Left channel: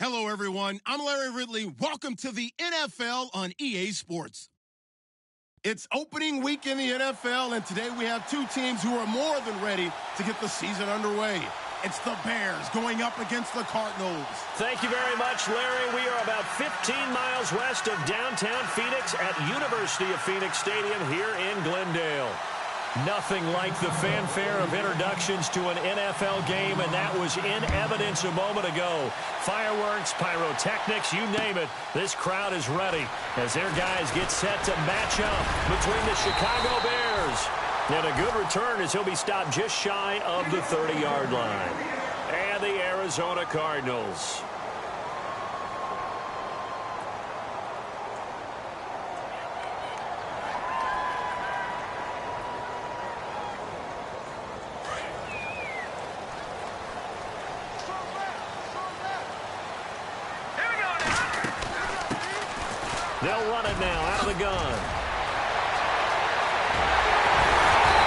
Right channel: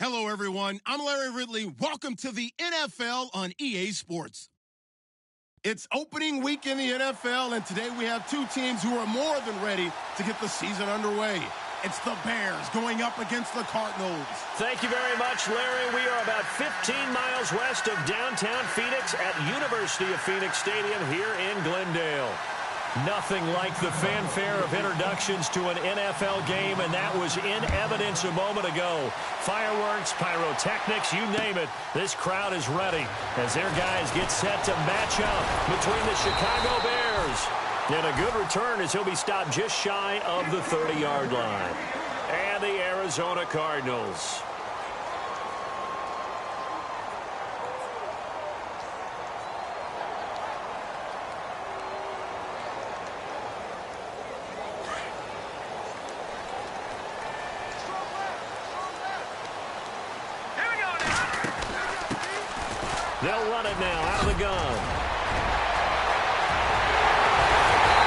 Hello, everyone. I'm Larry Ridley. Welcome to the NFL on EA Sports. It's opening week in the NFL, and today we have two teams who are more than ready to get the season underway. It's the Bears going up against the Cardinals. Thank you very much, Larry. We are about 15 miles west of downtown Phoenix at University of Phoenix Stadium here in Glendale. Nothing like the fanfare of introductions to an NFL game, and that was in evidence a moment ago. Fireworks, pyrotechnics, you name it. This crowd is ready as their guys get set to match up between the Chicago Bears. And a good return as he'll be stopped just shy of the 30-yard line. And the Arizona Cardinals. They'll run it now out of the gun.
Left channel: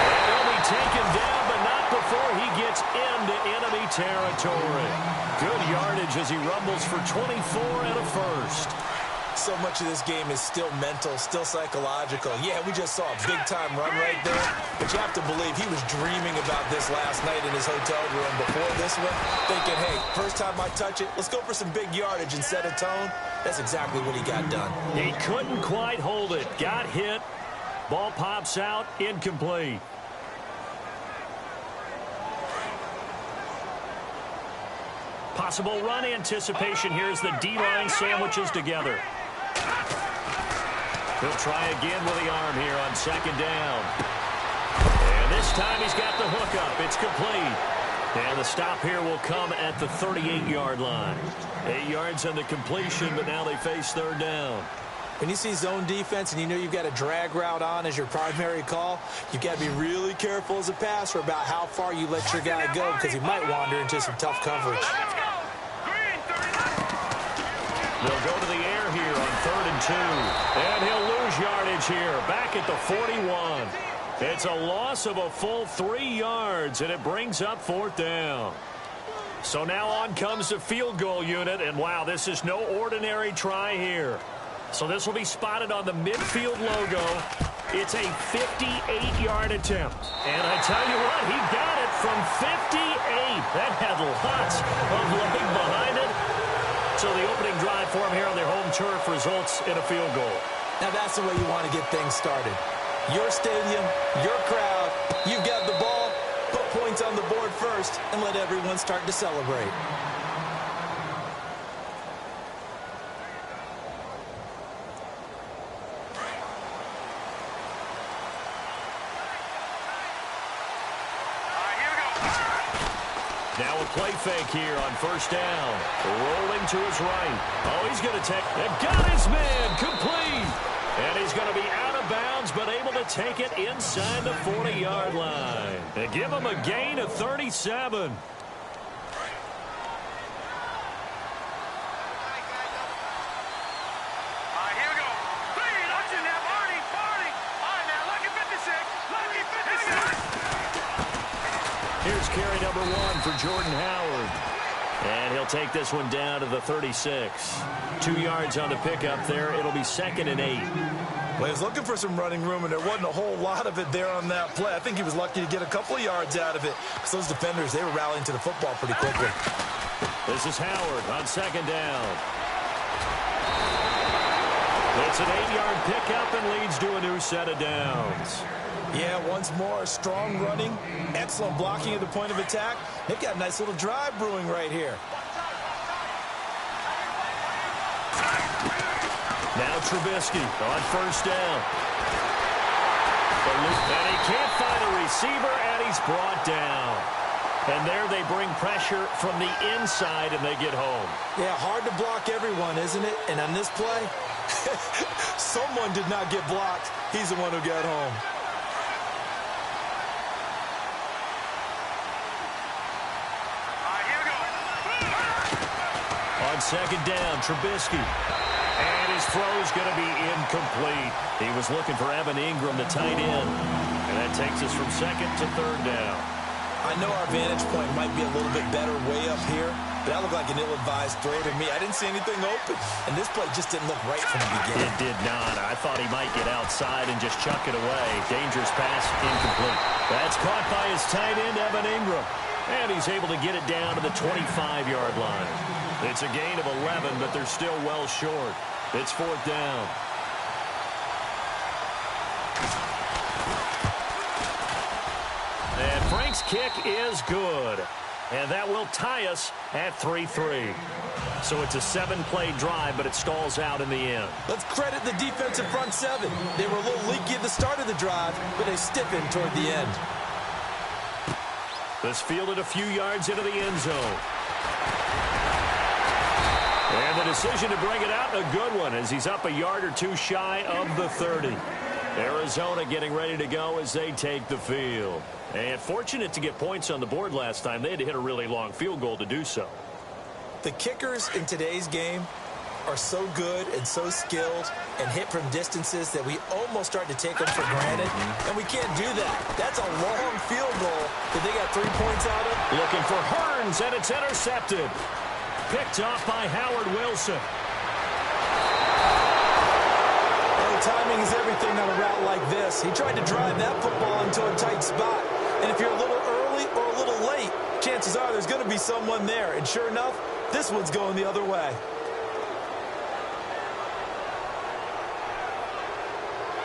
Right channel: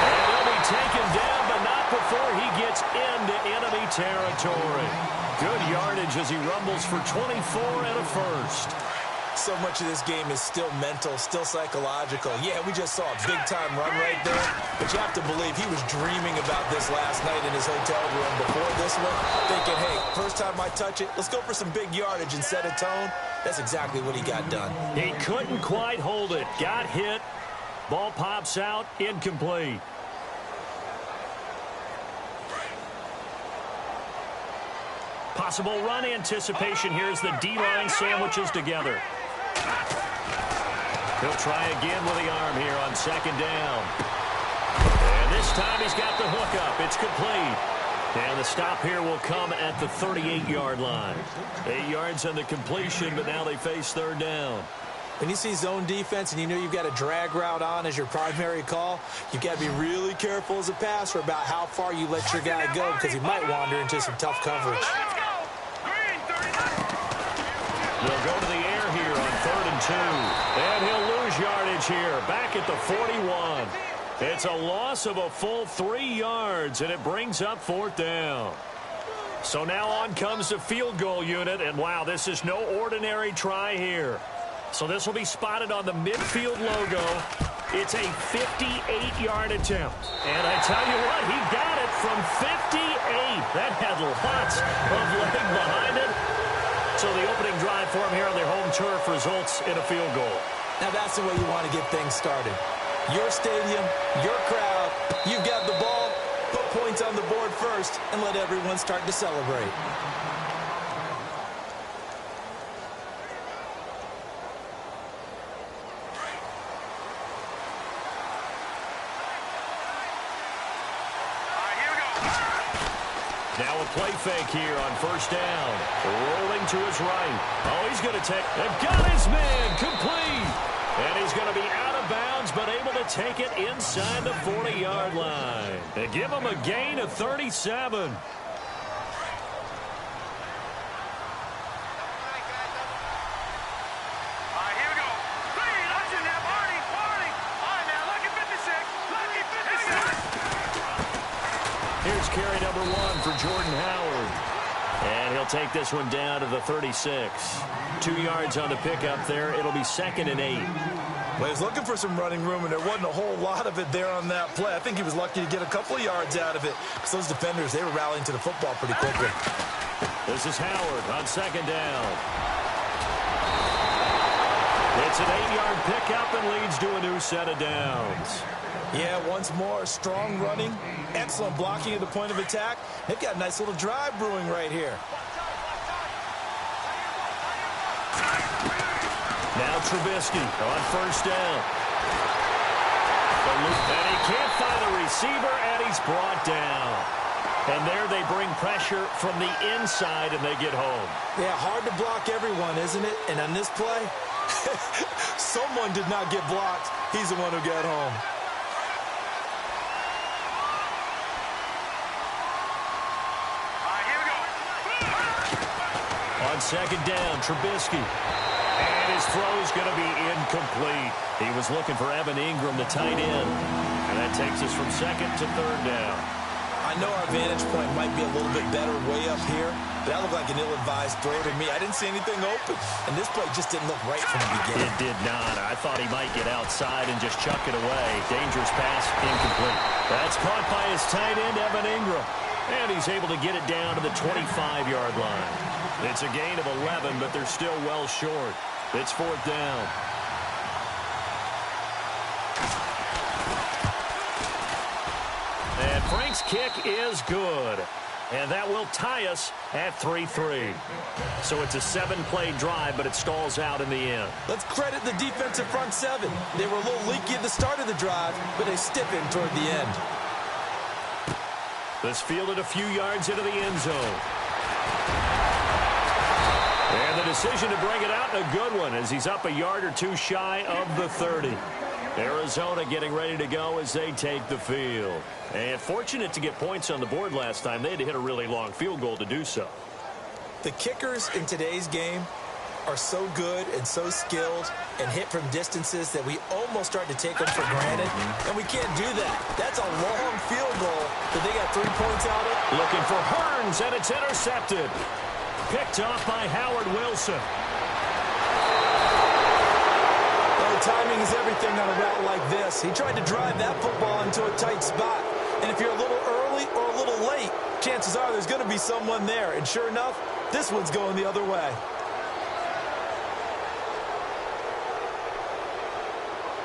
And he'll be taken down, but not before he gets into enemy territory. Good yardage as he rumbles for 24 and a first. So much of this game is still mental, still psychological. Yeah, we just saw a big-time run right there, but you have to believe he was dreaming about this last night in his hotel room before this one, thinking, hey, first time I touch it, let's go for some big yardage and set a tone. That's exactly what he got done. He couldn't quite hold it. Got hit. Ball pops out. Incomplete. Possible run anticipation here as the D-line sandwiches together. He'll try again with the arm here on second down. And this time he's got the hook up. It's complete. And the stop here will come at the 38-yard line. 8 yards on the completion, but now they face third down. When you see zone defense and you know you've got a drag route on as your primary call, you've got to be really careful as a passer about how far you let your guy go because he might wander into some tough coverage. They'll go to the air here on 3rd and 2. And he'll lose yardage here, back at the 41. It's a loss of a full 3 yards, and it brings up 4th down. So now on comes the field goal unit, and wow, this is no ordinary try here. So this will be spotted on the midfield logo. It's a 58-yard attempt. And I tell you what, he got it from 58. That had lots of leg behind it. So the opening drive for him here on their home turf results in a field goal. Now that's the way you want to get things started. Your stadium, your crowd, you've got the ball, put points on the board first, and let everyone start to celebrate. Now a play fake here on first down. Rolling to his right. Oh, he's going to take... They've got his man complete. And he's going to be out of bounds, but able to take it inside the 40-yard line. And give him a gain of 37. Here's carry number 1 for Jordan Howard. And he'll take this one down to the 36. 2 yards on the pickup there. It'll be 2nd and 8. Well, he was looking for some running room, and there wasn't a whole lot of it there on that play. I think he was lucky to get a couple of yards out of it because those defenders, they were rallying to the football pretty quickly. This is Howard on 2nd down. It's an 8-yard pickup and leads to a new set of downs. Yeah, once more, strong running, excellent blocking at the point of attack. They've got a nice little drive brewing right here. Now Trubisky on first down. And he can't find a receiver, and he's brought down. And there they bring pressure from the inside, and they get home. Yeah, hard to block everyone, isn't it? And on this play, someone did not get blocked. He's the one who got home. On 2nd down, Trubisky. And his throw's going to be incomplete. He was looking for Evan Ingram, the tight end. And that takes us from 2nd to 3rd down. I know our vantage point might be a little bit better way up here, but that looked like an ill-advised throw to me. I didn't see anything open, and this play just didn't look right from the beginning. It did not. I thought he might get outside and just chuck it away. Dangerous pass, incomplete. That's caught by his tight end, Evan Ingram, and he's able to get it down to the 25-yard line. It's a gain of 11, but they're still well short. It's 4th down. And Frank's kick is good. And that will tie us at 3-3. So it's a 7-play drive, but it stalls out in the end. Let's credit the defensive front seven. They were a little leaky at the start of the drive, but they stiffened toward the end. This fielded a few yards into the end zone. And the decision to bring it out, a good one, as he's up a yard or two shy of the 30. Arizona getting ready to go as they take the field. And fortunate to get points on the board last time. They had to hit a really long field goal to do so. The kickers in today's game are so good and so skilled and hit from distances that we almost start to take them for granted. And we can't do that. That's a long field goal that they got 3 points out of. Looking for Hearns, and it's intercepted. Picked off by Howard Wilson. Timing is everything on a route like this. He tried to drive that football into a tight spot. And if you're a little early or a little late, chances are there's going to be someone there. And sure enough, this one's going the other way.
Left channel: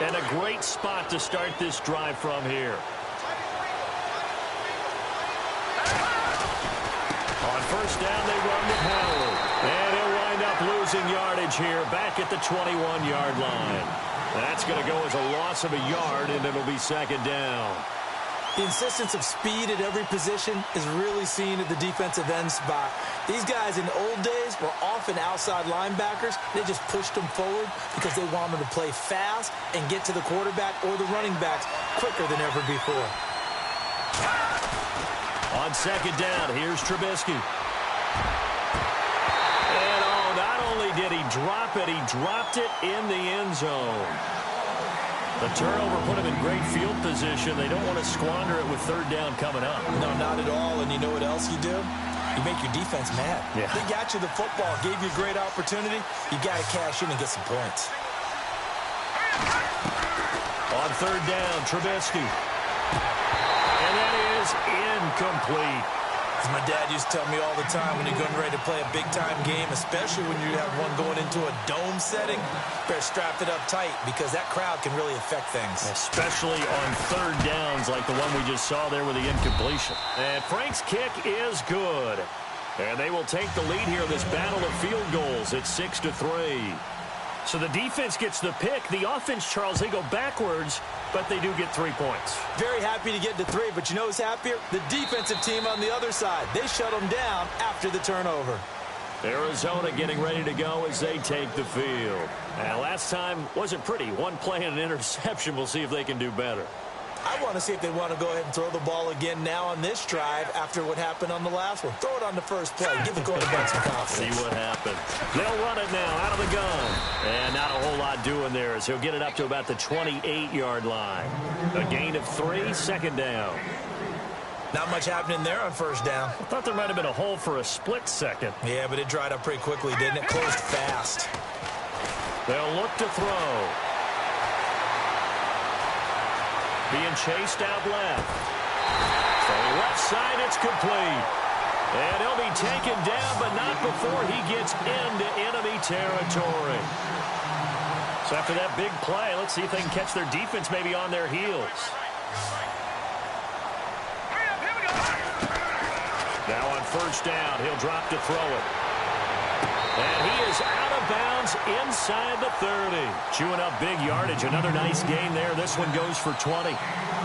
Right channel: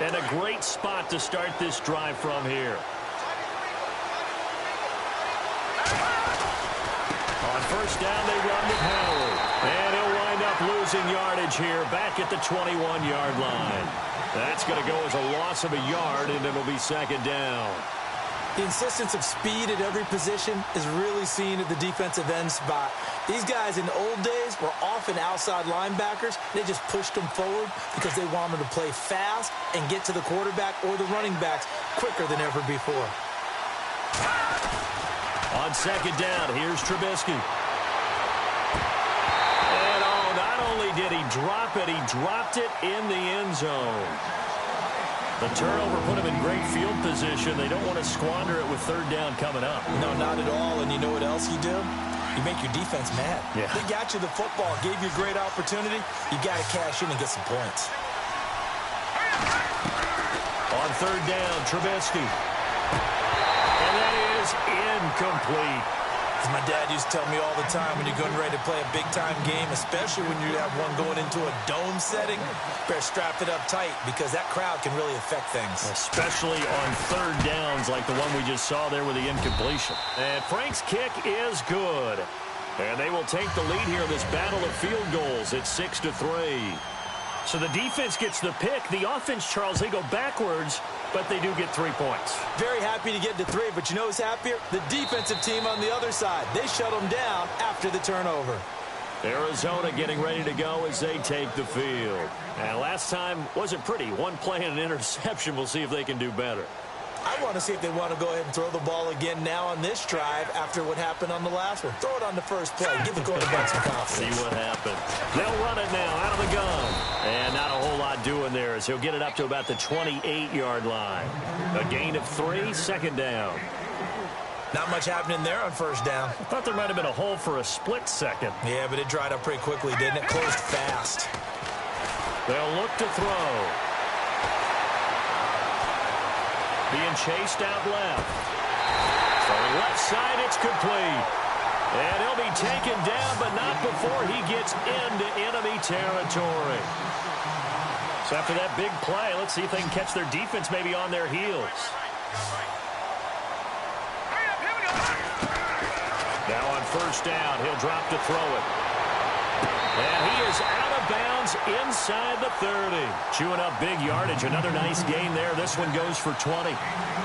And a great spot to start this drive from here. On first down, they run with Howard. And he'll wind up losing yardage here back at the 21-yard line. That's going to go as a loss of a yard, and it'll be 2nd down. The insistence of speed at every position is really seen at the defensive end spot. These guys in the old days were often outside linebackers. They just pushed them forward because they wanted to play fast and get to the quarterback or the running backs quicker than ever before. On 2nd down, here's Trubisky. And not only did he drop it, he dropped it in the end zone. The turnover put him in great field position. They don't want to squander it with 3rd down coming up. No, not at all. And you know what else you do? You make your defense mad. Yeah. They got you the football, gave you a great opportunity. You got to cash in and get some points. On 3rd down, Trubisky. And that is incomplete. As my dad used to tell me all the time, when you're getting ready to play a big-time game, especially when you have one going into a dome setting, better strap it up tight because that crowd can really affect things. Especially on 3rd downs like the one we just saw there with the incompletion. And Frank's kick is good. And they will take the lead here in this battle of field goals. It's 6-3. So the defense gets the pick. The offense, Charles, they go backwards, but they do get 3 points. Very happy to get to 3, but you know who's happier? The defensive team on the other side. They shut them down after the turnover. Arizona getting ready to go as they take the field. And last time wasn't pretty. One play and an interception. We'll see if they can do better. I want to see if they want to go ahead and throw the ball again now on this drive after what happened on the last one. Throw it on the first play. Give the quarterback some confidence. See what happens. They'll run it now out of the gun. And not a whole lot doing there as he'll get it up to about the 28-yard line. A gain of 3, 2nd down. Not much happening there on 1st down. I thought there might have been a hole for a split second. Yeah, but it dried up pretty quickly, didn't it? Closed fast. They'll look to throw. Being chased out left. From left side, it's complete. And he'll be taken down, but not before he gets into enemy territory. So after that big play, let's see if they can catch their defense maybe on their heels. Now on 1st down, he'll drop to throw it. And he is out of bounds inside the 30. Chewing up big yardage. Another nice gain there. This one goes for 20.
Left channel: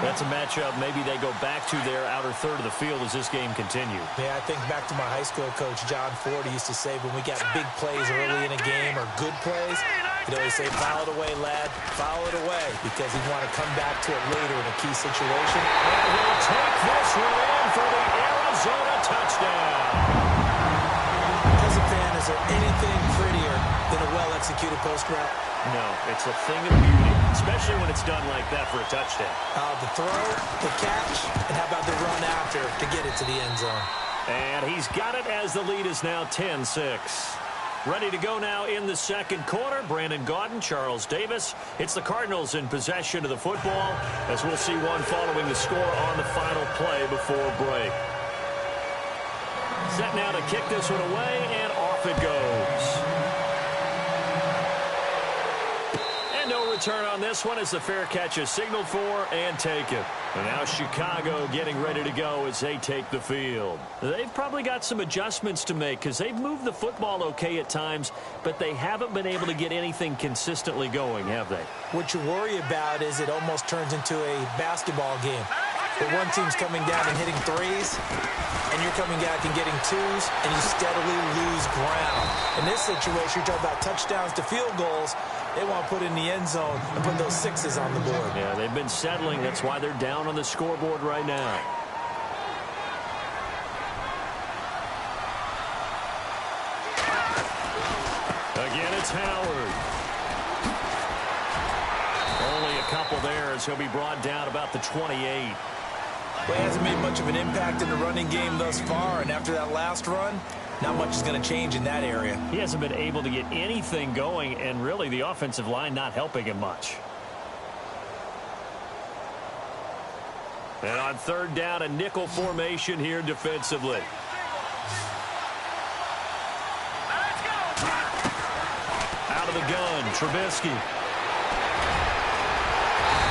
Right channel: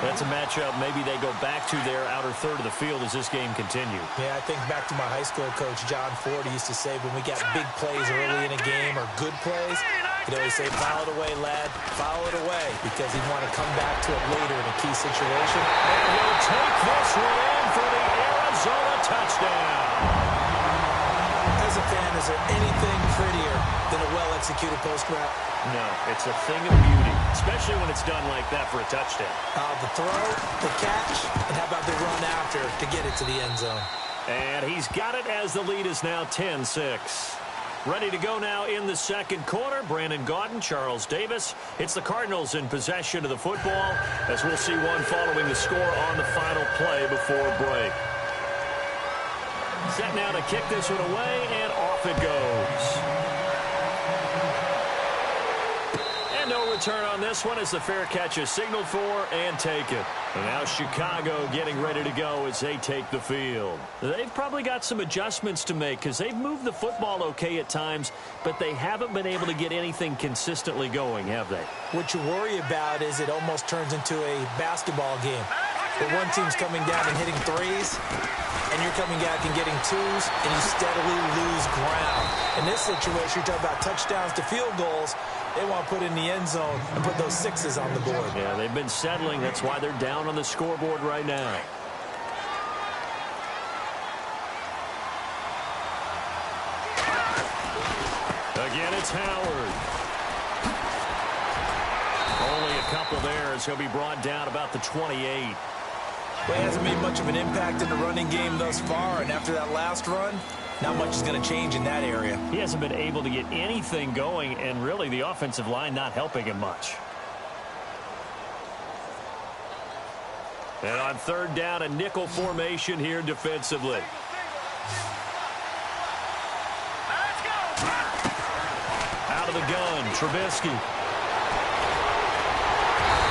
That's a matchup maybe they go back to their outer third of the field as this game continues. Yeah, I think back to my high school coach, John Ford. He used to say when we got big plays early in a game or good plays, he'd always say, foul it away, lad. Foul it away, because he'd want to come back to it later in a key situation. And he'll take this one in for the Arizona touchdown. As a fan, is there anything prettier than a well-executed post route? No, it's a thing of beauty. especially when it's done like that for a touchdown. The throw, the catch, and how about the run after to get it to the end zone? And he's got it as the lead is now 10-6. Ready to go now in the second quarter. Brandon Gaudin, Charles Davis. It's the Cardinals in possession of the football, as we'll see one following the score on the final play before break. Set now to kick this one away, and off it goes. And no return on this one as the fair catch is signaled for and taken. And now Chicago getting ready to go as they take the field. They've probably got some adjustments to make because they've moved the football okay at times, but they haven't been able to get anything consistently going, have they? What you worry about is it almost turns into a basketball game where one team's coming down and hitting threes, and you're coming back and getting twos, and you steadily lose ground. In this situation, you're talking about touchdowns to field goals. They want to put in the end zone and put those sixes on the board. Yeah, they've been settling. That's why they're down on the scoreboard right now. Again, it's Howard. Only a couple there as he'll be brought down about the 28. Well, he hasn't made much of an impact in the running game thus far, and after that last run, not much is going to change in that area. He hasn't been able to get anything going, and really the offensive line not helping him much. And on third down, a nickel formation here defensively. Out of the gun, Trubisky.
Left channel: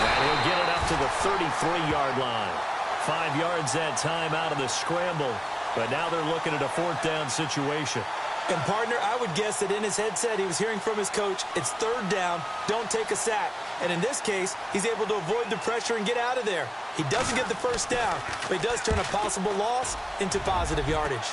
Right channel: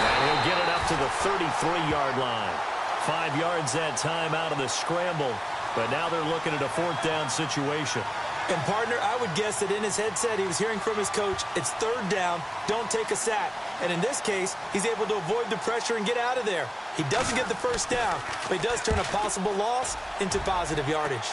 And he'll get it up to the 33-yard line. 5 yards that time out of the scramble. But now they're looking at a fourth down situation. And, partner, I would guess that in his headset he was hearing from his coach, it's third down, don't take a sack. And in this case, he's able to avoid the pressure and get out of there. He doesn't get the first down, but he does turn a possible loss into positive yardage.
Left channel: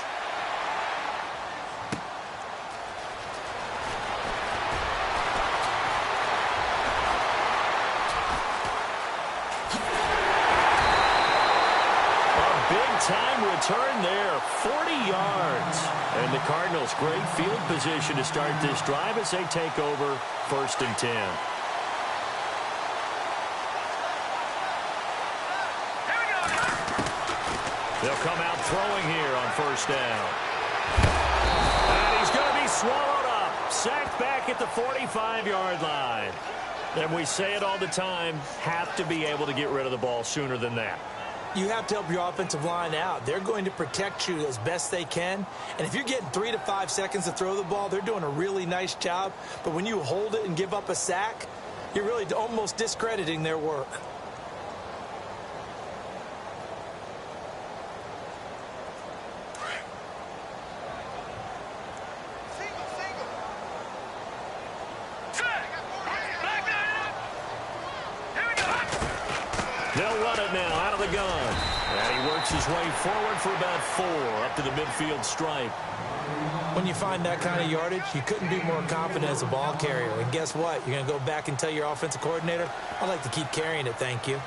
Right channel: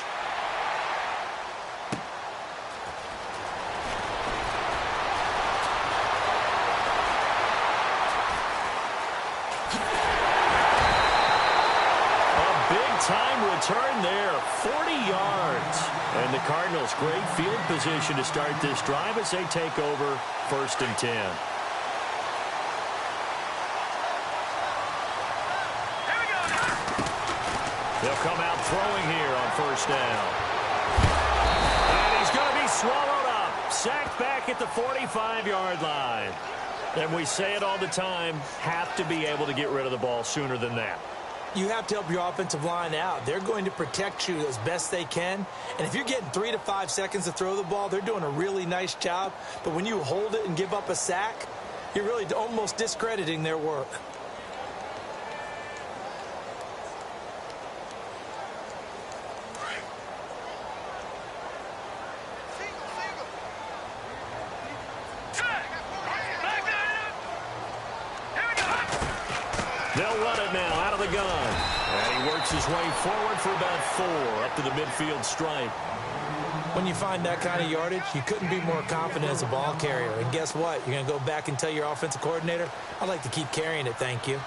Time return there, 40 yards. And the Cardinals, great field position to start this drive as they take over 1st and 10. They'll come out throwing here on 1st down. And he's going to be swallowed up. Sacked back at the 45-yard line. And we say it all the time, have to be able to get rid of the ball sooner than that. You have to help your offensive line out. They're going to protect you as best they can. And if you're getting 3 to 5 seconds to throw the ball, they're doing a really nice job. But when you hold it and give up a sack, you're really almost discrediting their work. They'll run it now out of the gun. And he works his way forward for about 4 up to the midfield stripe. When you find that kind of yardage, you couldn't be more confident as a ball carrier. And guess what? You're going to go back and tell your offensive coordinator, I'd like to keep carrying it, thank you.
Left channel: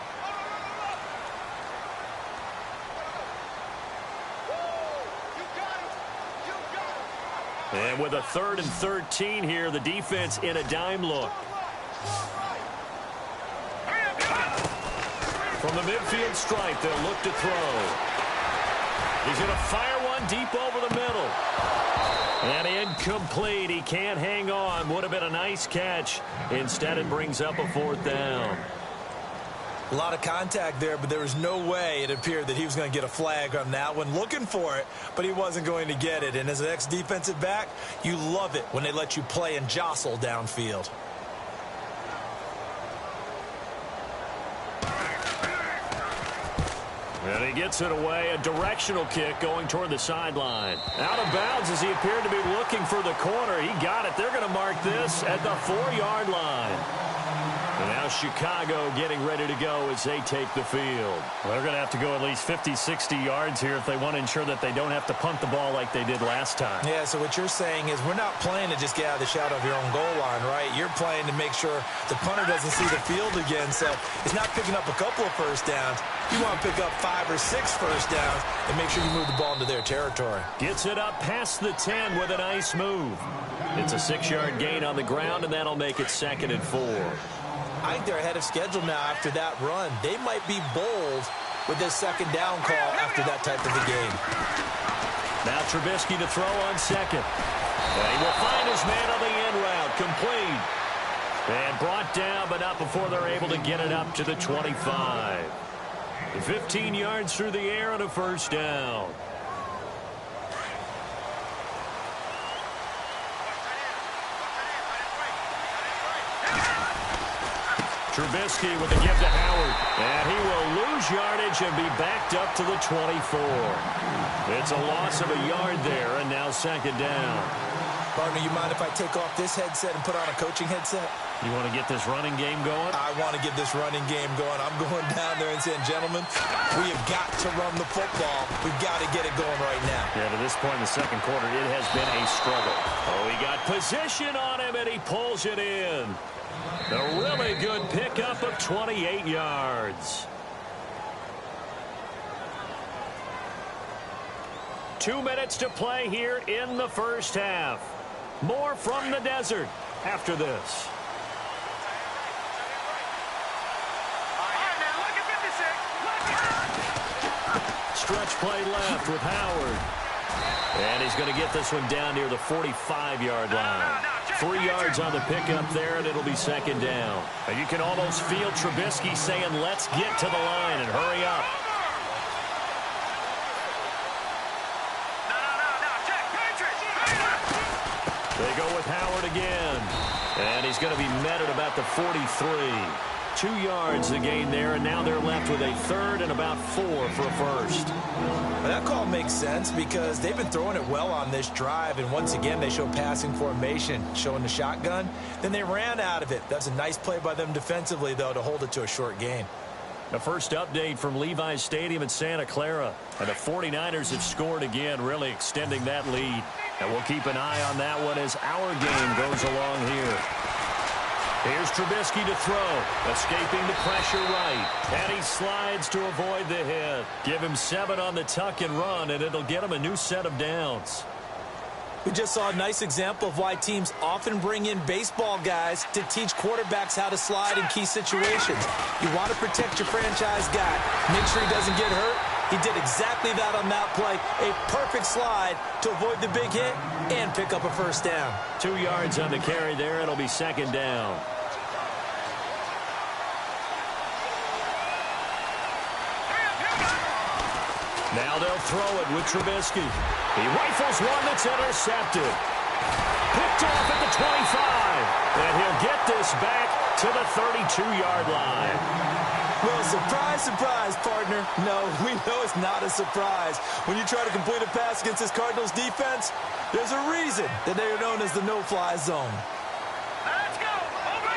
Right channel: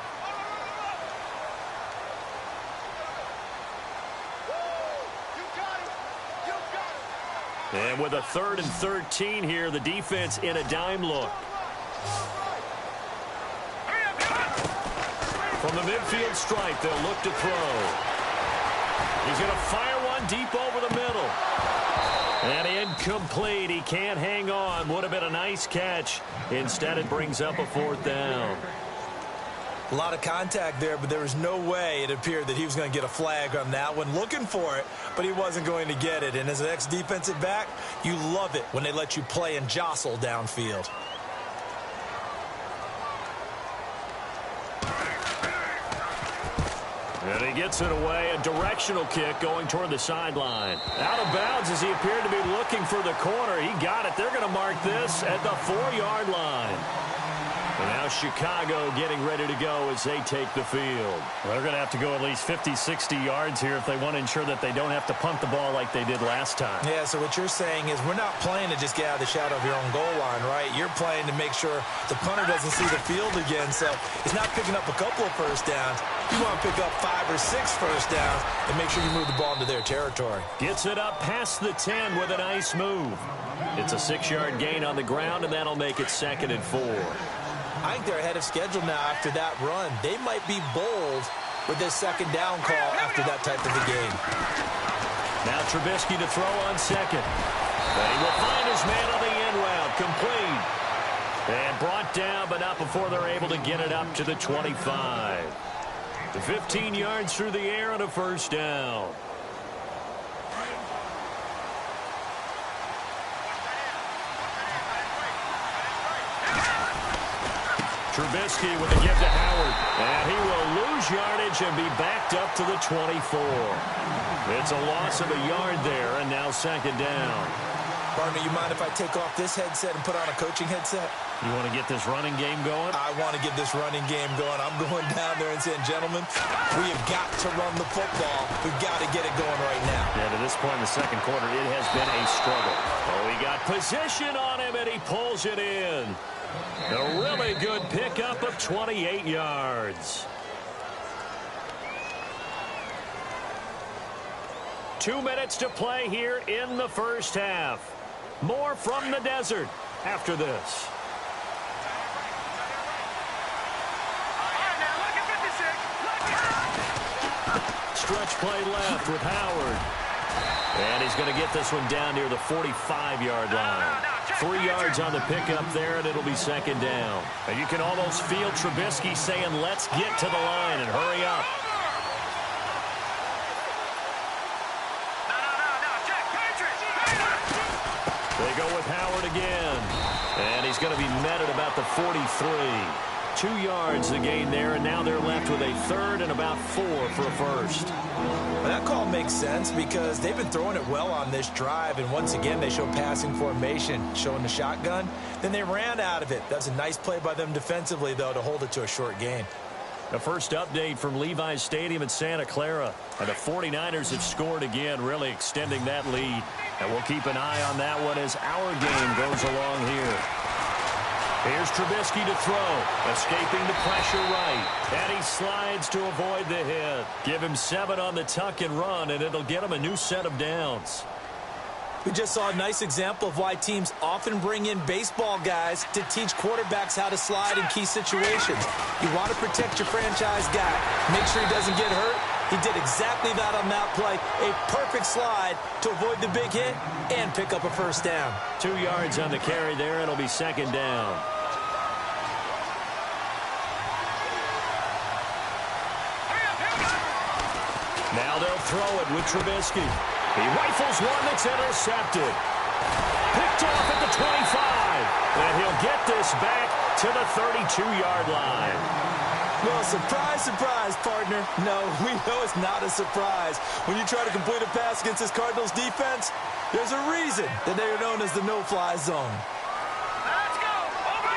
And with a 3rd and 13 here, the defense in a dime look. From the midfield stripe, they'll look to throw. He's going to fire one deep over the middle. And incomplete. He can't hang on. Would have been a nice catch. Instead, it brings up a 4th down. A lot of contact there, but there was no way it appeared that he was going to get a flag on that one. Looking for it, but he wasn't going to get it. And as an ex-defensive back, you love it when they let you play and jostle downfield. And he gets it away. A directional kick going toward the sideline. Out of bounds as he appeared to be looking for the corner. He got it. They're going to mark this at the 4-yard line. And now Chicago getting ready to go as they take the field. Well, they're going to have to go at least 50, 60 yards here if they want to ensure that they don't have to punt the ball like they did last time. Yeah, so what you're saying is we're not playing to just get out of the shadow of your own goal line, right? You're playing to make sure the punter doesn't see the field again. So it's not picking up a couple of first downs. You want to pick up 5 or 6 first downs and make sure you move the ball into their territory. Gets it up past the 10 with a nice move. It's a 6-yard gain on the ground, and that'll make it 2nd and 4. I think they're ahead of schedule now after that run. They might be bold with this second down call after that type of a game. Now Trubisky to throw on second. And he will find his man on the end route. Complete. And brought down, but not before they're able to get it up to the 25. The 15 yards through the air and a first down. Trubisky with a give to Howard. And he will lose yardage and be backed up to the 24. It's a loss of a yard there, and now second down. Partner, you mind if I take off this headset and put on a coaching headset? You want to get this running game going? I want to get this running game going. I'm going down there and saying, gentlemen, we have got to run the football. We've got to get it going right now. Yeah, to this point in the second quarter, it has been a struggle. Oh, he got position on him, and he pulls it in. A really good pickup of 28 yards. 2 minutes to play here in the first half. More from the desert after this. Stretch play left with Howard. And he's going to get this one down near the 45-yard line. 3 yards on the pickup there, and it'll be second down. And you can almost feel Trubisky saying, let's get to the line and hurry up. They go with Howard again. And he's going to be met at about the 43. 2 yards the gain there, and now they're left with a third and about 4 for a first. Well, that call makes sense because they've been throwing it well on this drive, and once again they show passing formation, showing the shotgun. Then they ran out of it. That's a nice play by them defensively, though, to hold it to a short gain. The first update from Levi's Stadium in Santa Clara. And the 49ers have scored again, really extending that lead. And we'll keep an eye on that one as our game goes along here. Here's Trubisky to throw, escaping the pressure right. And he slides to avoid the hit. Give him 7 on the tuck and run, and it'll get him a new set of downs. We just saw a nice example of why teams often bring in baseball guys to teach quarterbacks how to slide in key situations. You want to protect your franchise guy. Make sure he doesn't get hurt. He did exactly that on that play. A perfect slide to avoid the big hit and pick up a first down. 2 yards on the carry there. It'll be second down. Now they'll throw it with Trubisky. He rifles one that's intercepted. Picked off at the 25. And he'll get this back to the 32-yard line. Well, surprise, surprise, partner. No, we know it's not a surprise. When you try to complete a pass against this Cardinals defense, there's a reason that they are known as the no-fly zone. Let's go. Over.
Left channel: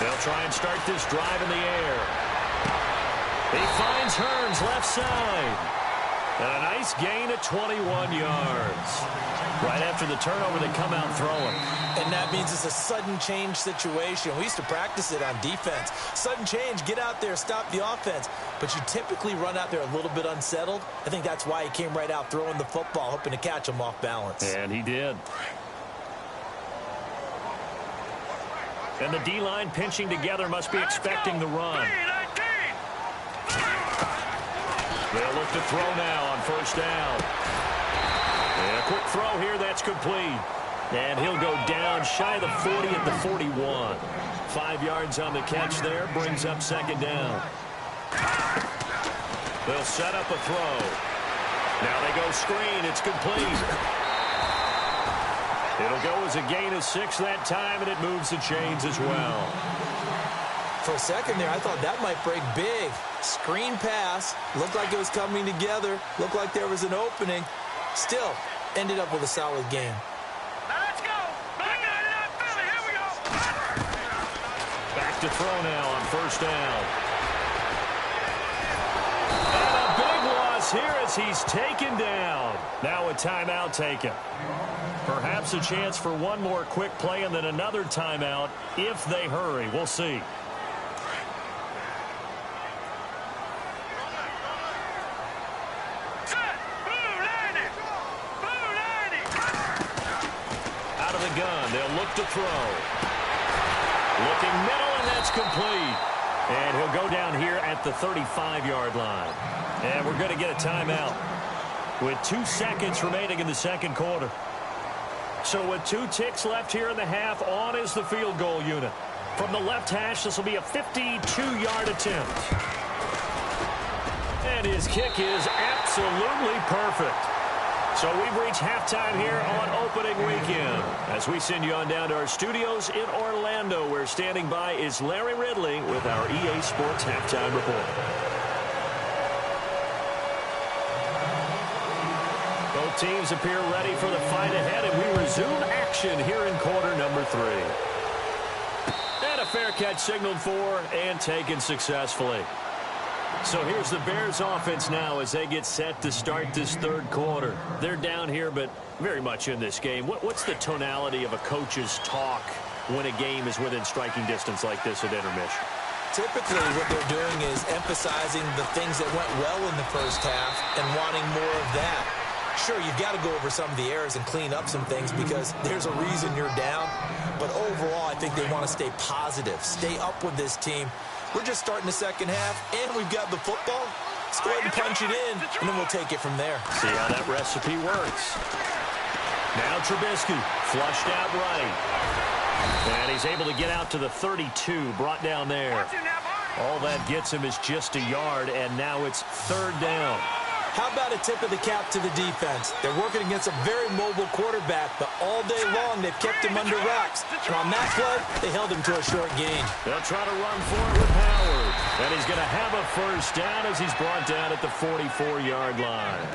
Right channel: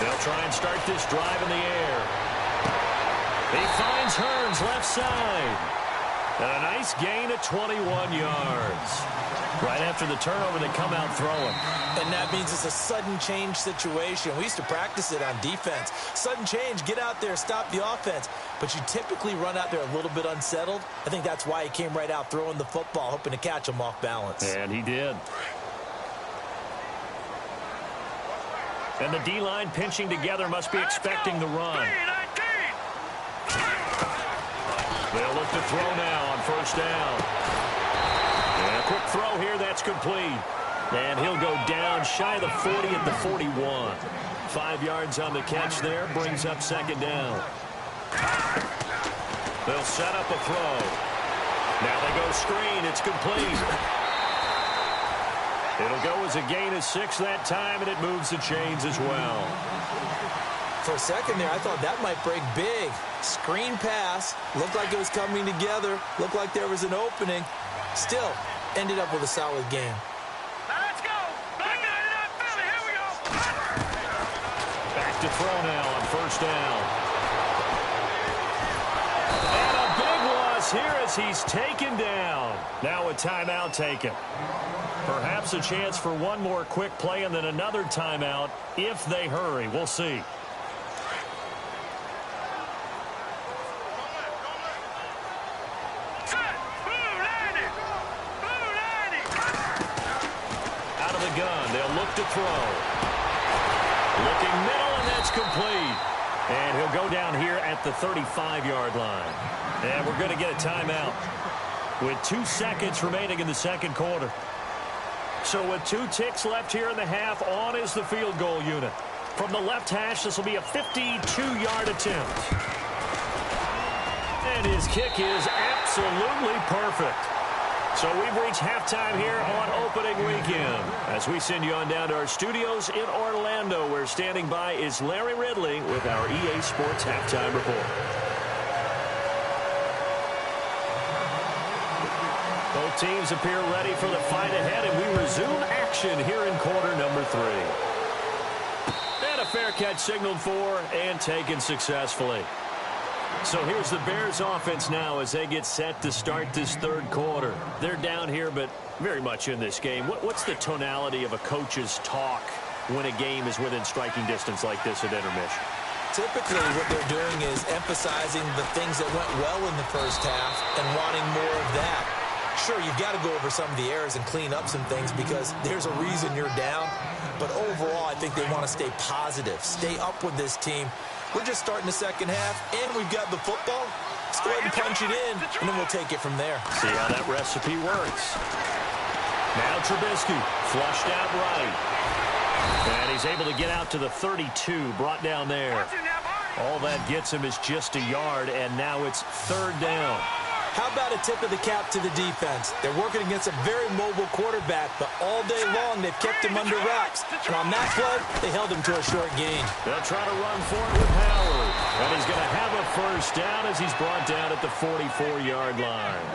They'll try and start this drive in the air. He finds Hearns left side. And a nice gain of 21 yards. Right after the turnover, they come out throwing. And that means it's a sudden change situation. We used to practice it on defense. Sudden change, get out there, stop the offense. But you typically run out there a little bit unsettled. I think that's why he came right out throwing the football, hoping to catch him off balance. And he did. And the D-line pinching together must be expecting the run. They'll look to throw now on first down. And a quick throw here, that's complete. And he'll go down shy of the 40 at the 41. 5 yards on the catch there, brings up second down. They'll set up a throw. Now they go screen, it's complete. It'll go as a gain of 6 that time, and it moves the chains as well. For a second there, I thought that might break big. Screen pass. Looked like it was coming together. Looked like there was an opening. Still, ended up with a solid game. Let's go. Back at it up, Philly. Here we go. Back to throw now on first down. And a big loss here as he's taken down. Now a timeout taken. Perhaps a chance for one more quick play and then another timeout if they hurry. We'll see. Out of the gun, they'll look to throw. Looking middle, and that's complete. And he'll go down here at the 35-yard line. And we're going to get a timeout with 2 seconds remaining in the second quarter. So with 2 ticks left here in the half, on is the field goal unit. From the left hash, this will be a 52-yard attempt. And his kick is absolutely perfect. So we've reached halftime here on opening weekend. As we send you on down to our studios in Orlando, where standing by is Larry Ridley with our EA Sports Halftime Report. Both teams appear ready for the fight ahead, and we resume action here in quarter number 3. And a fair catch signaled for and taken successfully. So here's the Bears offense now as they get set to start this third quarter. They're down here, but very much in this game. What's the tonality of a coach's talk when a game is within striking distance like this at intermission? Typically, what they're doing is emphasizing the things that went well in the first half and wanting more of that. Sure, you've got to go over some of the errors and clean up some things because there's a reason you're down. But overall, I think they want to stay positive, stay up with this team. We're just starting the second half, and we've got the football. Let's go ahead and punch it in, and then we'll take it from there. See how that recipe works. Now Trubisky, flushed out right. And he's able to get out to the 32, brought down there. All that gets him is just a yard, and now it's third down. How about a tip of the cap to the defense? They're working against a very mobile quarterback, but all day long they've kept him under wraps. And on that play, they held him to a short gain. They'll try to run for it with Howard. And he's going to have a first down as he's brought down at the 44-yard line.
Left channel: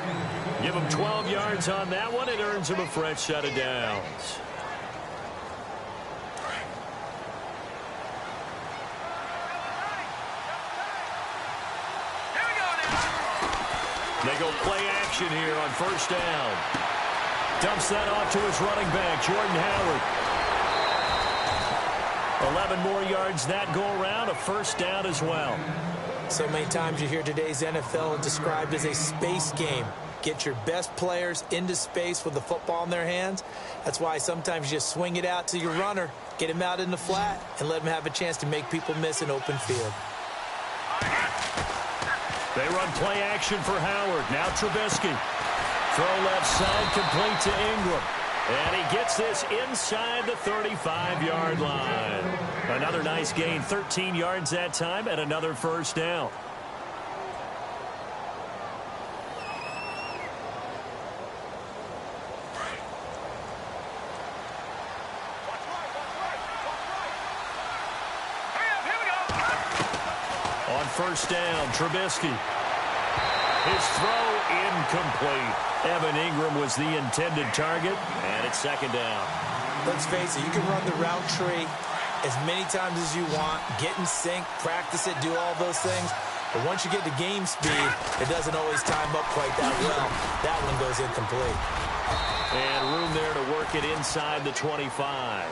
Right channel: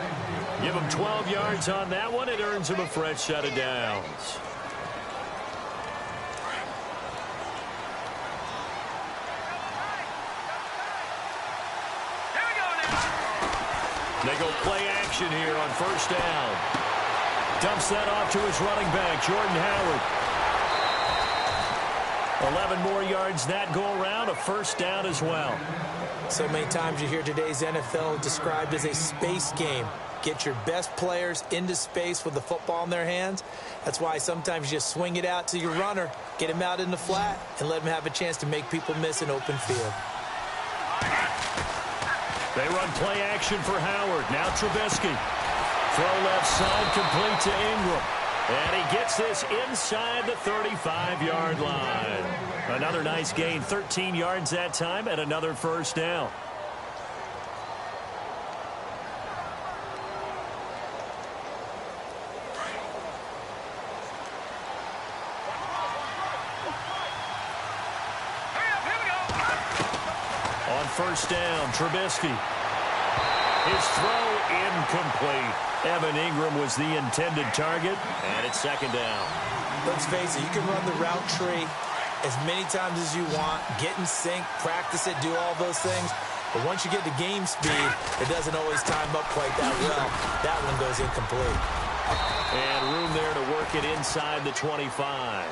Give him 12 yards on that one. It earns him a fresh set of downs. They go play action here on first down. Dumps that off to his running back, Jordan Howard. 11 more yards that go around, a first down as well. So many times you hear today's NFL described as a space game. Get your best players into space with the football in their hands. That's why sometimes you just swing it out to your runner, get him out in the flat, and let him have a chance to make people miss an open field. They run play action for Howard. Now Trubisky. Throw left side, complete to Ingram. And he gets this inside the 35-yard line. Another nice gain, 13 yards that time, and another first down. On first down, Trubisky. His throw incomplete. Evan Ingram was the intended target, and it's second down. Let's face it, you can run the route tree as many times as you want, get in sync, practice it, do all those things. But once you get to game speed, it doesn't always time up quite that well. That one goes incomplete. And room there to work it inside the 25.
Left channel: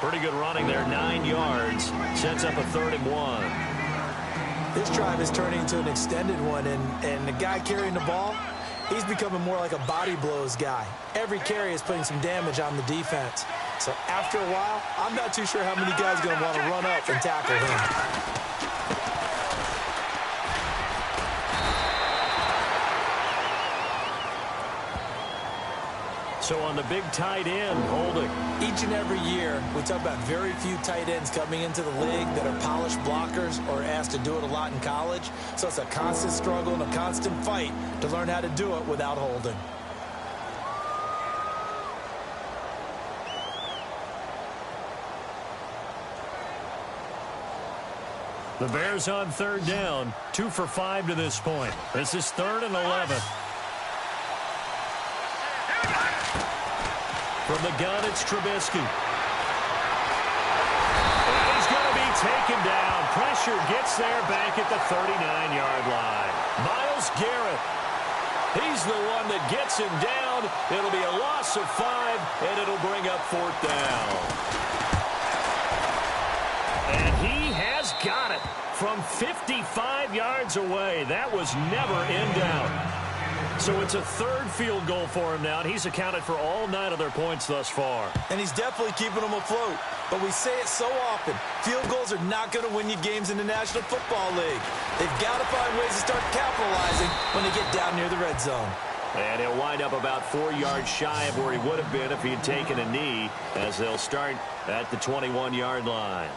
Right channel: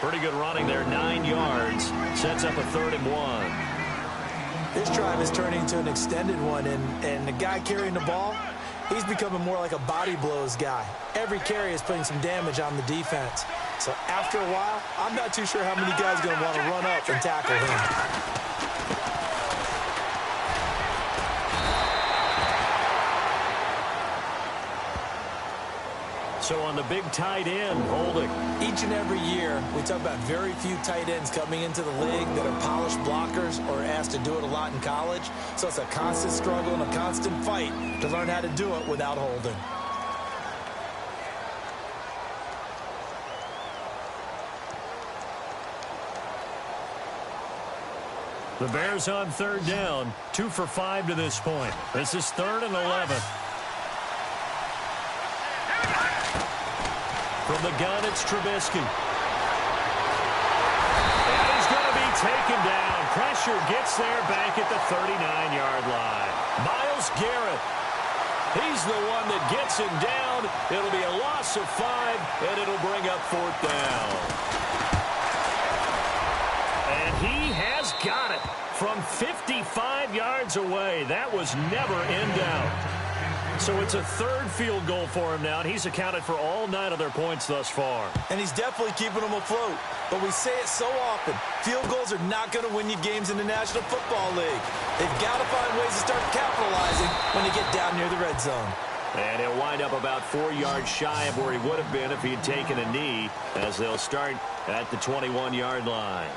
Pretty good running there, 9 yards. Sets up a 3rd and 1. This drive is turning into an extended one, and the guy carrying the ball, he's becoming more like a body blows guy. Every carry is putting some damage on the defense. So after a while, I'm not too sure how many guys are going to want to run up and tackle him. So on the big tight end, holding. Each and every year, we talk about very few tight ends coming into the league that are polished blockers or asked to do it a lot in college. So it's a constant struggle and a constant fight to learn how to do it without holding. The Bears on 3rd down, 2 for 5 to this point. This is 3rd and 11. From the gun, it's Trubisky. And he's going to be taken down. Pressure gets there back at the 39-yard line. Myles Garrett. He's the one that gets him down. It'll be a loss of 5, and it'll bring up 4th down. And he has got it from 55 yards away. That was never in doubt. So it's a third field goal for him now, and he's accounted for all 9 of their points thus far. And he's definitely keeping them afloat. But we say it so often, field goals are not going to win you games in the National Football League. They've got to find ways to start capitalizing when they get down near the red zone. And he'll wind up about 4 yards shy of where he would have been if he had taken a knee, as they'll start at the 21-yard line.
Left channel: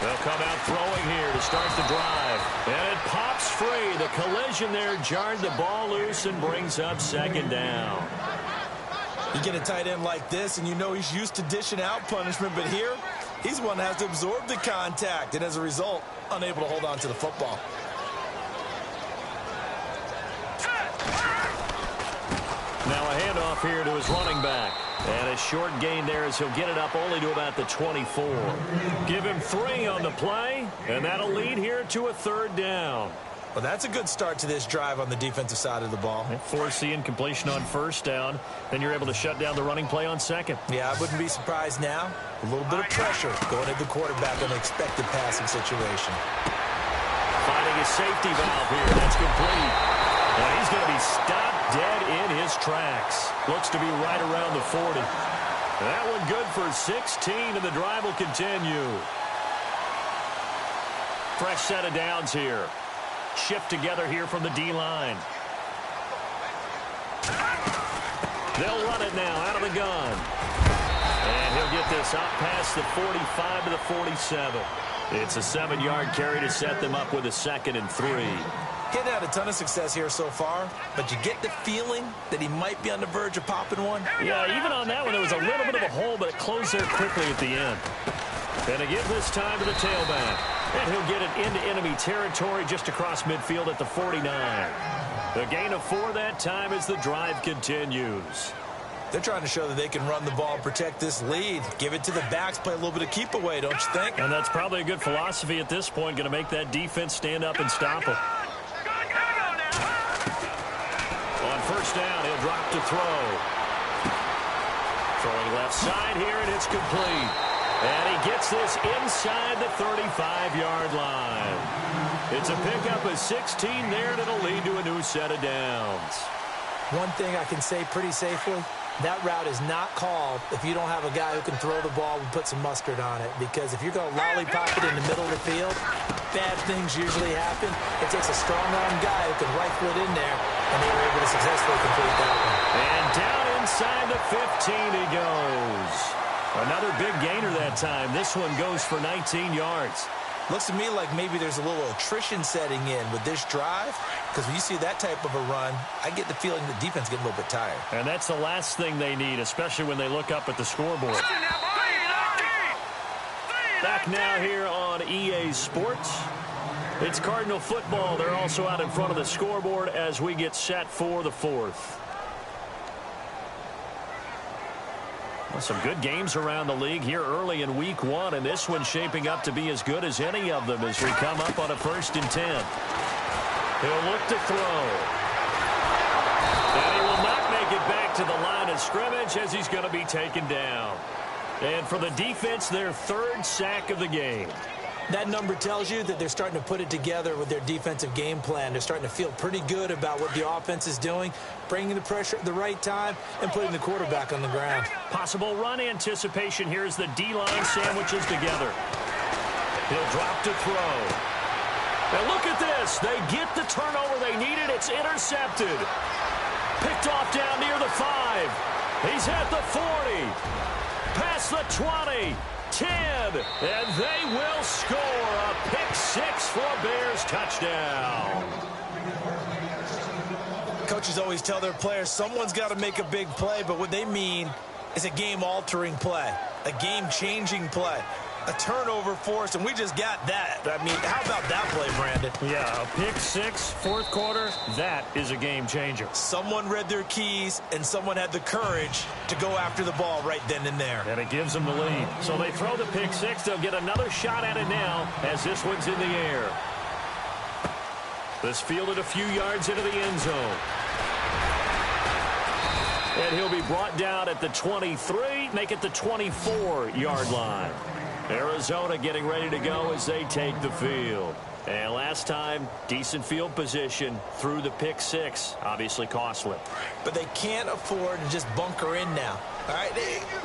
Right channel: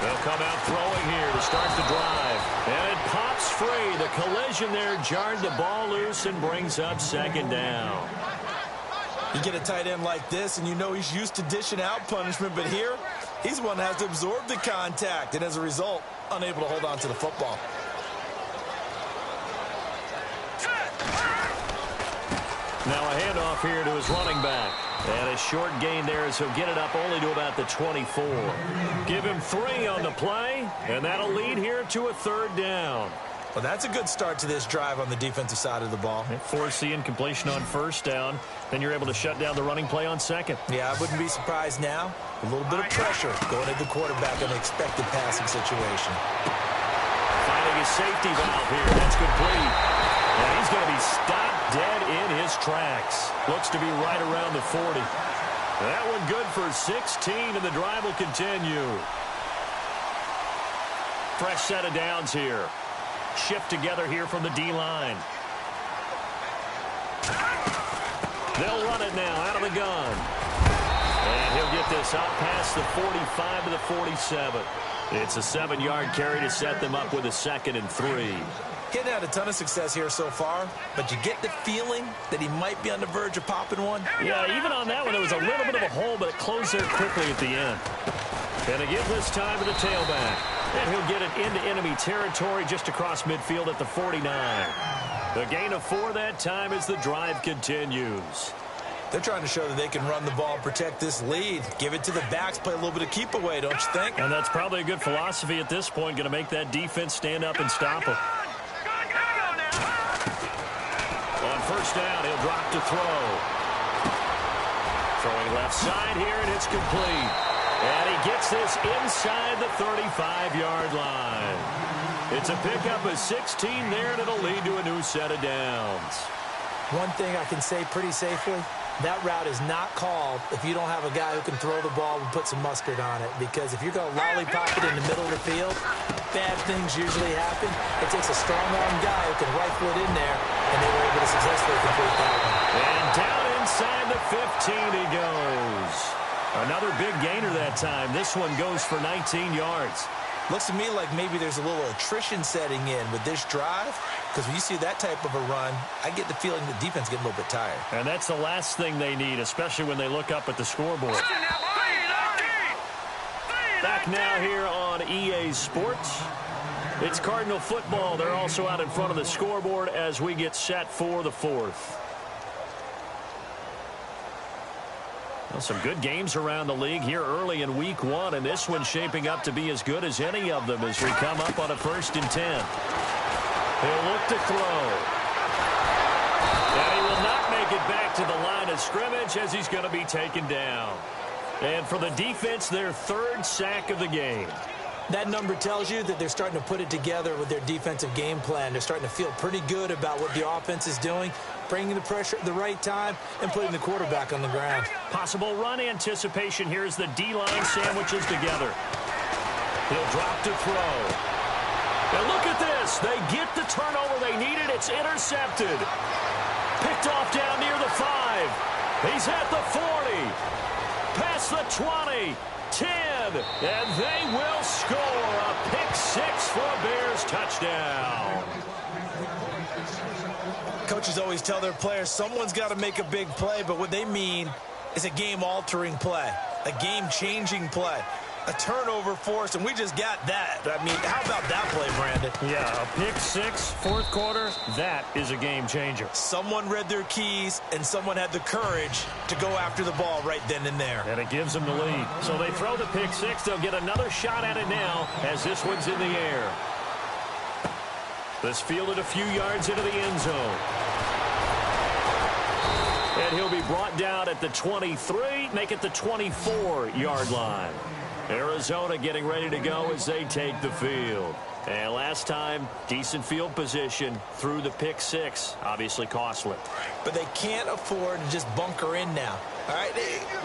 They'll come out throwing here to start the drive. And it pops free. The collision there jarred the ball loose and brings up second down. You get a tight end like this, and you know he's used to dishing out punishment. But here, he's one that has to absorb the contact. And as a result, unable to hold on to the football. Now a handoff here to his running back. And a short gain there as he'll get it up only to about the 24. Give him 3 on the play, and that'll lead here to a third down. Well, that's a good start to this drive on the defensive side of the ball. Force the incompletion on first down. Then you're able to shut down the running play on second. Yeah, I wouldn't be surprised now. A little bit of pressure going at the quarterback on the expected passing situation. Finding his safety valve here. That's complete. And he's going to be stopped dead in his tracks. Looks to be right around the 40. That one good for 16, and the drive will continue. Fresh set of downs here. Shift together here from the D-line. They'll run it now out of the gun. And he'll get this out past the 45 to the 47. It's a 7-yard carry to set them up with a 2nd and 3. Getting had a ton of success here so far, but you get the feeling that he might be on the verge of popping one. Yeah, even on that one, there was a little bit of a hole, but it closed there quickly at the end. And to give this time to the tailback. And he'll get it into enemy territory just across midfield at the 49. The gain of 4 that time as the drive continues. They're trying to show that they can run the ball and protect this lead. Give it to the backs, play a little bit of keep away, don't you think? And that's probably a good philosophy at this point, going to make that defense stand up and stop him. On first down, he'll drop to throw. Throwing left side here, and it's complete. And he gets this inside the 35-yard line. It's a pickup of 16 there, and it'll lead to a new set of downs. One thing I can say pretty safely, that route is not called if you don't have a guy who can throw the ball and put some mustard on it. Because if you're going to lollipop it in the middle of the field, bad things usually happen. It takes a strong-arm guy who can rifle it in there, and they were able to successfully complete that one. And down inside the 15 he goes. Another big gainer that time. This one goes for 19 yards. Looks to me like maybe there's a little attrition setting in with this drive, because when you see that type of a run, I get the feeling the defense getting a little bit tired. And that's the last thing they need, especially when they look up at the scoreboard. Back now here on EA Sports. It's Cardinal football. They're also out in front of the scoreboard as we get set for the 4th. Well, some good games around the league here early in week 1, and this one's shaping up to be as good as any of them as we come up on a 1st and 10. He'll look to throw. And he will not make it back to the line of scrimmage as he's going to be taken down. And for the defense, their 3rd sack of the game. That number tells you that they're starting to put it together with their defensive game plan. They're starting to feel pretty good about what the offense is doing, bringing the pressure at the right time, and putting the quarterback on the ground. Possible run anticipation here as the D-line sandwiches together. He'll drop to throw. And look at this. They get the turnover they needed. It's intercepted. Picked off down near the 5. He's at the 40. Past the 20. 10, and they will score a pick 6 for a Bears touchdown. Coaches always tell their players someone's got to make a big play, but what they mean is a game-altering play, a game-changing play, a turnover force, and we just got that. I mean, how about that play, Brandon? Yeah, a pick 6, 4th quarter, that is a game changer. Someone read their keys, and someone had the courage to go after the ball right then and there. And it gives them the lead. So they throw the pick 6. They'll get another shot at it now as this one's in the air. This fielded a few yards into the end zone. And he'll be brought down at the 23, make it the 24-yard line. Arizona getting ready to go as they take the field. And last time, decent field position through the pick six. Obviously costly. But they can't afford to just bunker in now. All right,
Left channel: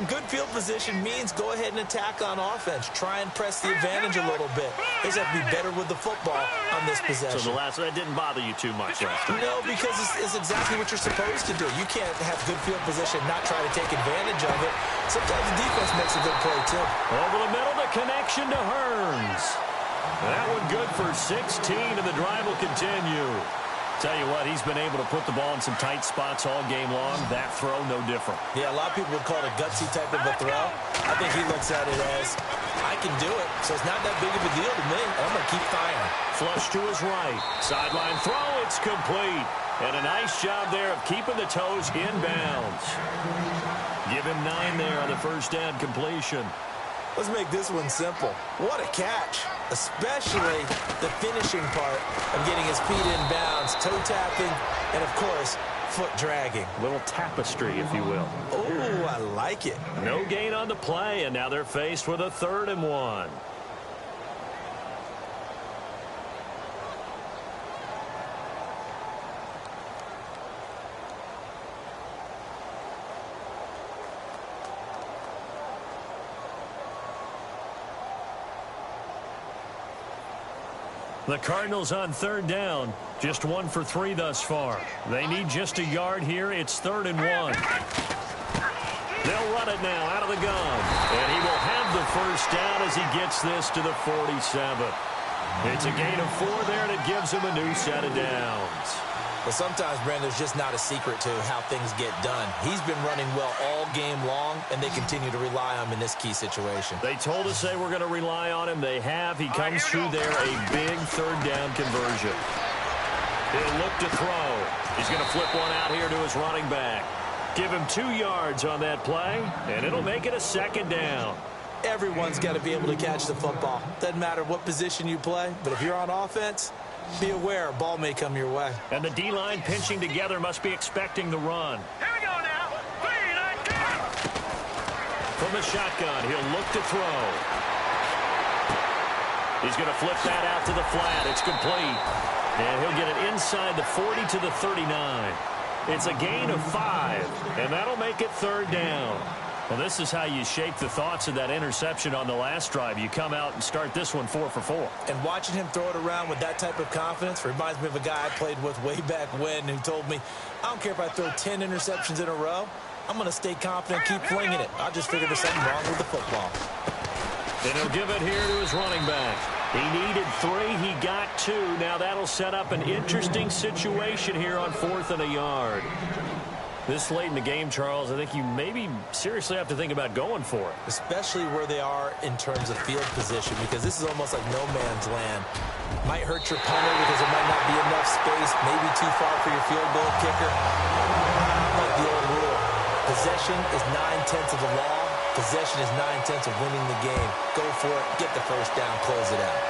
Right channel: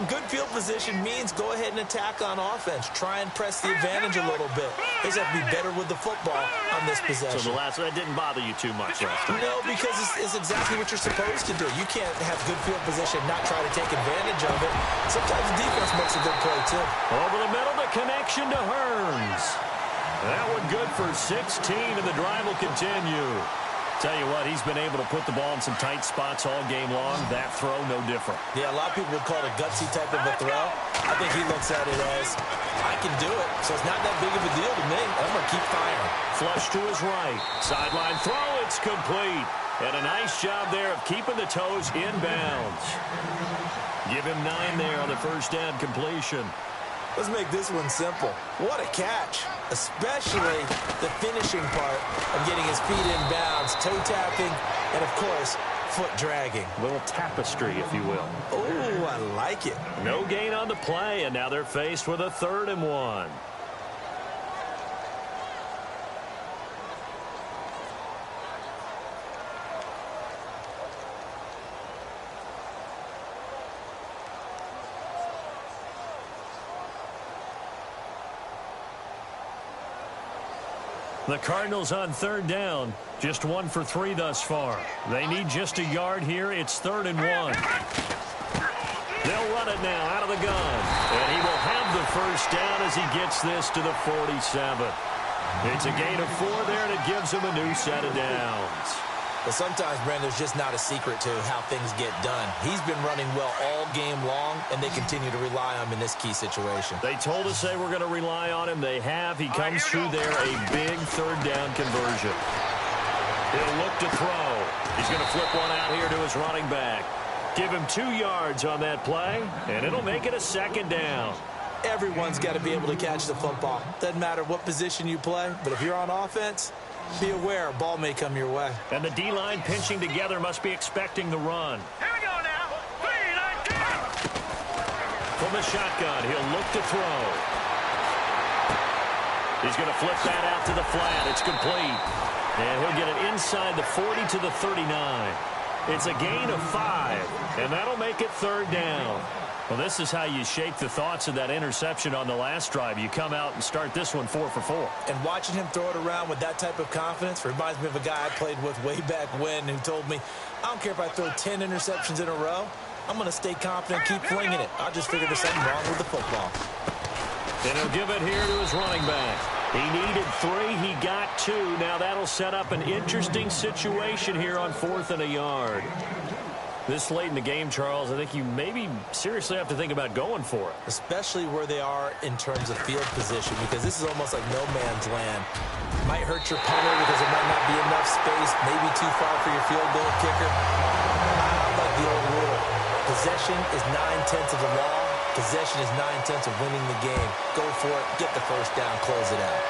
good field position means go ahead and attack on offense. Try and press the advantage a little bit. They just have to be better with the football on this possession. So the last one didn't bother you too much last time? No, because it's exactly what you're supposed to do. You can't have good field position, not try to take advantage of it. Sometimes the defense makes a good play, too. Over the middle, the connection to Hearns. That one good for 16, and the drive will continue. Tell you what, he's been able to put the ball in some tight spots all game long. That throw, no different. Yeah, a lot of people would call it a gutsy type of a throw. I think he looks at it as, I can do it, so it's not that big of a deal to me, and I'm going to keep firing. Flush to his right. Sideline throw, it's complete. And a nice job there of keeping the toes in bounds. Give him 9 there on the first down completion. Let's make this one simple. What a catch, especially the finishing part of getting his feet in bounds, toe tapping, and, of course, foot dragging. A little tapestry, if you will. Oh, I like it. No gain on the play, and now they're faced with a 3rd and 1. The Cardinals on 3rd down. Just 1 for 3 thus far. They need just a yard here. It's 3rd and 1. They'll run it now out of the gun. And he will have the first down as he gets this to the 47. It's a gain of 4 there, and it gives him a new set of downs. Well, sometimes, Brandon, there's just not a secret to how things get done. He's been running well all game long, and they continue to rely on him in this key situation. They told us they were going to rely on him. They have. He comes through there, a big 3rd down conversion. He'll look to throw. He's going to flip one out here to his running back. Give him 2 yards on that play, and it'll make it a 2nd down. Everyone's got to be able to catch the football. Doesn't matter what position you play, but if you're on offense, be aware a ball may come your way. And the D-line pinching together must be expecting the run. Here we go now. 3, 9, 10. From the shotgun, he'll look to throw. He's going to flip that out to the flat. It's complete. And he'll get it inside the 40 to the 39. It's a gain of 5, and that'll make it 3rd down. Well, this is how you shake the thoughts of that interception on the last drive. You come out and start this one 4 for 4. And watching him throw it around with that type of confidence reminds me of a guy I played with way back when who told me, I don't care if I throw 10 interceptions in a row. I'm going to stay confident, keep flinging it. I just figured there's something wrong with the football. And he'll give it here to his running back. He needed 3. He got 2. Now that'll set up an interesting situation here on 4th and a yard. This late in the game, Charles, I think you maybe seriously have to think about going for it. Especially where they are in terms of field position, because this is almost like no man's land. Might hurt your punter because there might not be enough space, maybe too far for your field goal kicker. I like the old rule. Possession is 9/10 of the law. Possession is 9/10 of winning the game. Go for it, get the first down, close it out.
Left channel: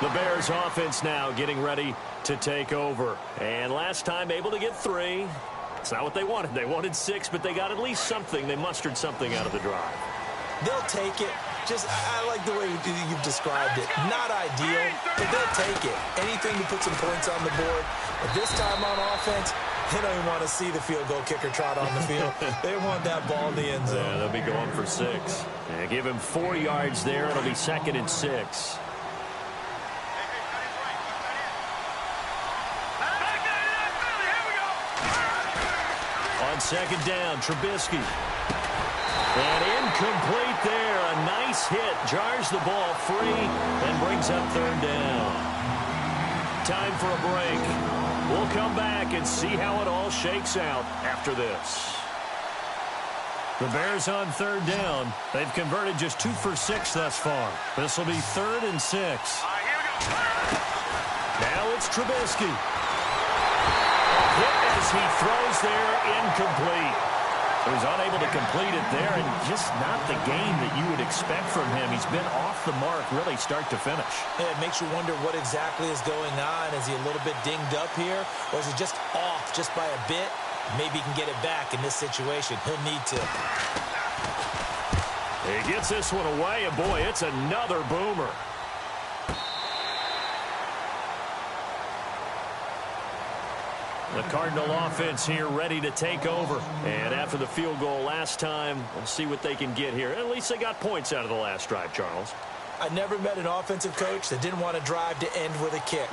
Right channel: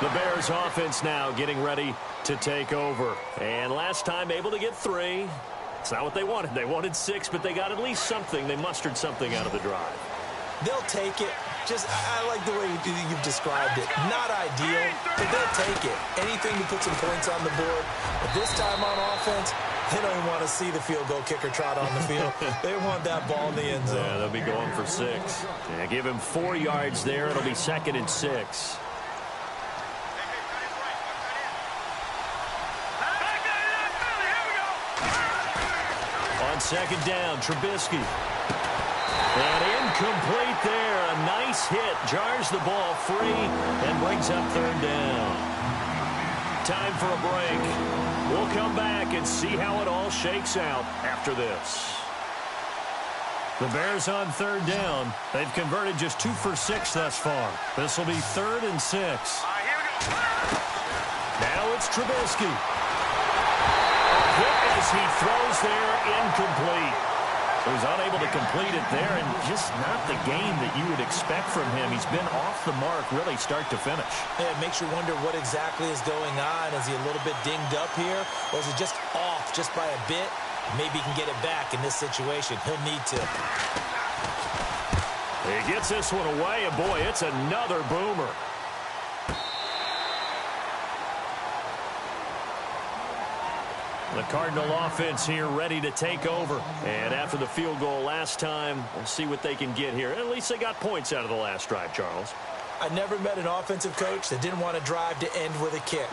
The Bears offense now getting ready to take over. And last time able to get 3. It's not what they wanted. They wanted 6, but they got at least something. They mustered something out of the drive. They'll take it. I like the way you've described it. Not ideal, but they'll take it. Anything to put some points on the board. But this time on offense, they don't even want to see the field goal kicker trot on the field. They want that ball in the end zone. Yeah, they'll be going for 6. Yeah, give him 4 yards there. It'll be 2nd and 6. On 2nd down, Trubisky. And incomplete there. A nice hit. Jars the ball free and brings up 3rd down. Time for a break. We'll come back and see how it all shakes out after this. The Bears on 3rd down. They've converted just 2 for 6 thus far. This will be 3rd and 6. Here we go. Now it's Trubisky. A hit as he throws there, incomplete. He was unable to complete it there, and just not the game that you would expect from him. He's been off the mark really start to finish. Yeah, it makes you wonder what exactly is going on. Is he a little bit dinged up here, or is it just off just by a bit? Maybe he can get it back in this situation. He'll need to. He gets this one away, and boy, it's another boomer. The Cardinal offense here ready to take over. And after the field goal last time, we'll see what they can get here. At least they got points out of the last drive, Charles. I never met an offensive coach that didn't want to drive to end with a kick.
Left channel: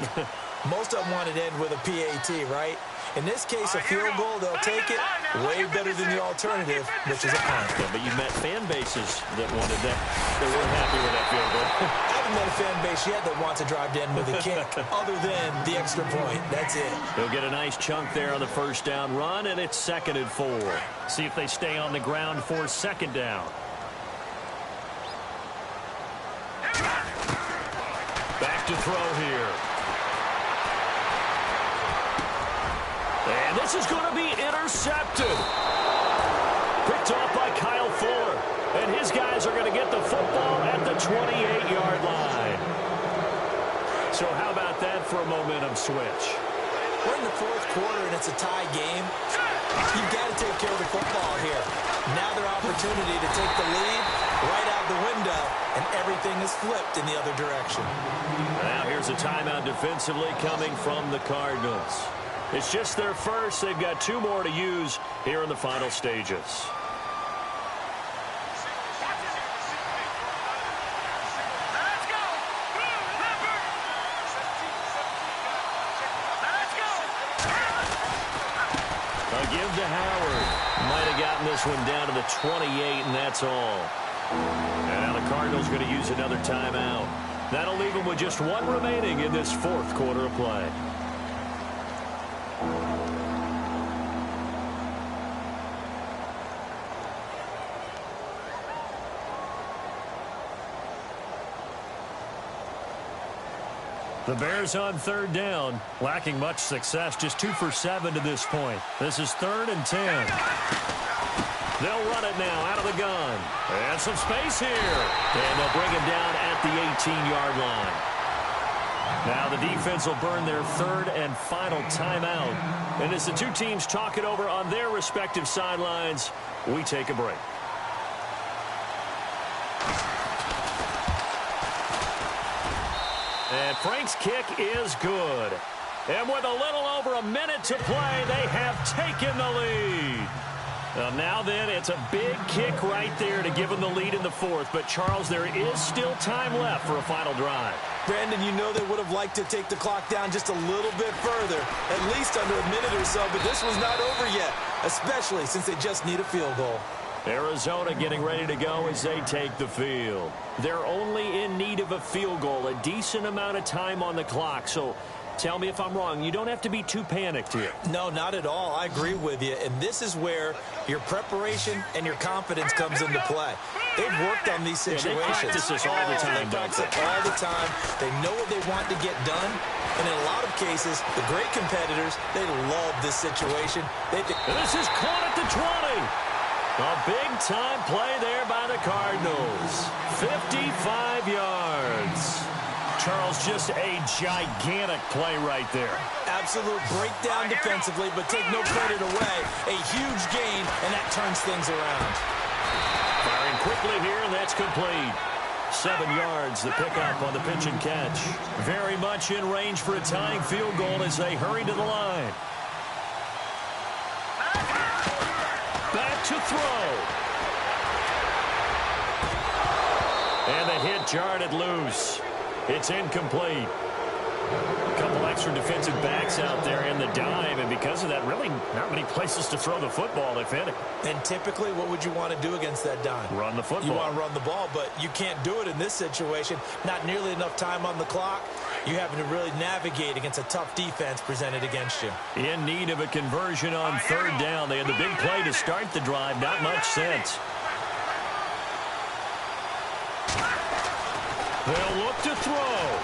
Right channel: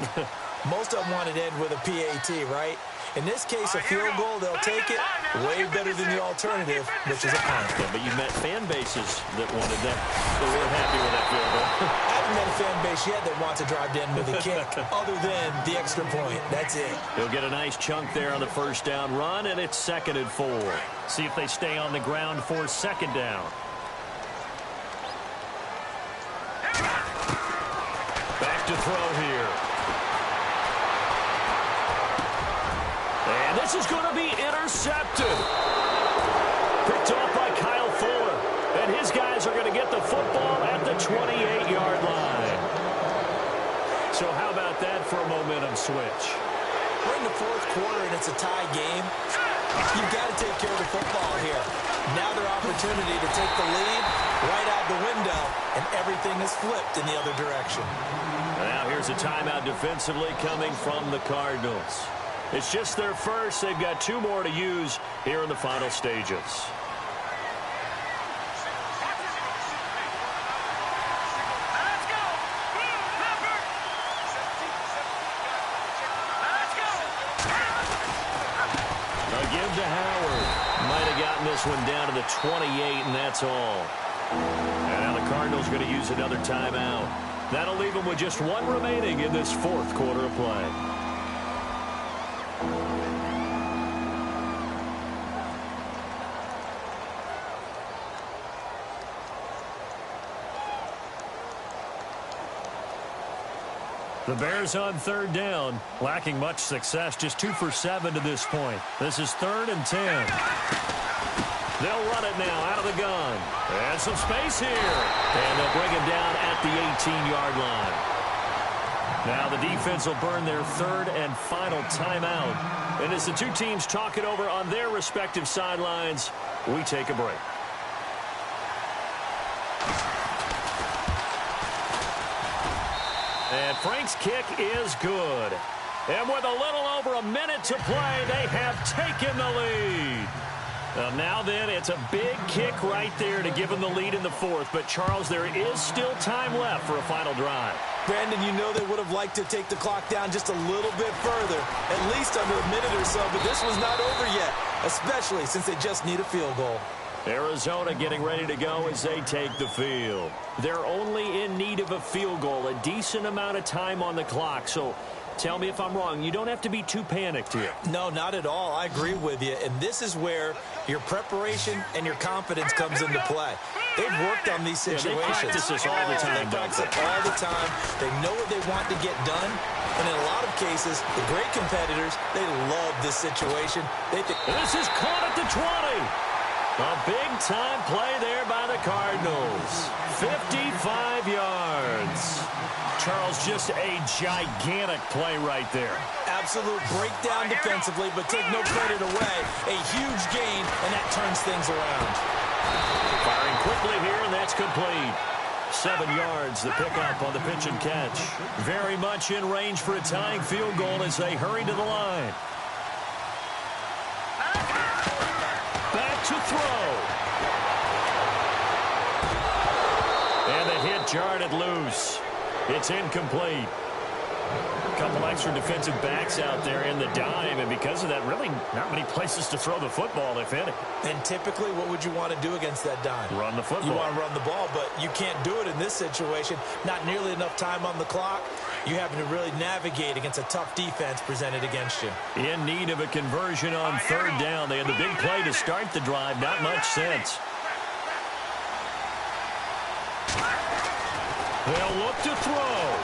Most of them wanted to end with a PAT, right? In this case, a field goal, they'll take it way better than the alternative, which is a punt. Yeah, but you met fan bases that wanted that, that weren't happy with that field goal. I haven't met a fan base yet that wants to drive to end with a kick, other than the extra point. That's it. He'll get a nice chunk there on the first down run, and it's 2nd and 4. See if they stay on the ground for 2nd down. Back to throw here. And this is going to be intercepted. Picked off by Kyle Fuller. And his guys are going to get the football at the 28-yard line. So how about that for a momentum switch? We're in the 4th quarter, and it's a tie game. You've got to take care of the football here. Now their opportunity to take the lead right out the window, and everything is flipped in the other direction. Now here's a timeout defensively coming from the Cardinals. It's just their first. They've got 2 more to use here in the final stages. A give to Howard. Might have gotten this one down to the 28, and that's all. And now the Cardinals going to use another timeout. That'll leave them with just 1 remaining in this 4th quarter of play. The Bears on 3rd down, lacking much success, just 2 for 7 to this point. This is 3rd and 10. They'll run it now out of the gun. And some space here. And they'll bring him down at the 18-yard line. Now the defense will burn their 3rd and final timeout. And as the 2 teams talk it over on their respective sidelines, we take a break. And Frank's kick is good. And with a little over a minute to play, they have taken the lead. Now then, it's a big kick right there to give them the lead in the 4th. But, Charles, there is still time left for a final drive. Brandon, you know they would have liked to take the clock down just a little bit further, at least under a minute or so. But this one's not over yet, especially since they just need a field goal. Arizona getting ready to go as they take the field. They're only in need of a field goal, a decent amount of time on the clock. So tell me if I'm wrong. You don't have to be too panicked here. No, not at all. I agree with you. And this is where your preparation and your confidence comes into play. They've worked on these situations. Yeah, they practice this all the time. They practice it all the time. They know what they want to get done. And in a lot of cases, the great competitors, they love this situation. And this is caught at the 20. A big-time play there by the Cardinals. 55 yards. Charles, just a gigantic play right there. Absolute breakdown defensively, but take no credit away. A huge gain, and that turns things around. Firing quickly here, and that's complete. 7 yards, the pickup on the pitch and catch. Very much in range for a tying field goal as they hurry to the line. Back to throw. And the hit jarred it loose. It's incomplete. A couple extra defensive backs out there in the dime, and because of that, really not many places to throw the football, if any. And typically, what would you want to do against that dime? Run the football. You want to run the ball, but you can't do it in this situation. Not nearly enough time on the clock. You having to really navigate against a tough defense presented against you. In need of a conversion on 3rd down. They had the big play to start the drive. Not much sense. They'll look to throw.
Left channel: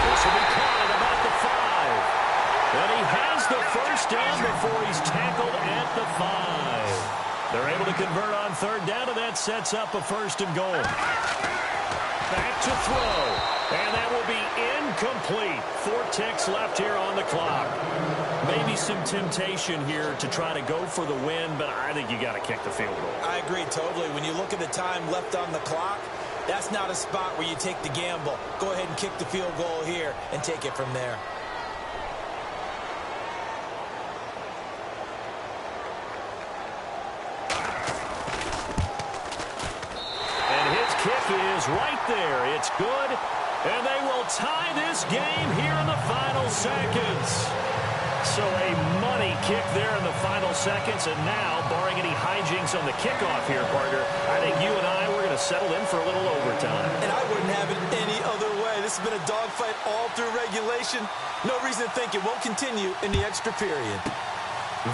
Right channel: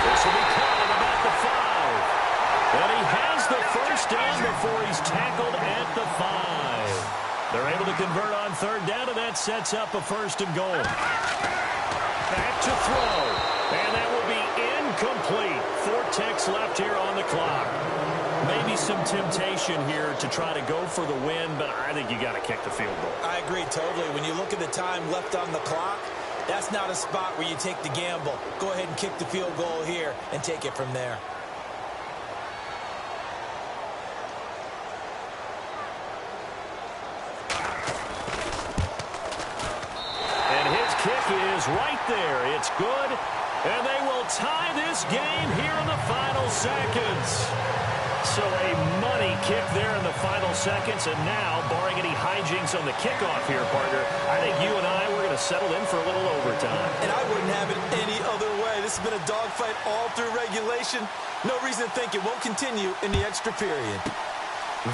This will be caught at about the 5. And he has the first first down before he's tackled at the 5. They're able to convert on third down, and that sets up a first and goal. Back to throw, and that will be incomplete. 4 ticks left here on the clock. Maybe some temptation here to try to go for the win, but I think you got to kick the field goal. I agree totally. When you look at the time left on the clock, that's not a spot where you take the gamble. Go ahead and kick the field goal here and take it from there. And his kick is right there. It's good, and they will tie this game here in the final seconds. So a money kick there in the final seconds, and now, barring any hijinks on the kickoff here, partner, I think you and I, we're going to settle in for a little overtime. And I wouldn't have it any other way. This has been a dogfight all through regulation. No reason to think it won't continue in the extra period.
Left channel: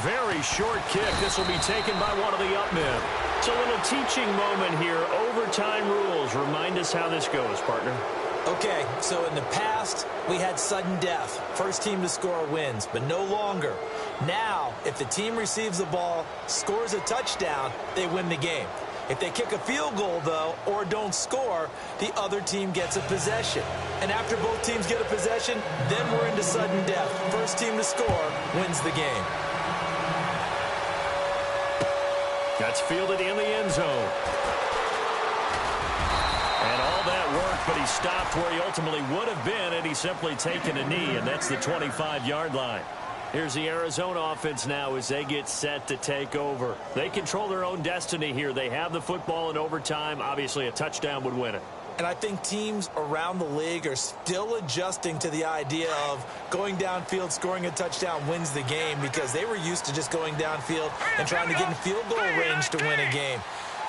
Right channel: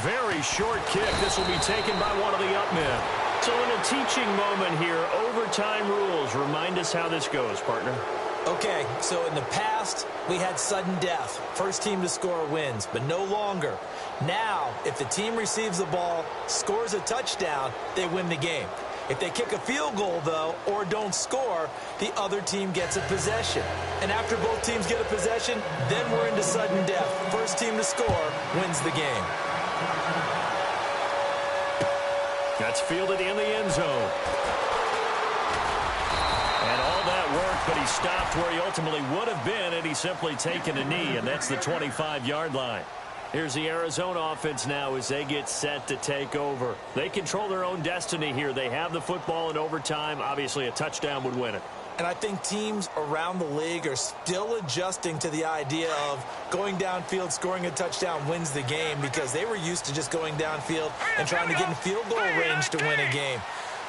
Very short kick. This will be taken by one of the up men. So a little teaching moment here. Overtime rules. Remind us how this goes, partner. Okay, so in the past, we had sudden death. First team to score wins, but no longer. Now, if the team receives the ball, scores a touchdown, they win the game. If they kick a field goal, though, or don't score, the other team gets a possession. And after both teams get a possession, then we're into sudden death. First team to score wins the game. That's fielded in the end zone. And all that worked, but he stopped where he ultimately would have been, and he's simply taken a knee, and that's the 25-yard line. Here's the Arizona offense now as they get set to take over. They control their own destiny here. They have the football in overtime. Obviously, a touchdown would win it. And I think teams around the league are still adjusting to the idea of going downfield, scoring a touchdown wins the game, because they were used to just going downfield and trying to get in field goal range to win a game.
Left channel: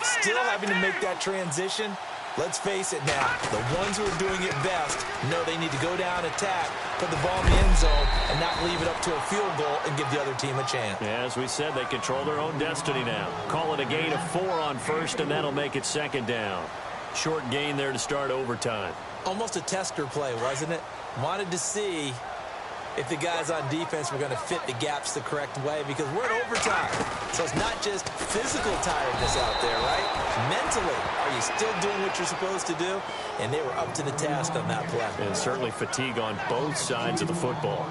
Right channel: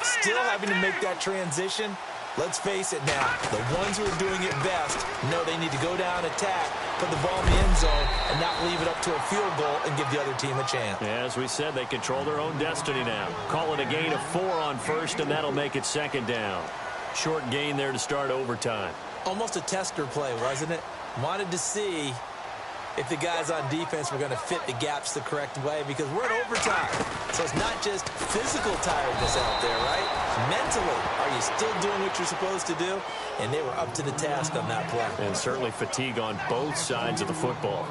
Still having to make that transition. Let's face it now, the ones who are doing it best know they need to go down, attack, put the ball in the end zone, and not leave it up to a field goal and give the other team a chance. Yeah, as we said, they control their own destiny now. Call it a gain of 4 on first, and that'll make it second down. Short gain there to start overtime. Almost a tester play, wasn't it? Wanted to see if the guys on defense were going to fit the gaps the correct way, because we're in overtime. So it's not just physical tiredness out there, right? Mentally, are you still doing what you're supposed to do? And they were up to the task on that play. And certainly fatigue on both sides of the football.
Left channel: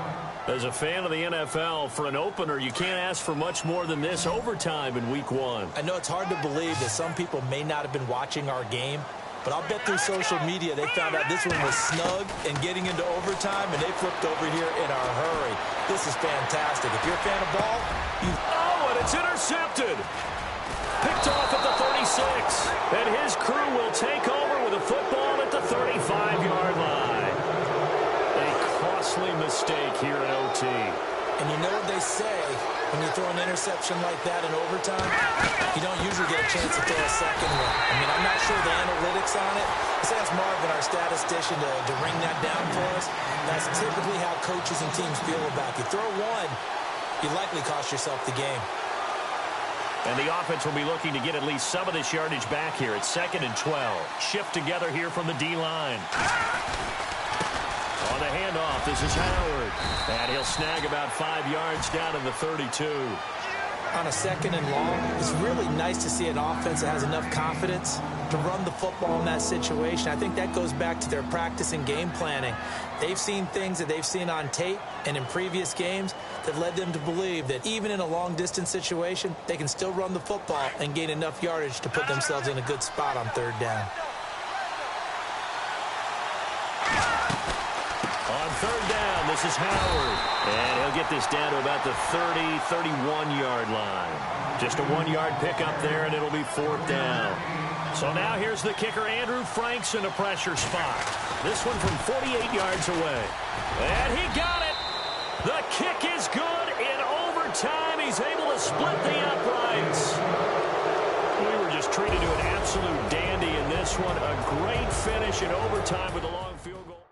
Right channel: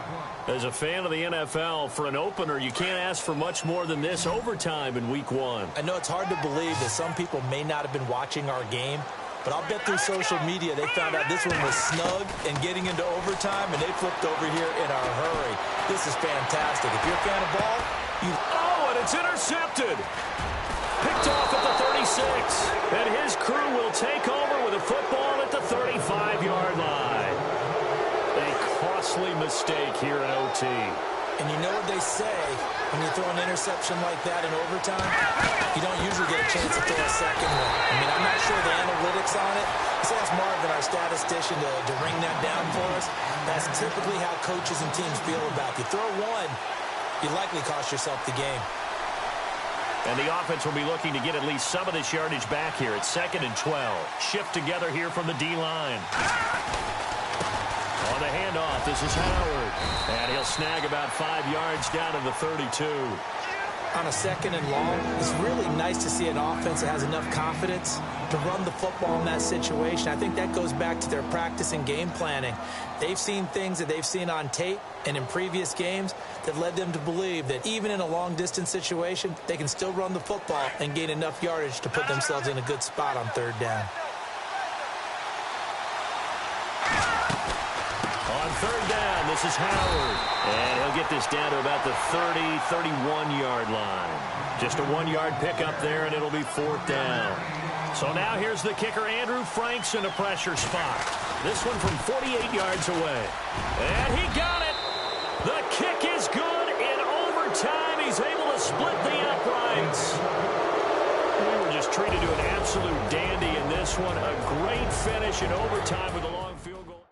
As a fan of the NFL, for an opener, you can't ask for much more than this overtime in Week 1. I know it's hard to believe that some people may not have been watching our game, but I'll bet through social media they found out this one was snug and getting into overtime, and they flipped over here in a hurry. This is fantastic. If you're a fan of ball, you... Oh, and it's intercepted. Picked off at the 36. And his crew will take over with a football at the 35-yard line. A costly mistake here in OT. And you know what they say, when you throw an interception like that in overtime, you don't usually get a chance to throw a second one. I mean, I'm not sure the analytics on it. Let's ask Marvin, our statistician, to ring that down for us. That's typically how coaches and teams feel about it. You throw one, you likely cost yourself the game. And the offense will be looking to get at least some of this yardage back here. It's 2nd and 12. Shift together here from the D-line. On the handoff, this is Howard. And he'll snag about 5 yards down to the 32. On a 2nd and long, it's really nice to see an offense that has enough confidence to run the football in that situation. I think that goes back to their practice and game planning. They've seen things that they've seen on tape and in previous games that led them to believe that even in a long-distance situation, they can still run the football and gain enough yardage to put themselves in a good spot on 3rd down. On 3rd down, this is Howard. And he'll get this down to about the 30, 31-yard line. Just a 1-yard pickup there, and it'll be 4th down. So now here's the kicker, Andrew Franks, in a pressure spot. This one from 48 yards away. And he got it. The kick is good in overtime. He's able to split the uprights. We were just treated to an absolute dandy in this one. A great finish in overtime with a long field goal.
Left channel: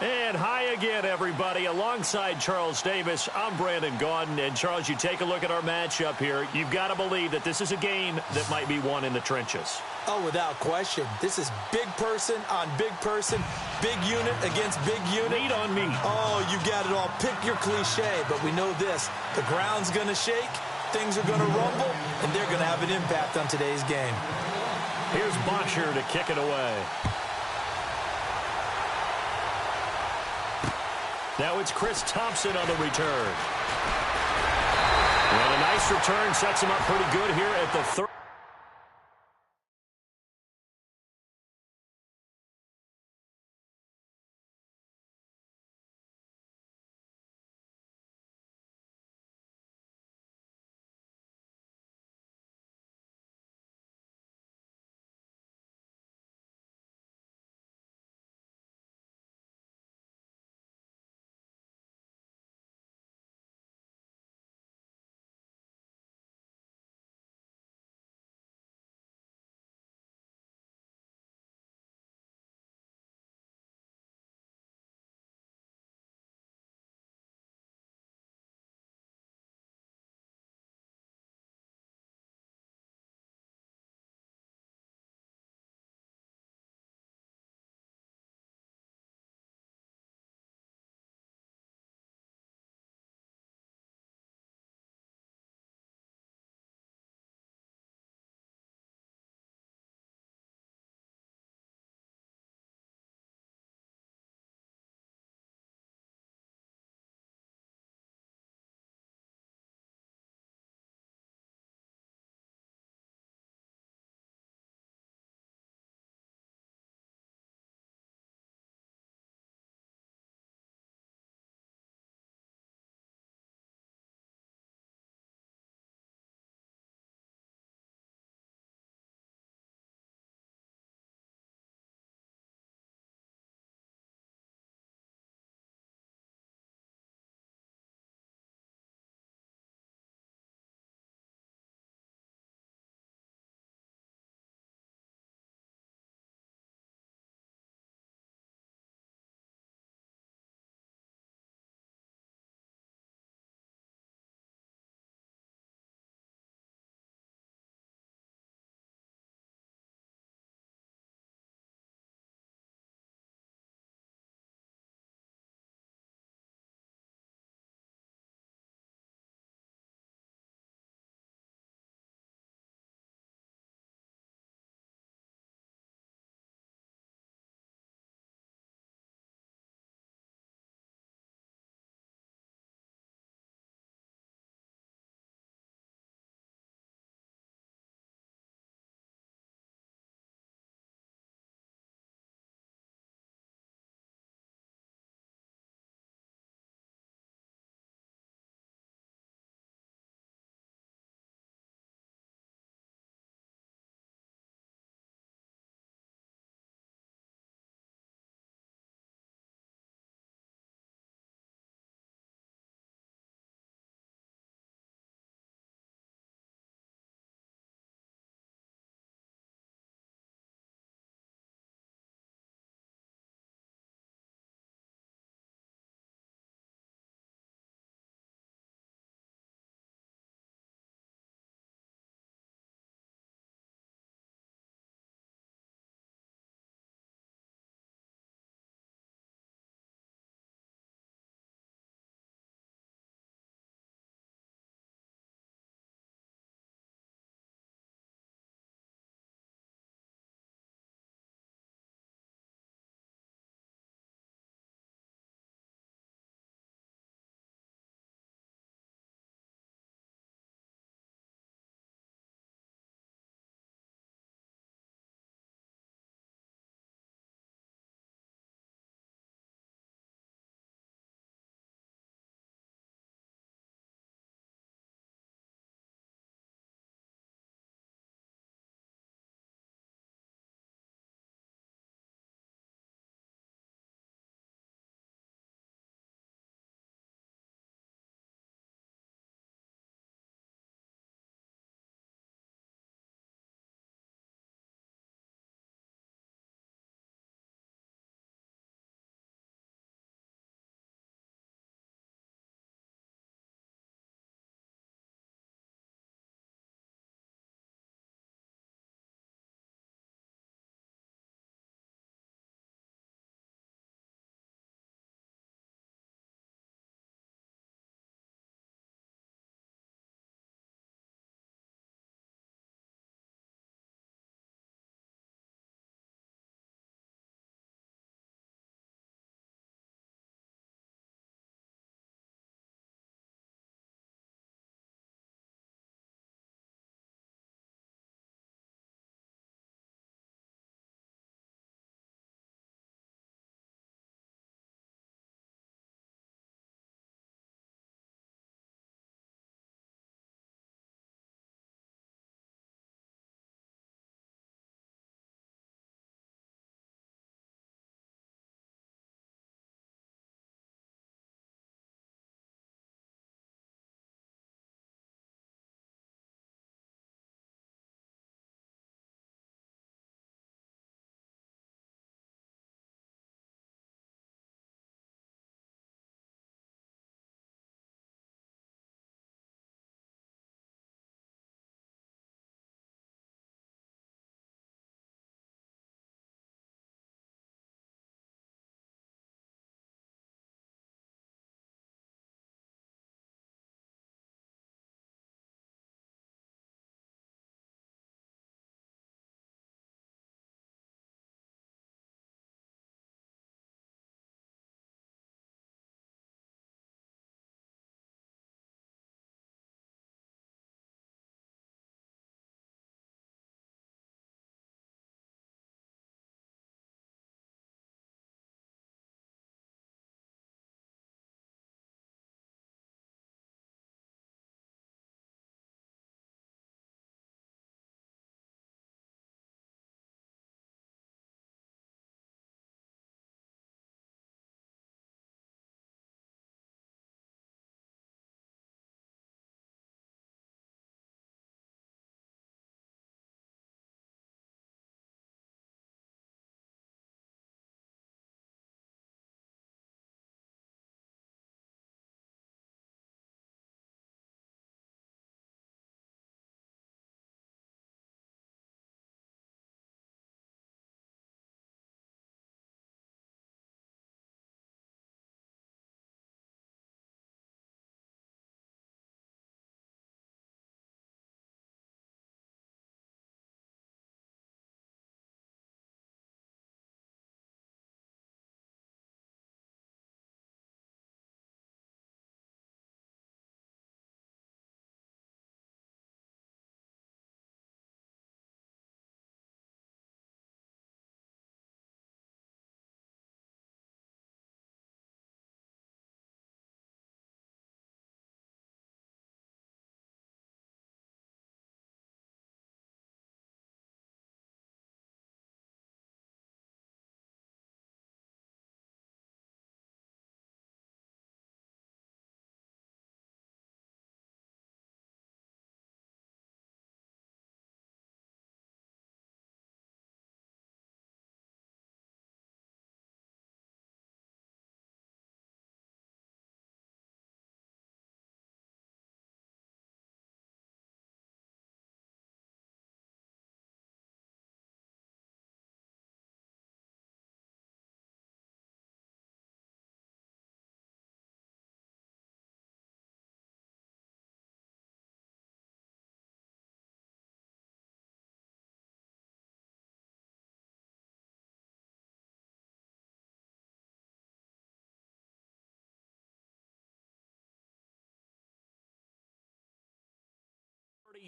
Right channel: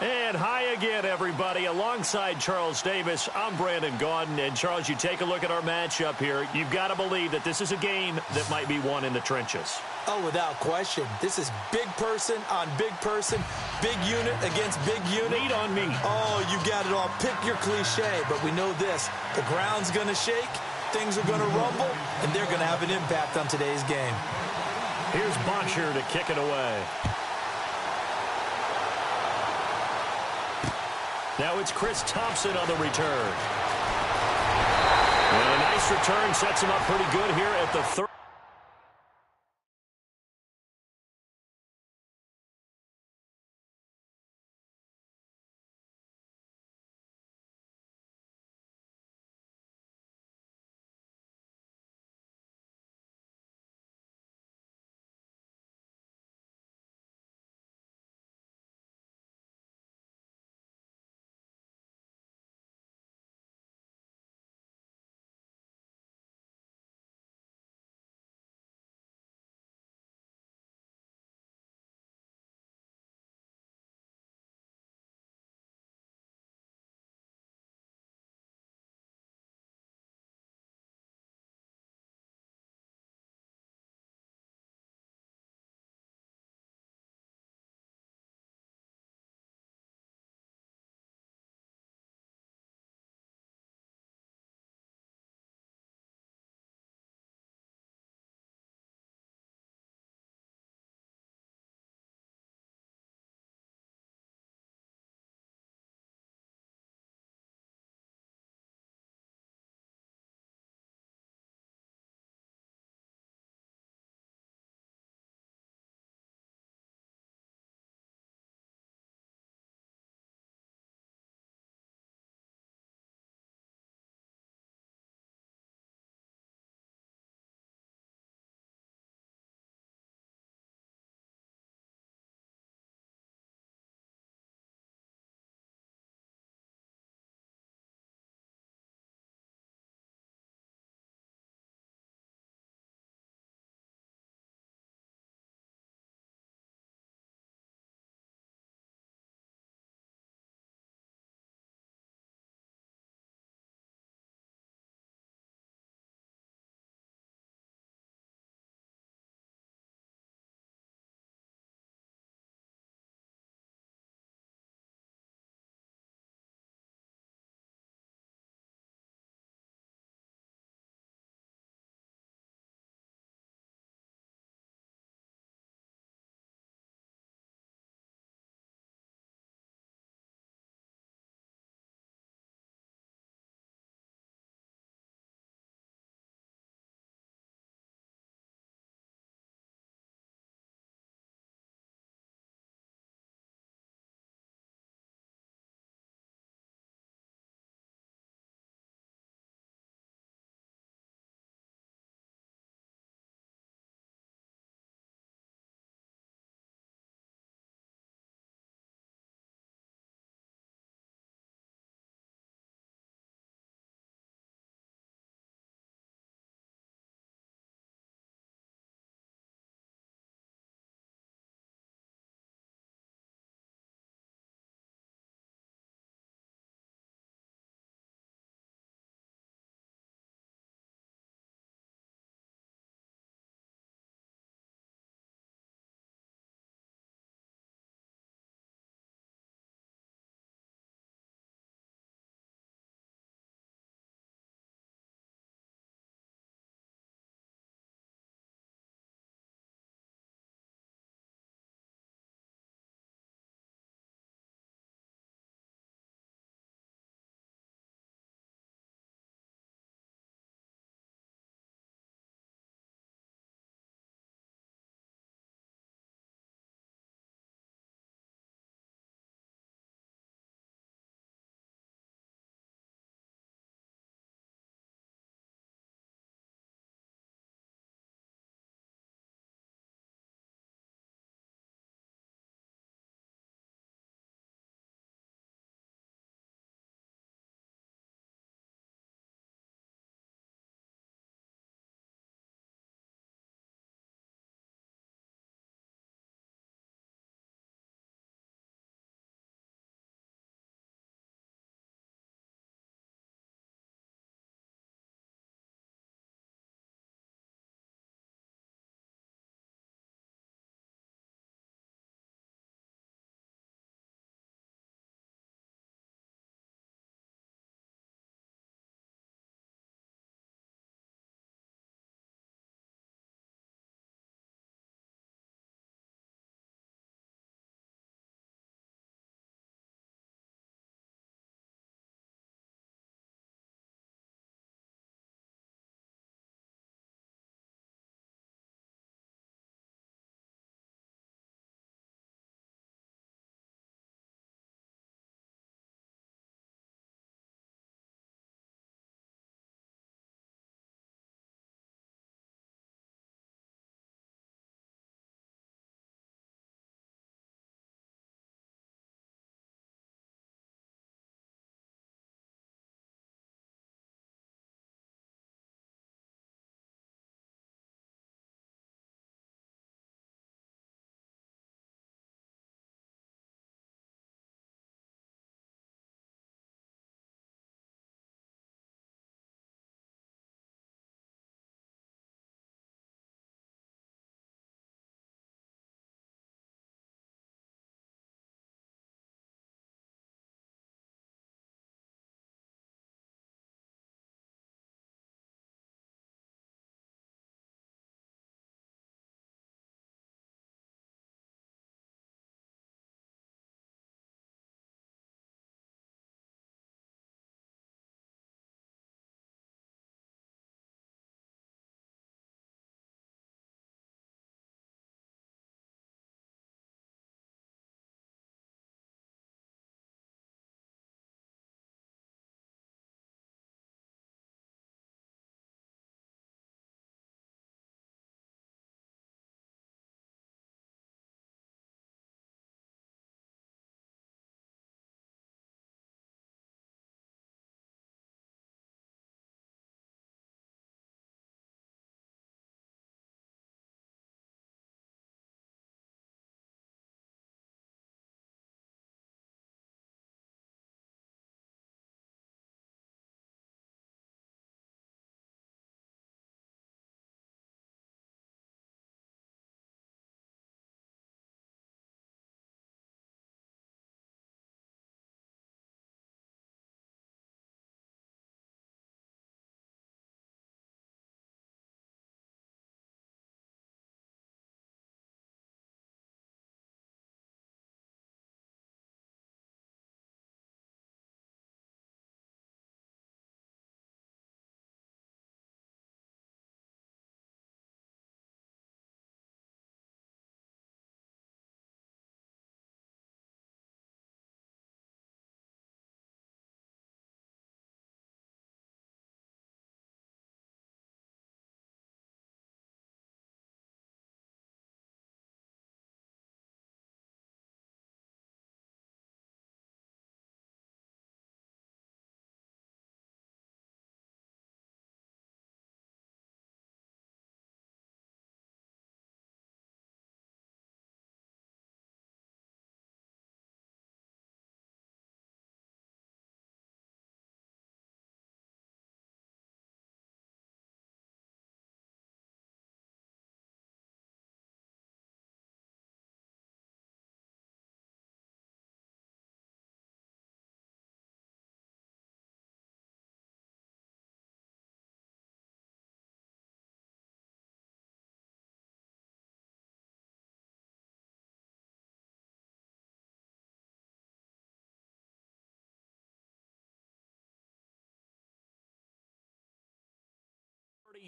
And hi again, everybody. Alongside Charles Davis, I'm Brandon Gaudin. And, Charles, you take a look at our matchup here. You've got to believe that this is a game that might be won in the trenches. Oh, without question. This is big person on big person, big unit against big unit. Meat on meat. Oh, you got it all. Pick your cliche, but we know this. The ground's going to shake, things are going to rumble, and they're going to have an impact on today's game. Here's Botcher to kick it away. Now it's Chris Thompson on the return. And a nice return sets him up pretty good here at the third.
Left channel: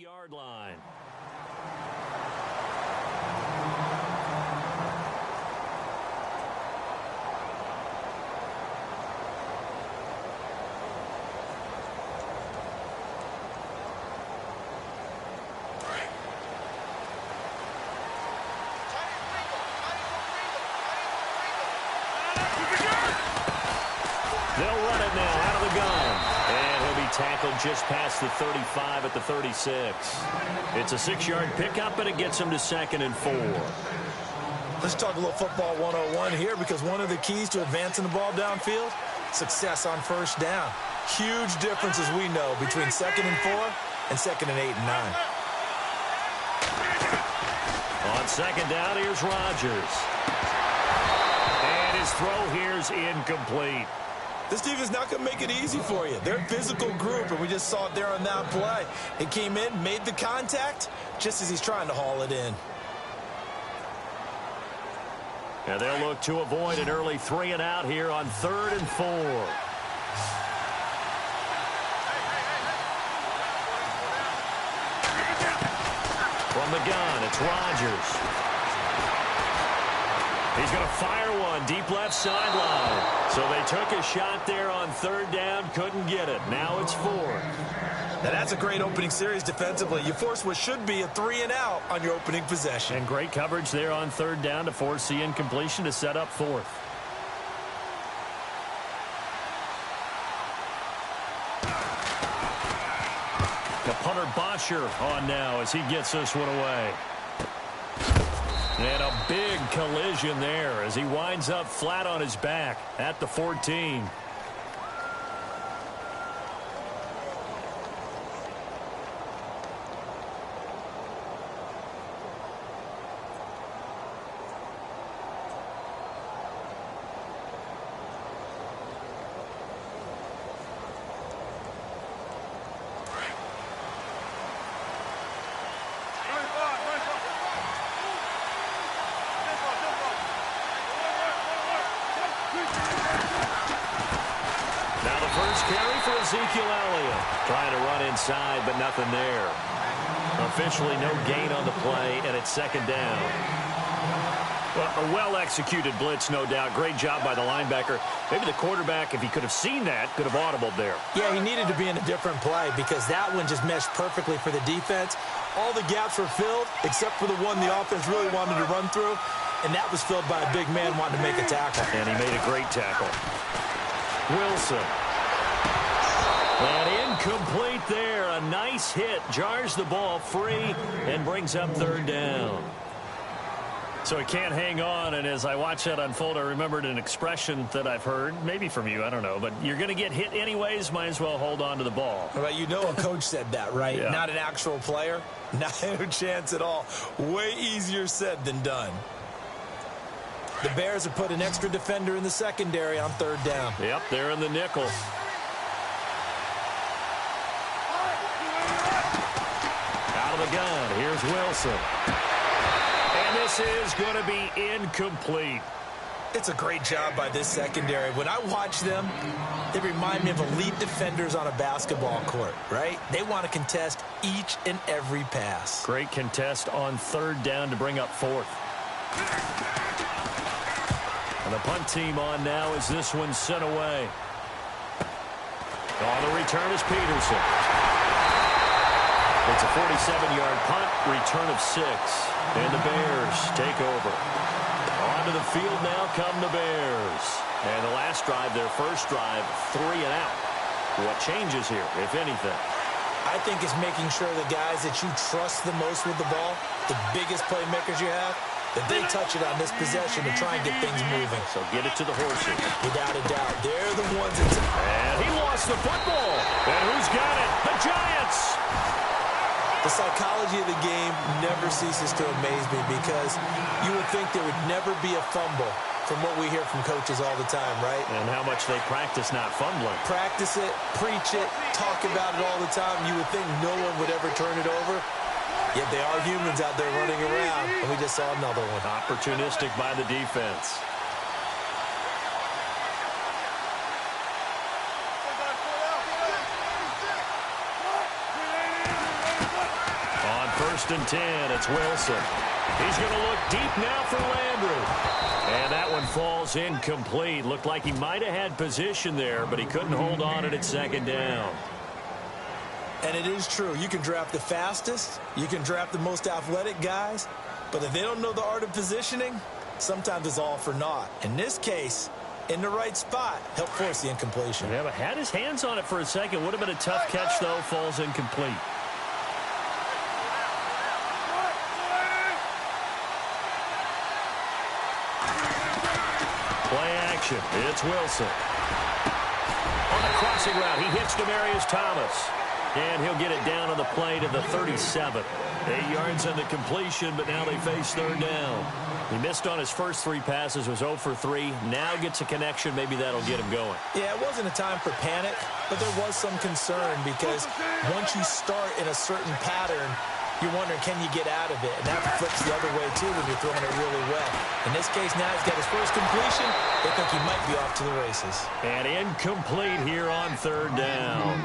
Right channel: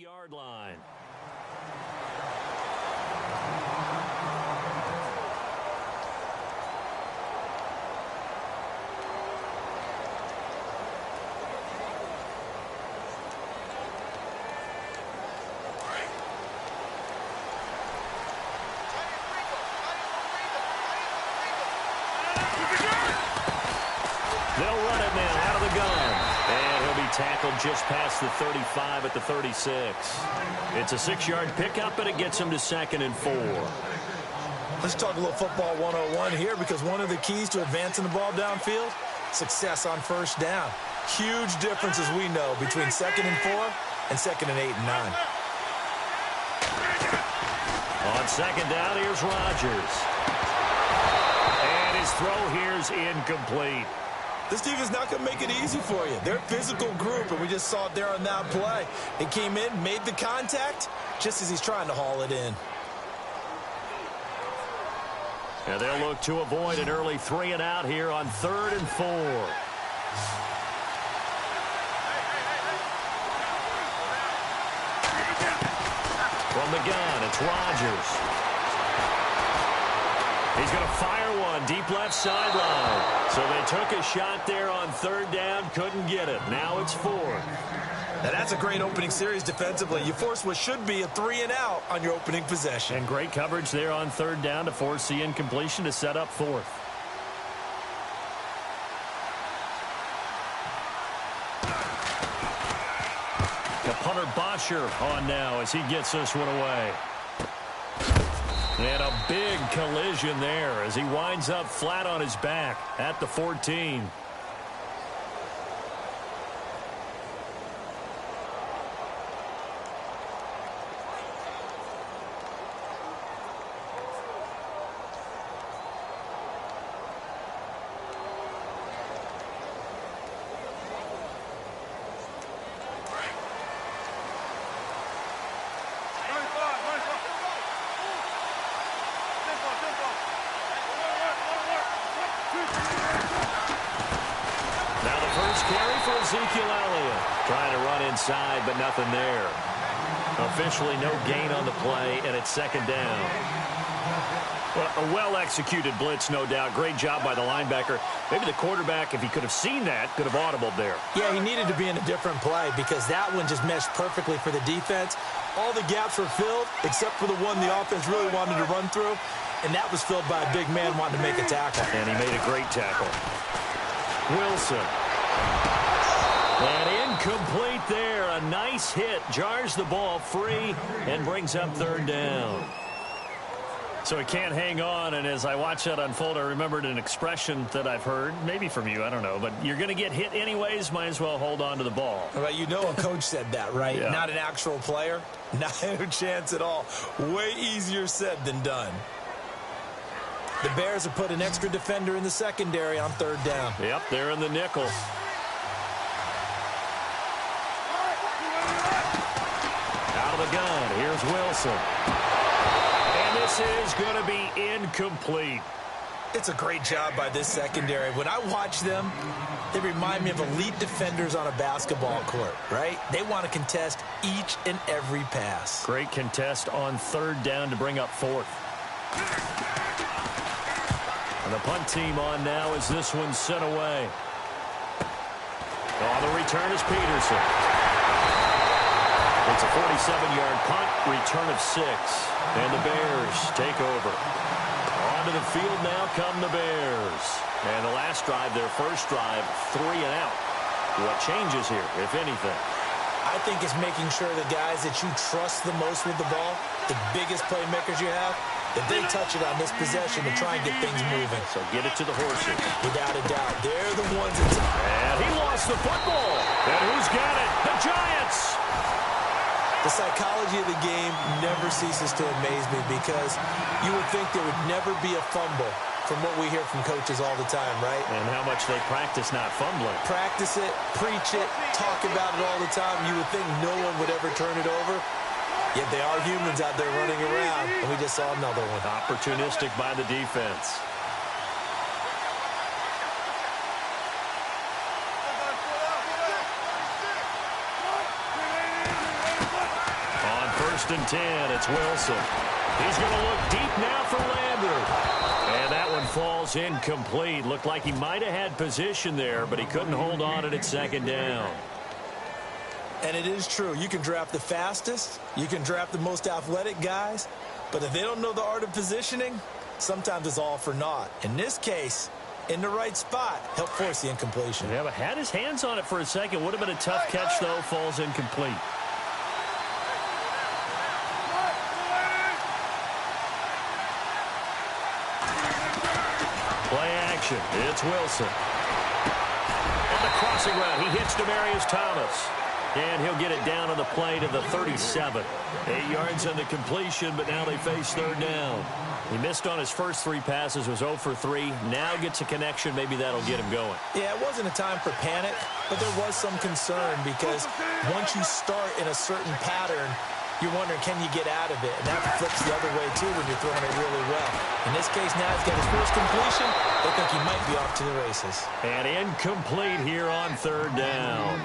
30-yard line. They'll run it now out of the gun. And he'll be tackled just past the 35 at the 36. It's a 6-yard pickup, and it gets him to 2nd and 4. Let's talk a little football 101 here, because one of the keys to advancing the ball downfield, success on first down. Huge difference, as we know, between 2nd and 4 and 2nd and 8 and 9. On 2nd down, here's Rodgers. And his throw here's incomplete. This defense is not going to make it easy for you. They're a physical group, and we just saw it there on that play. He came in, made the contact, just as he's trying to haul it in. And they'll look to avoid an early 3-and-out here on 3rd and 4. From the gun, it's Rodgers. He's going to fire one deep left sideline. So they took a shot there on 3rd down, couldn't get it. Now it's 4th. Now that's a great opening series defensively. You force what should be a 3-and-out on your opening possession. And great coverage there on 3rd down to force the incompletion to set up 4th. The punter Bosher on now as he gets this one away. And a big collision there as he winds up flat on his back at the 14. Now the first carry for Ezekiel Elliott. Trying to run inside, but nothing there. Officially no gain on the play, and it's 2nd down. Well, a well-executed blitz, no doubt. Great job by the linebacker. Maybe the quarterback, if he could have seen that, could have audibled there. Yeah, he needed to be in a different play because that one just meshed perfectly for the defense. All the gaps were filled except for the one the offense really wanted to run through, and that was filled by a big man wanting to make a tackle. And he made a great tackle. Wilson. And incomplete there. A nice hit. Jars the ball free and brings up 3rd down. So he can't hang on, and as I watch that unfold, I remembered an expression that I've heard, maybe from you, I don't know, but you're going to get hit anyways, might as well hold on to the ball. Well, you know a coach said that, right? Yeah. Not an actual player. Not a chance at all. Way easier said than done. The Bears have put an extra defender in the secondary on 3rd down. Yep, they're in the nickel. Out of the gun, here's Wilson. And this is going to be incomplete. It's a great job by this secondary. When I watch them, they remind me of elite defenders on a basketball court, right? They want to contest each and every pass. Great contest on 3rd down to bring up 4th. And the punt team on now as this one's sent away. On the return is Peterson. It's a 47-yard punt, return of 6. And the Bears take over. Onto the field now come the Bears. And the last drive, their first drive, 3-and-out. What changes here, if anything? I think it's making sure the guys that you trust the most with the ball, the biggest playmakers you have, that they touch it on this possession to try and get things moving. So get it to the horses. Without a doubt. They're the ones that... And he lost the football. And who's got it? The Giants. The psychology of the game never ceases to amaze me because you would think there would never be a fumble from what we hear from coaches all the time, right? And how much they practice not fumbling. Practice it, preach it, talk about it all the time. You would think no one would ever turn it over. Yet they are humans out there running around, and we just saw another one. Opportunistic by the defense. First and 10, it's Wilson. He's going to look deep now for Landry. And that one falls incomplete. Looked like he might have had position there, but he couldn't hold on at second down. And it is true. You can draft the fastest. You can draft the most athletic guys. But if they don't know the art of positioning, sometimes it's all for naught. In this case, in the right spot, helped force the incompletion. Yeah, but had his hands on it for a second. Would have been a tough catch, though. Falls incomplete. Play action. It's Wilson. On the crossing route, he hits Demaryius Thomas. And he'll get it down on the play to the 37. 8 yards on the completion, but now they face third down. He missed on his first 3 passes, was 0 for 3. Now gets a connection. Maybe that'll get him going. Yeah, it wasn't a time for panic, but there was some concern because once you start in a certain pattern, you're wondering, can you get out of it? And that flips the other way, too, when you're throwing it really well. In this case, now he's got his first completion. They think he might be off to the races. And incomplete here on third down.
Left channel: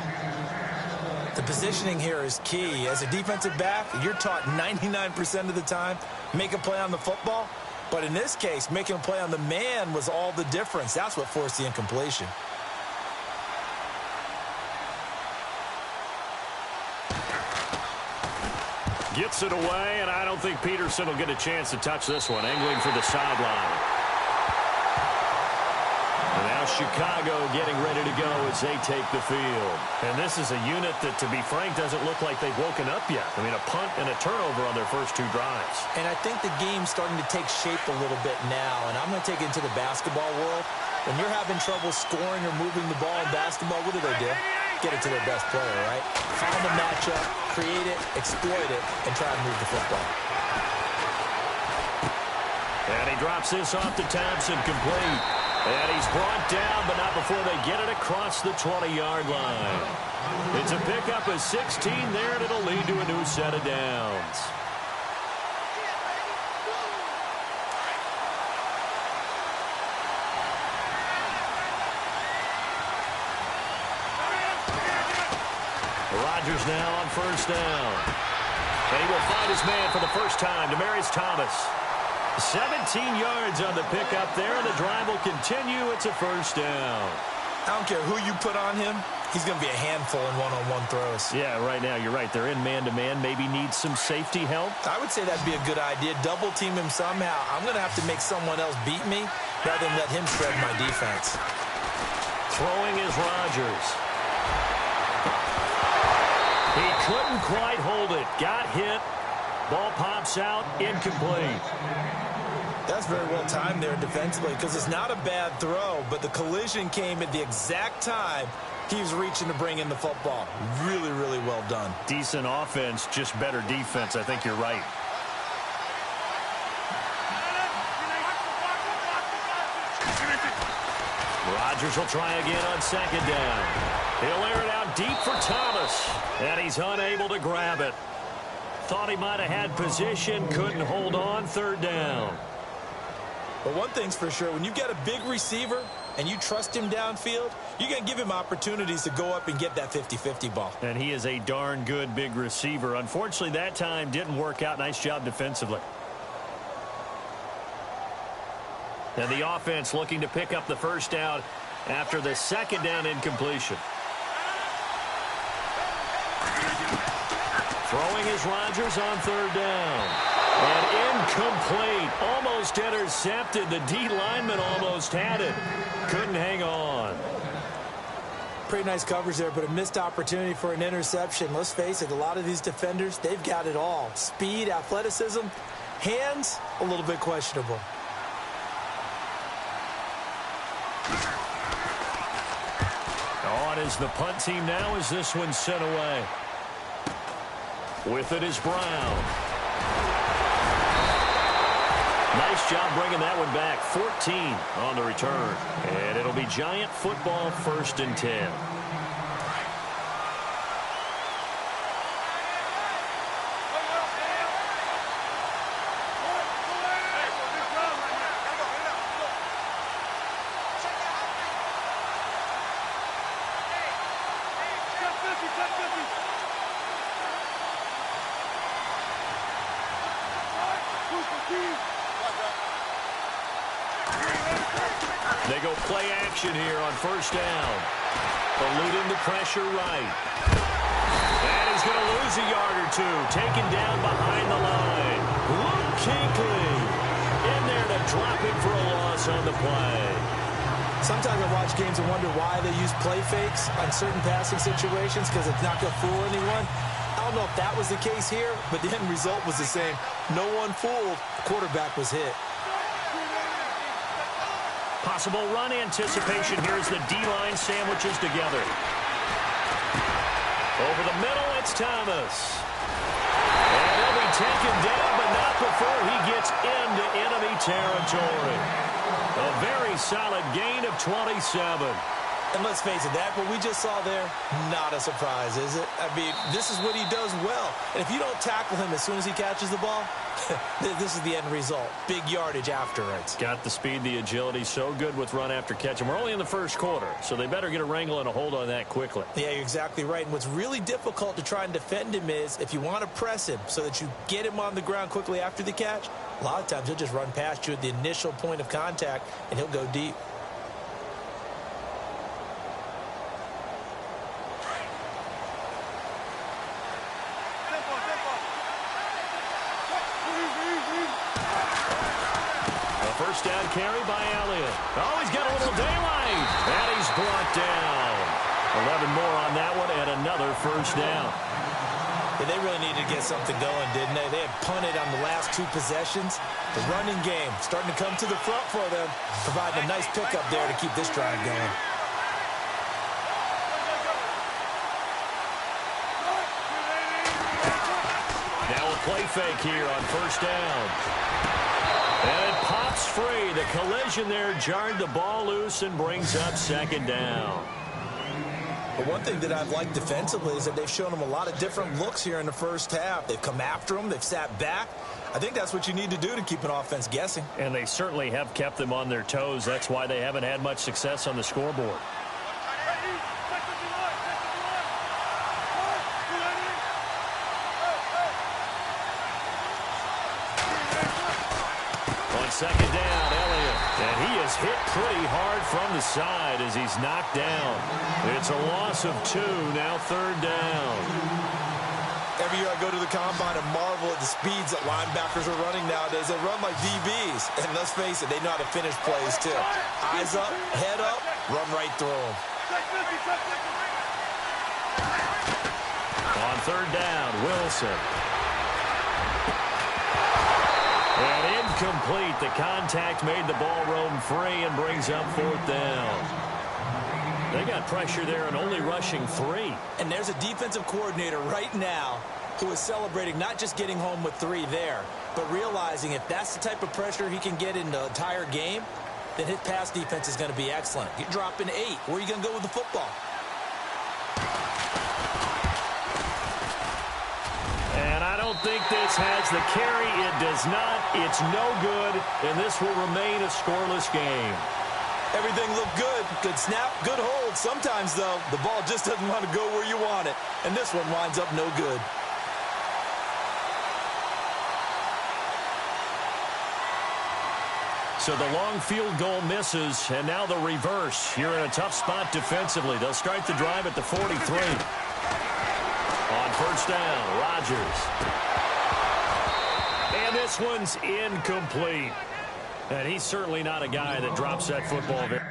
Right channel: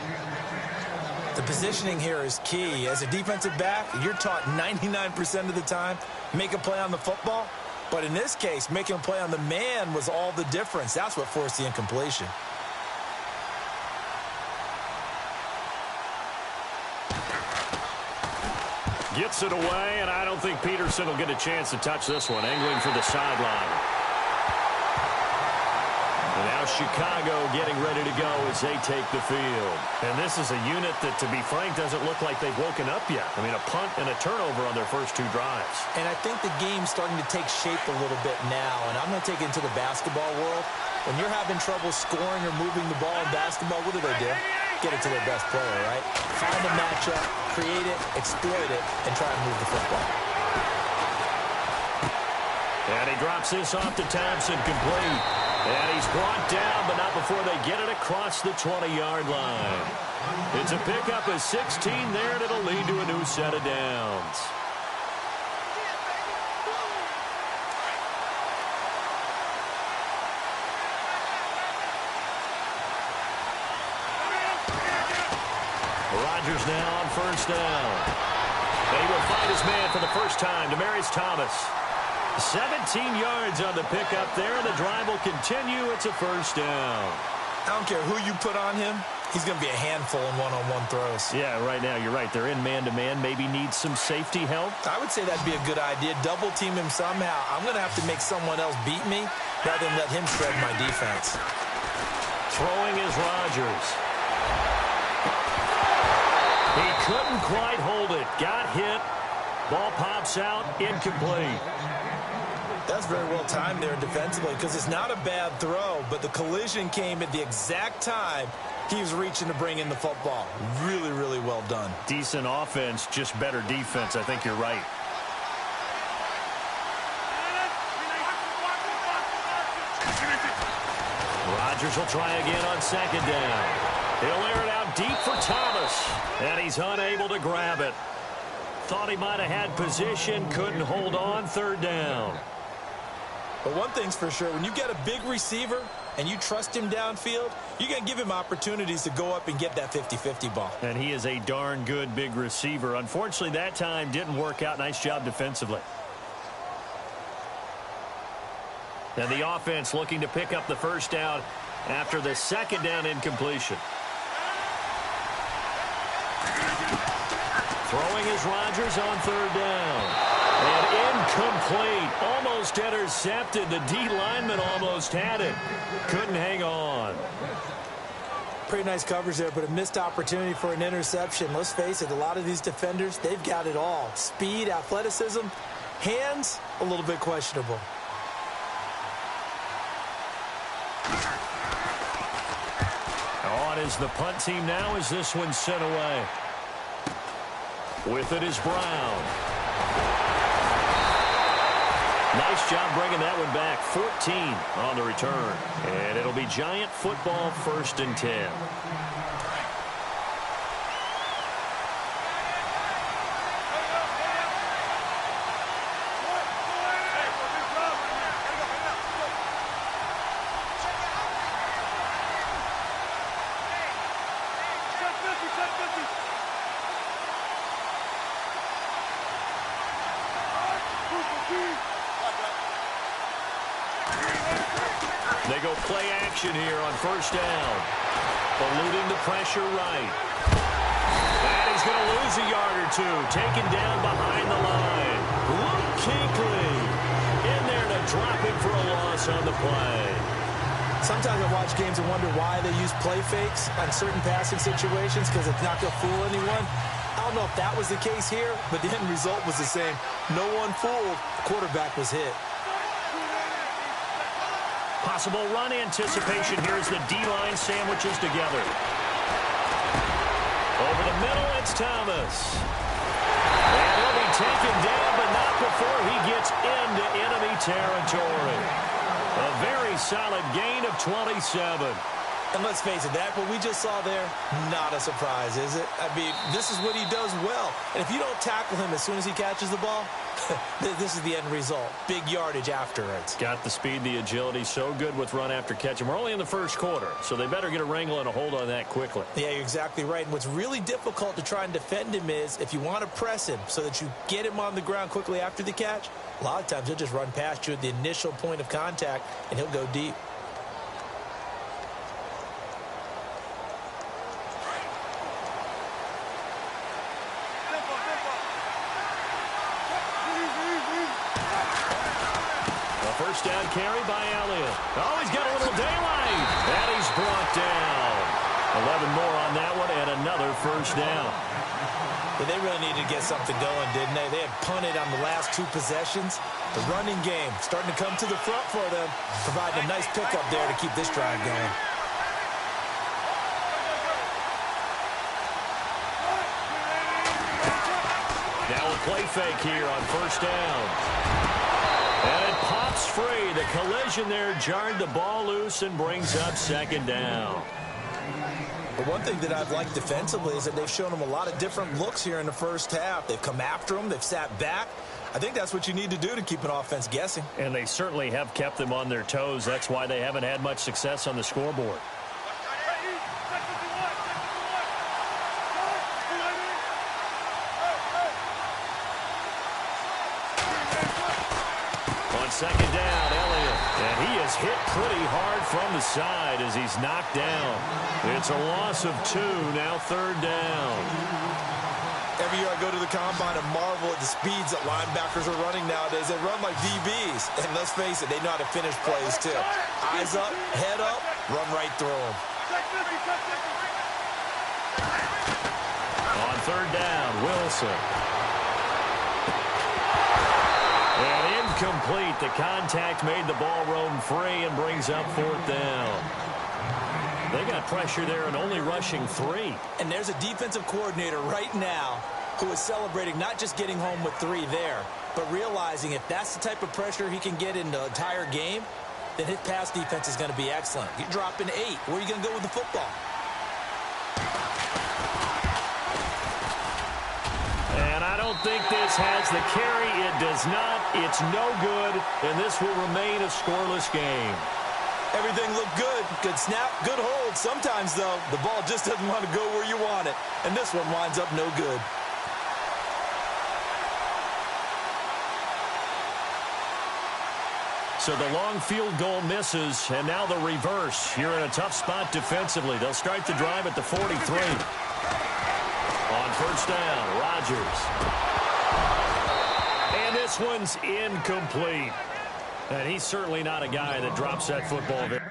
The positioning here is key. As a defensive back, you're taught 99% of the time, make a play on the football. But in this case, making a play on the man was all the difference. That's what forced the incompletion. Gets it away, and I don't think Peterson will get a chance to touch this one. Angling for the sideline. And now Chicago getting ready to go as they take the field. And this is a unit that, to be frank, doesn't look like they've woken up yet. I mean, a punt and a turnover on their first 2 drives. And I think the game's starting to take shape a little bit now. And I'm going to take it into the basketball world. When you're having trouble scoring or moving the ball in basketball, what do? Get it to their best player, right? Find a matchup, create it, exploit it, and try and move the football. And he drops this off to Thompson, complete. And he's brought down, but not before they get it across the 20-yard line. It's a pickup of 16 there, and it'll lead to a new set of downs. Rodgers now on first down. And he will find his man for the first time, Demaryius Thomas. 17 yards on the pickup there, and the drive will continue. It's a first down. I don't care who you put on him. He's going to be a handful in one-on-one throws. Yeah, right now, you're right. They're in man-to-man. Maybe needs some safety help. I would say that'd be a good idea. Double team him somehow. I'm going to have to make someone else beat me rather than let him shred my defense. Throwing is Rodgers. He couldn't quite hold it. Got hit. Ball pops out. Incomplete. That's very well timed there defensively because it's not a bad throw, but the collision came at the exact time he was reaching to bring in the football. Really, really well done. Decent offense, just better defense. I think you're right. Rodgers will try again on second down. He'll air it out deep for Thomas, and he's unable to grab it. Thought he might have had position, couldn't hold on, third down. But one thing's for sure, when you get a big receiver and you trust him downfield, you're going to give him opportunities to go up and get that 50-50 ball. And he is a darn good big receiver. Unfortunately, that time didn't work out. Nice job defensively. And the offense looking to pick up the first down after the second down incompletion. Throwing is Rodgers on third down. And incomplete. Almost intercepted. The D lineman almost had it. Couldn't hang on. Pretty nice coverage there, but a missed opportunity for an interception. Let's face it, a lot of these defenders, they've got it all. Speed, athleticism, hands, a little bit questionable. On is the punt team now as this one's sent away. With it is Brown. Nice job bringing that one back. 14 on the return. And it'll be Giant football, 1st and 10. They go play action here on first down. Eluding the pressure right. And he's going to lose a yard or two. Taken down behind the line. Luke Kuechly in there to drop him for a loss on the play. Sometimes I watch games and wonder why they use play fakes on certain passing situations because it's not going to fool anyone. I don't know if that was the case here, but the end result was the same. No one fooled. The quarterback was hit. Possible run anticipation here as the D-line sandwiches together. Over the middle, it's Thomas. And he'll be taken down, but not before he gets into enemy territory. A very solid gain of 27. And let's face it, that what we just saw there, not a surprise, is it? I mean, this is what he does well. And if you don't tackle him as soon as he catches the ball, this is the end result. Big yardage afterwards. Got the speed, the agility, so good with run after catch. And we're only in the first quarter, so they better get a wrangle and a hold on that quickly. Yeah, you're exactly right. And what's really difficult to try and defend him is if you want to press him so that you get him on the ground quickly after the catch, a lot of times he'll just run past you at the initial point of contact, and he'll go deep. First down carry by Elliott. Oh, he's got a little daylight. And he's brought down. 11 more on that one and another first down. Yeah, they really needed to get something going, didn't they? They had punted on the last two possessions. The running game starting to come to the front for them, providing a nice pickup there to keep this drive going. Now a play fake here on first down. And it pops free. The collision there jarred the ball loose and brings up second down. But one thing that I've liked defensively is that they've shown them a lot of different looks here in the first half. They've come after them. They've sat back. I think that's what you need to do to keep an offense guessing. And they certainly have kept them on their toes. That's why they haven't had much success on the scoreboard. Second down, Elliott. And he is hit pretty hard from the side as he's knocked down. It's a loss of 2, now third down. Every year I go to the combine and marvel at the speeds that linebackers are running nowadays. They run like DBs. And let's face it, they know how to finish plays too. Eyes up, head up, run right through them. On third down, Wilson. And incomplete. The contact made the ball roam free and brings up fourth down. They got pressure there and only rushing 3. And there's a defensive coordinator right now who is celebrating not just getting home with 3 there, but realizing if that's the type of pressure he can get in the entire game, then his pass defense is going to be excellent. You're dropping 8. Where are you going to go with the football? And I don't think this has the carry. It does not. It's no good, and this will remain a scoreless game. Everything looked good. Good snap, good hold. Sometimes, though, the ball just doesn't want to go where you want it, and this one winds up no good. So the long field goal misses, and now the reverse. You're in a tough spot defensively. They'll start the drive at the 43. On first down, Rodgers. And this one's incomplete. And he's certainly not a guy that drops that football very.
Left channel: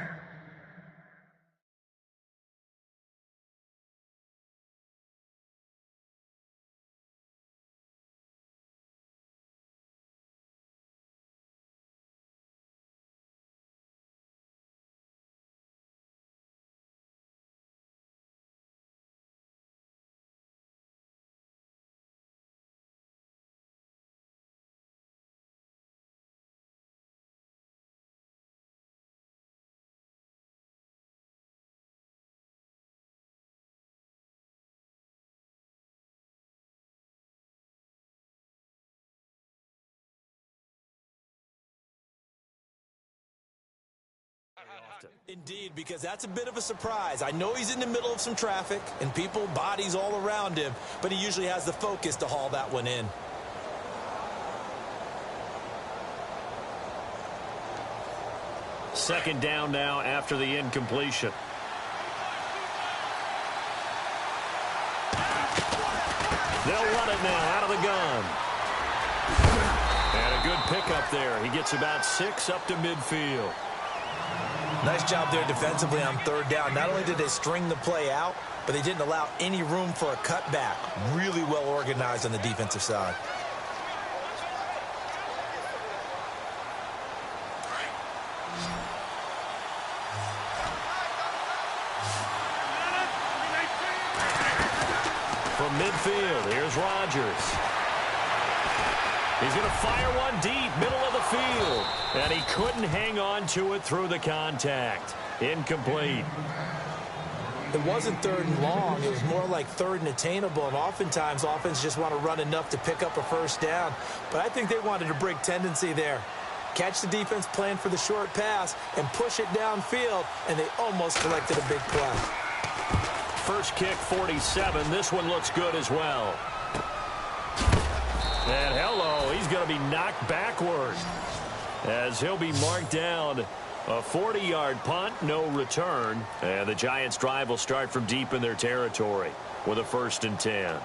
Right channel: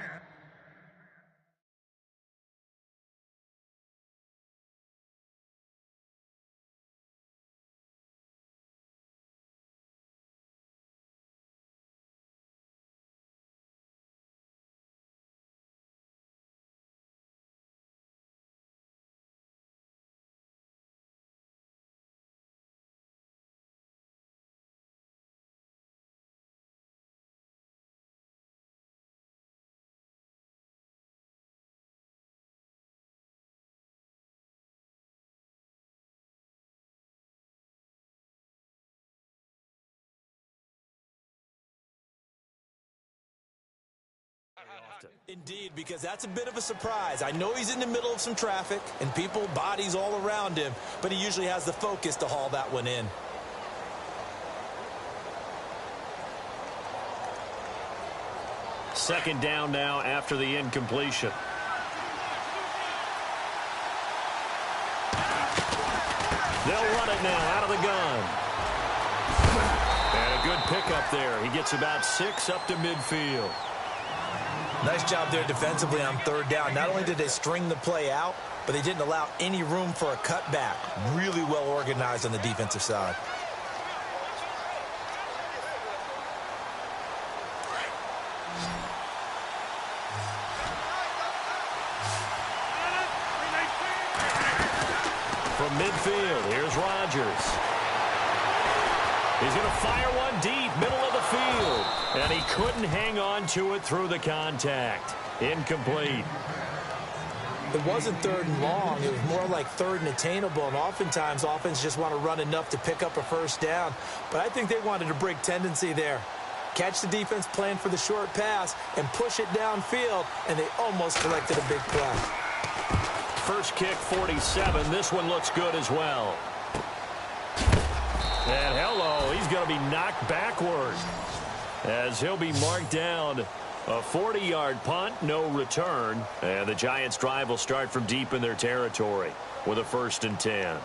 Indeed, because that's a bit of a surprise. I know he's in the middle of some traffic and people, bodies all around him, but he usually has the focus to haul that one in. Second down now after the incompletion. They'll run it now out of the gun. And a good pickup there. He gets about 6 up to midfield. Nice job there defensively on third down. Not only did they string the play out, but they didn't allow any room for a cutback. Really well organized on the defensive side. From midfield, here's Rodgers. He's going to fire one deep, middle of the field. And he couldn't hang on to it through the contact. Incomplete. It wasn't third and long. It was more like third and attainable. And oftentimes, offense just want to run enough to pick up a first down. But I think they wanted to break tendency there. Catch the defense plan for the short pass and push it downfield. And they almost collected a big play. First kick, 47. This one looks good as well. And hello, he's going to be knocked backward as he'll be marked down. A 40-yard punt, no return. And the Giants' drive will start from deep in their territory with a 1st and 10.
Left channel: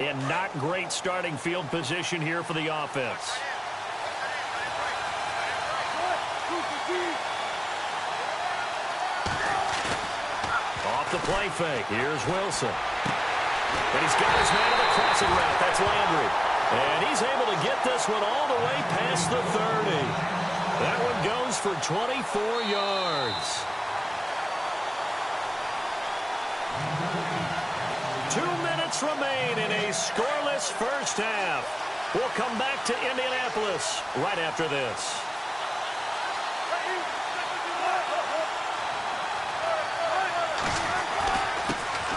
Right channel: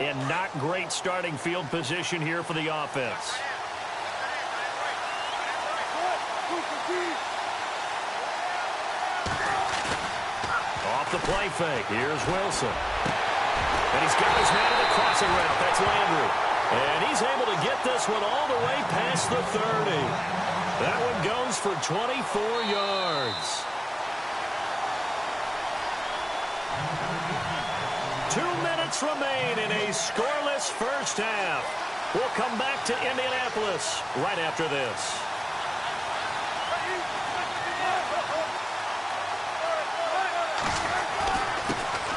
And not great starting field position here for the offense. Off the play fake. Here's Wilson. And he's got his man on the crossing route. That's Landry. And he's able to get this one all the way past the 30. That one goes for 24 yards. 2 minutes remain in a scoreless first half. We'll come back to Indianapolis right after this.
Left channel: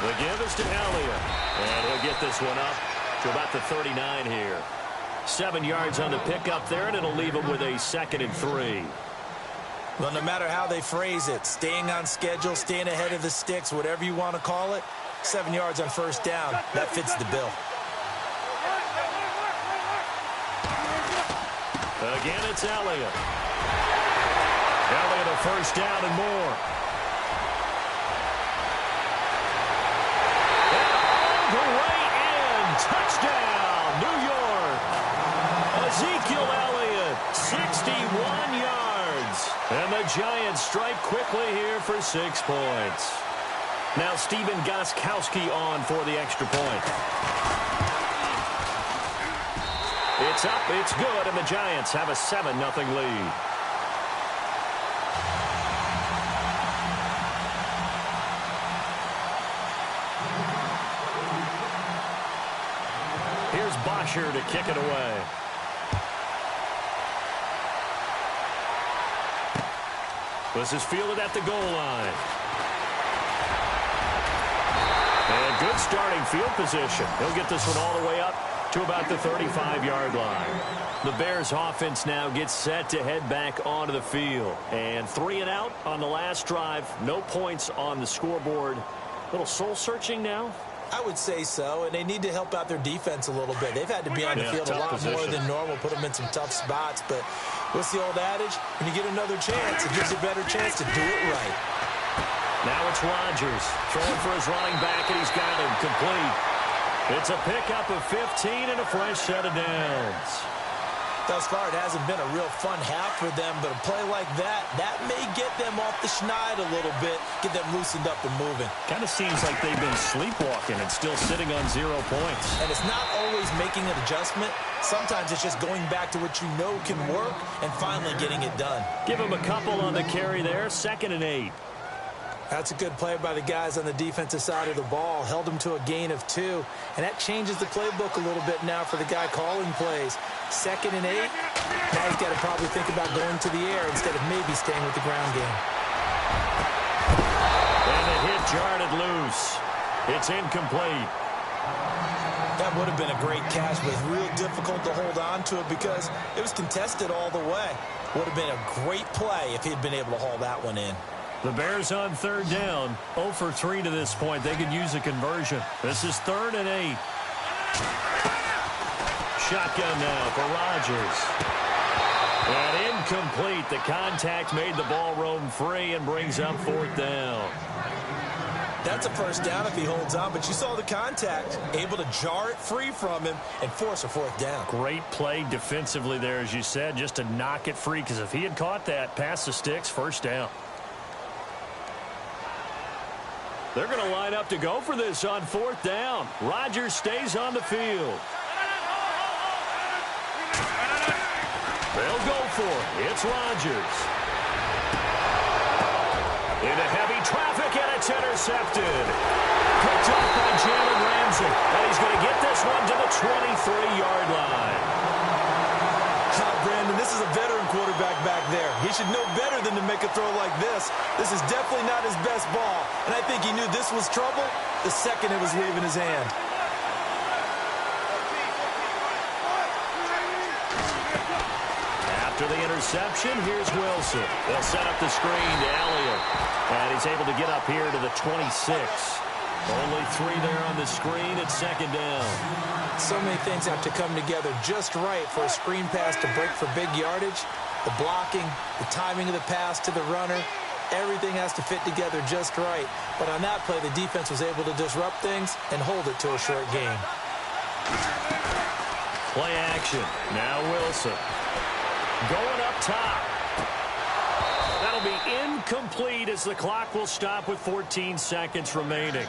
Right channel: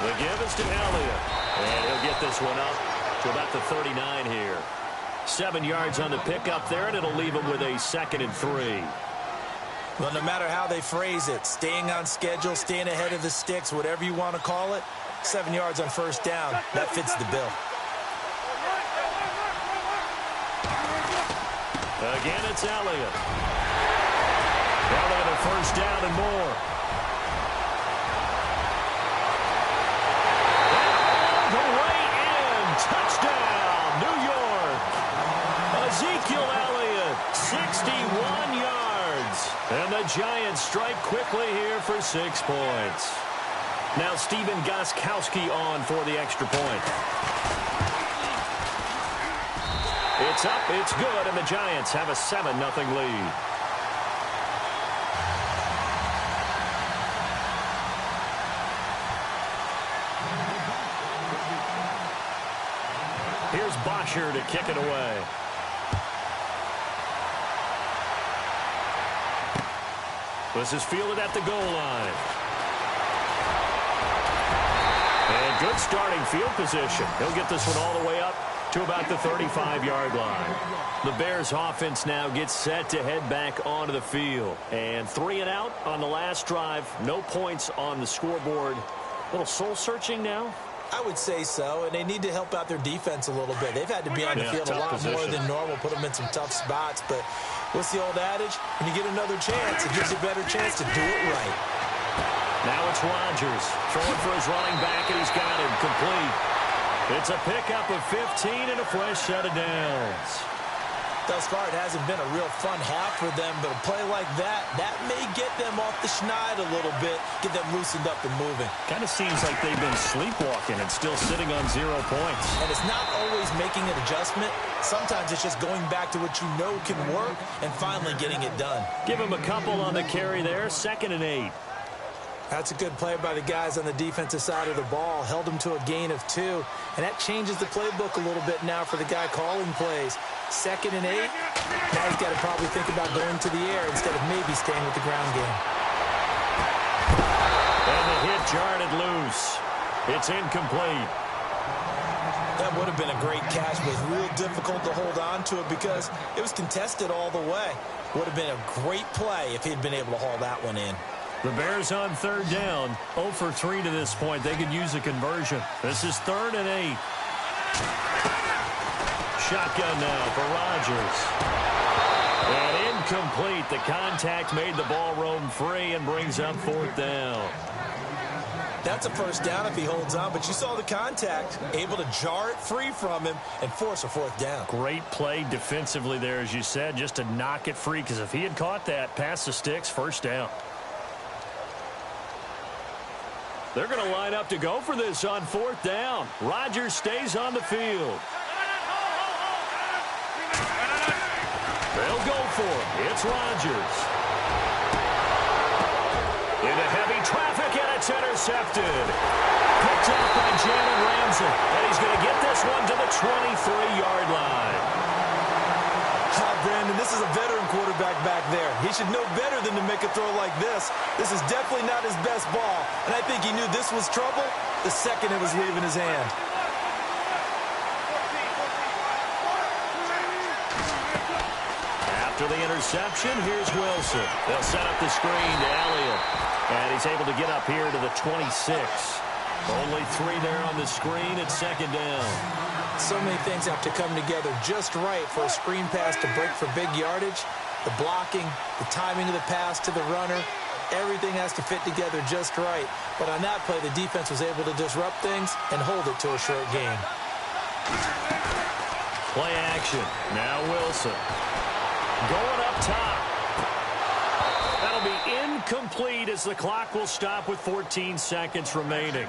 The give is to Elliott. And he'll get this one up to about the 39 here. 7 yards on the pickup there, and it'll leave him with a 2nd and 3. Well, no matter how they phrase it, staying on schedule, staying ahead of the sticks, whatever you want to call it, 7 yards on first down, that fits the bill. Again, it's Elliott. Elliott a first down and more. And all the way in. Touchdown, New York. Ezekiel Elliott, 61 yards. And the Giants strike quickly here for 6 points. Now Steven Gostkowski on for the extra point. It's up, it's good, and the Giants have a 7-0 lead. Here's Bosher to kick it away. This is fielded at the goal line. And good starting field position. He'll get this one all the way up to about the 35-yard line. The Bears offense now gets set to head back onto the field. And 3 and out on the last drive. No points on the scoreboard. Little soul-searching now? I would say so, and they need to help out their defense a little bit. They've had to be on the field a lot more than normal, put them in some tough spots. But what's the old adage? When you get another chance, it gives you a better chance to do it right. Now it's Rodgers throwing for his running back, and he's got him complete. It's a pickup of 15 and a fresh set of downs. Thus far, it hasn't been a real fun half for them, but a play like that may get them off the schneid a little bit, get them loosened up and moving. Kind of seems like they've been sleepwalking and still sitting on 0 points. And it's not always making an adjustment. Sometimes it's just going back to what you know can work and finally getting it done. Give him a couple on the carry there, 2nd and 8. That's a good play by the guys on the defensive side of the ball. Held them to a gain of 2. And that changes the playbook a little bit now for the guy calling plays. 2nd and 8. Now he's got to probably think about going to the air instead of maybe staying with the ground game. And the hit jarred it loose. It's incomplete. That would have been a great catch, but it's real difficult to hold on to it because it was contested all the way. Would have been a great play if he'd been able to haul that one in. The Bears on 3rd down, 0 for 3 to this point. They could use a conversion. This is 3rd and 8. Shotgun now for Rodgers. And incomplete. The contact made the ball roam free and brings up 4th down. That's a first down if he holds on, but you saw the contact, able to jar it free from him and force a 4th down. Great play defensively there, as you said, just to knock it free, because if he had caught that, past the sticks, first down. They're going to line up to go for this on 4th down. Rodgers stays on the field. They'll go for it. It's Rodgers. Into heavy traffic, and it's intercepted. Picked up by Jalen Ramsey, and he's going to get this one to the 23-yard line. Brandon, this is a veteran quarterback back there. He should know better than to make a throw like this. This is definitely not his best ball, and I think he knew this was trouble the second it was leaving his hand. After the interception, here's Wilson. They'll set up the screen to Elliott. And he's able to get up here to the 26. Only 3 there on the screen at 2nd down. So many things have to come together just right for a screen pass to break for big yardage. The blocking, the timing of the pass to the runner, everything has to fit together just right. But on that play, the defense was able to disrupt things and hold it to a short game. Play action. Now Wilson. Going up top. That'll be incomplete as the clock will stop with 14 seconds remaining.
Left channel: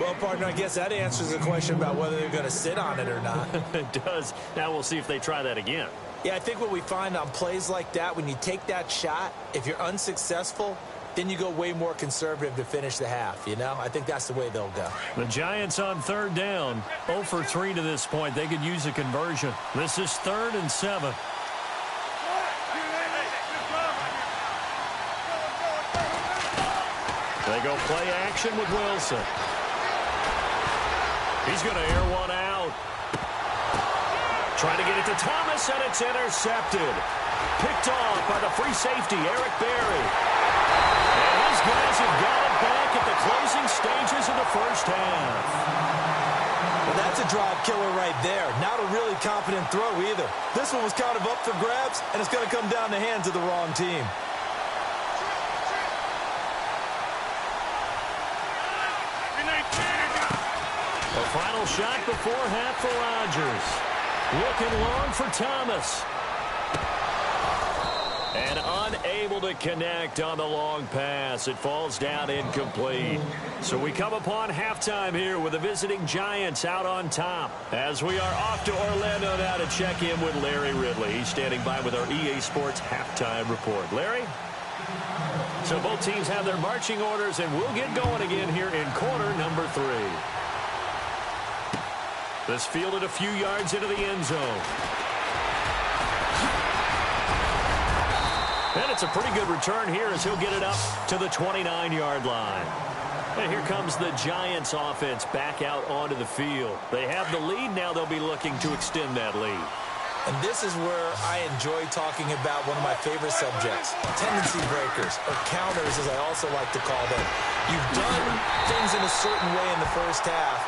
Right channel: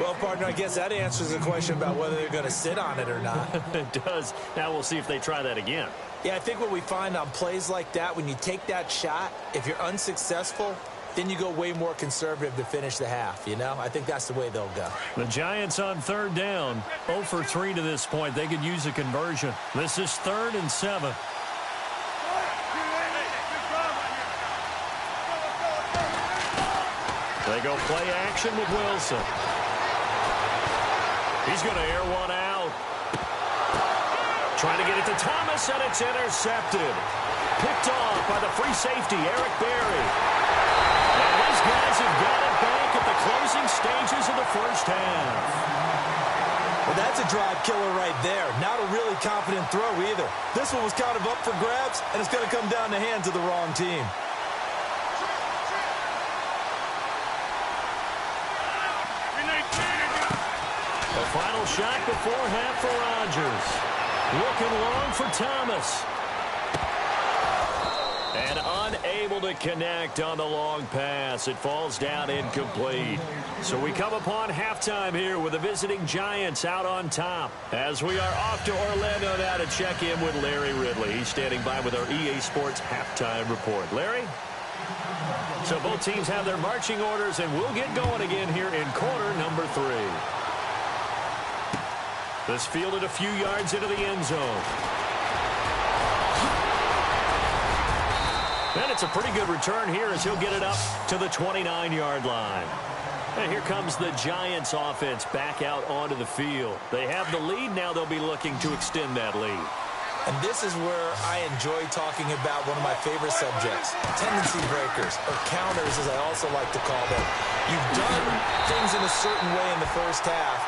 Well, partner, I guess that answers the question about whether they're going to sit on it or not. It does. Now we'll see if they try that again. Yeah, I think what we find on plays like that, when you take that shot, if you're unsuccessful, then you go way more conservative to finish the half, you know? I think that's the way they'll go. The Giants on 3rd down. 0 for 3 to this point. They could use a conversion. This is 3rd and 7. They go play action with Wilson. He's going to air one out. Trying to get it to Thomas, and it's intercepted. Picked off by the free safety, Eric Berry. And his guys have got it back at the closing stages of the first half. Well, that's a drive killer right there. Not a really confident throw either. This one was kind of up for grabs, and it's going to come down the hands of the wrong team. A final shot before half for Rodgers. Looking long for Thomas. And unable to connect on the long pass. It falls down incomplete. So we come upon halftime here with the visiting Giants out on top. As we are off to Orlando now to check in with Larry Ridley. He's standing by with our EA Sports halftime report. Larry? So both teams have their marching orders, and we'll get going again here in quarter number 3. This fielded a few yards into the end zone. And it's a pretty good return here as he'll get it up to the 29-yard line. And here comes the Giants offense back out onto the field. They have the lead. Now they'll be looking to extend that lead. And this is where I enjoy talking about one of my favorite subjects, tendency breakers, or counters as I also like to call them. You've done things in a certain way in the first half,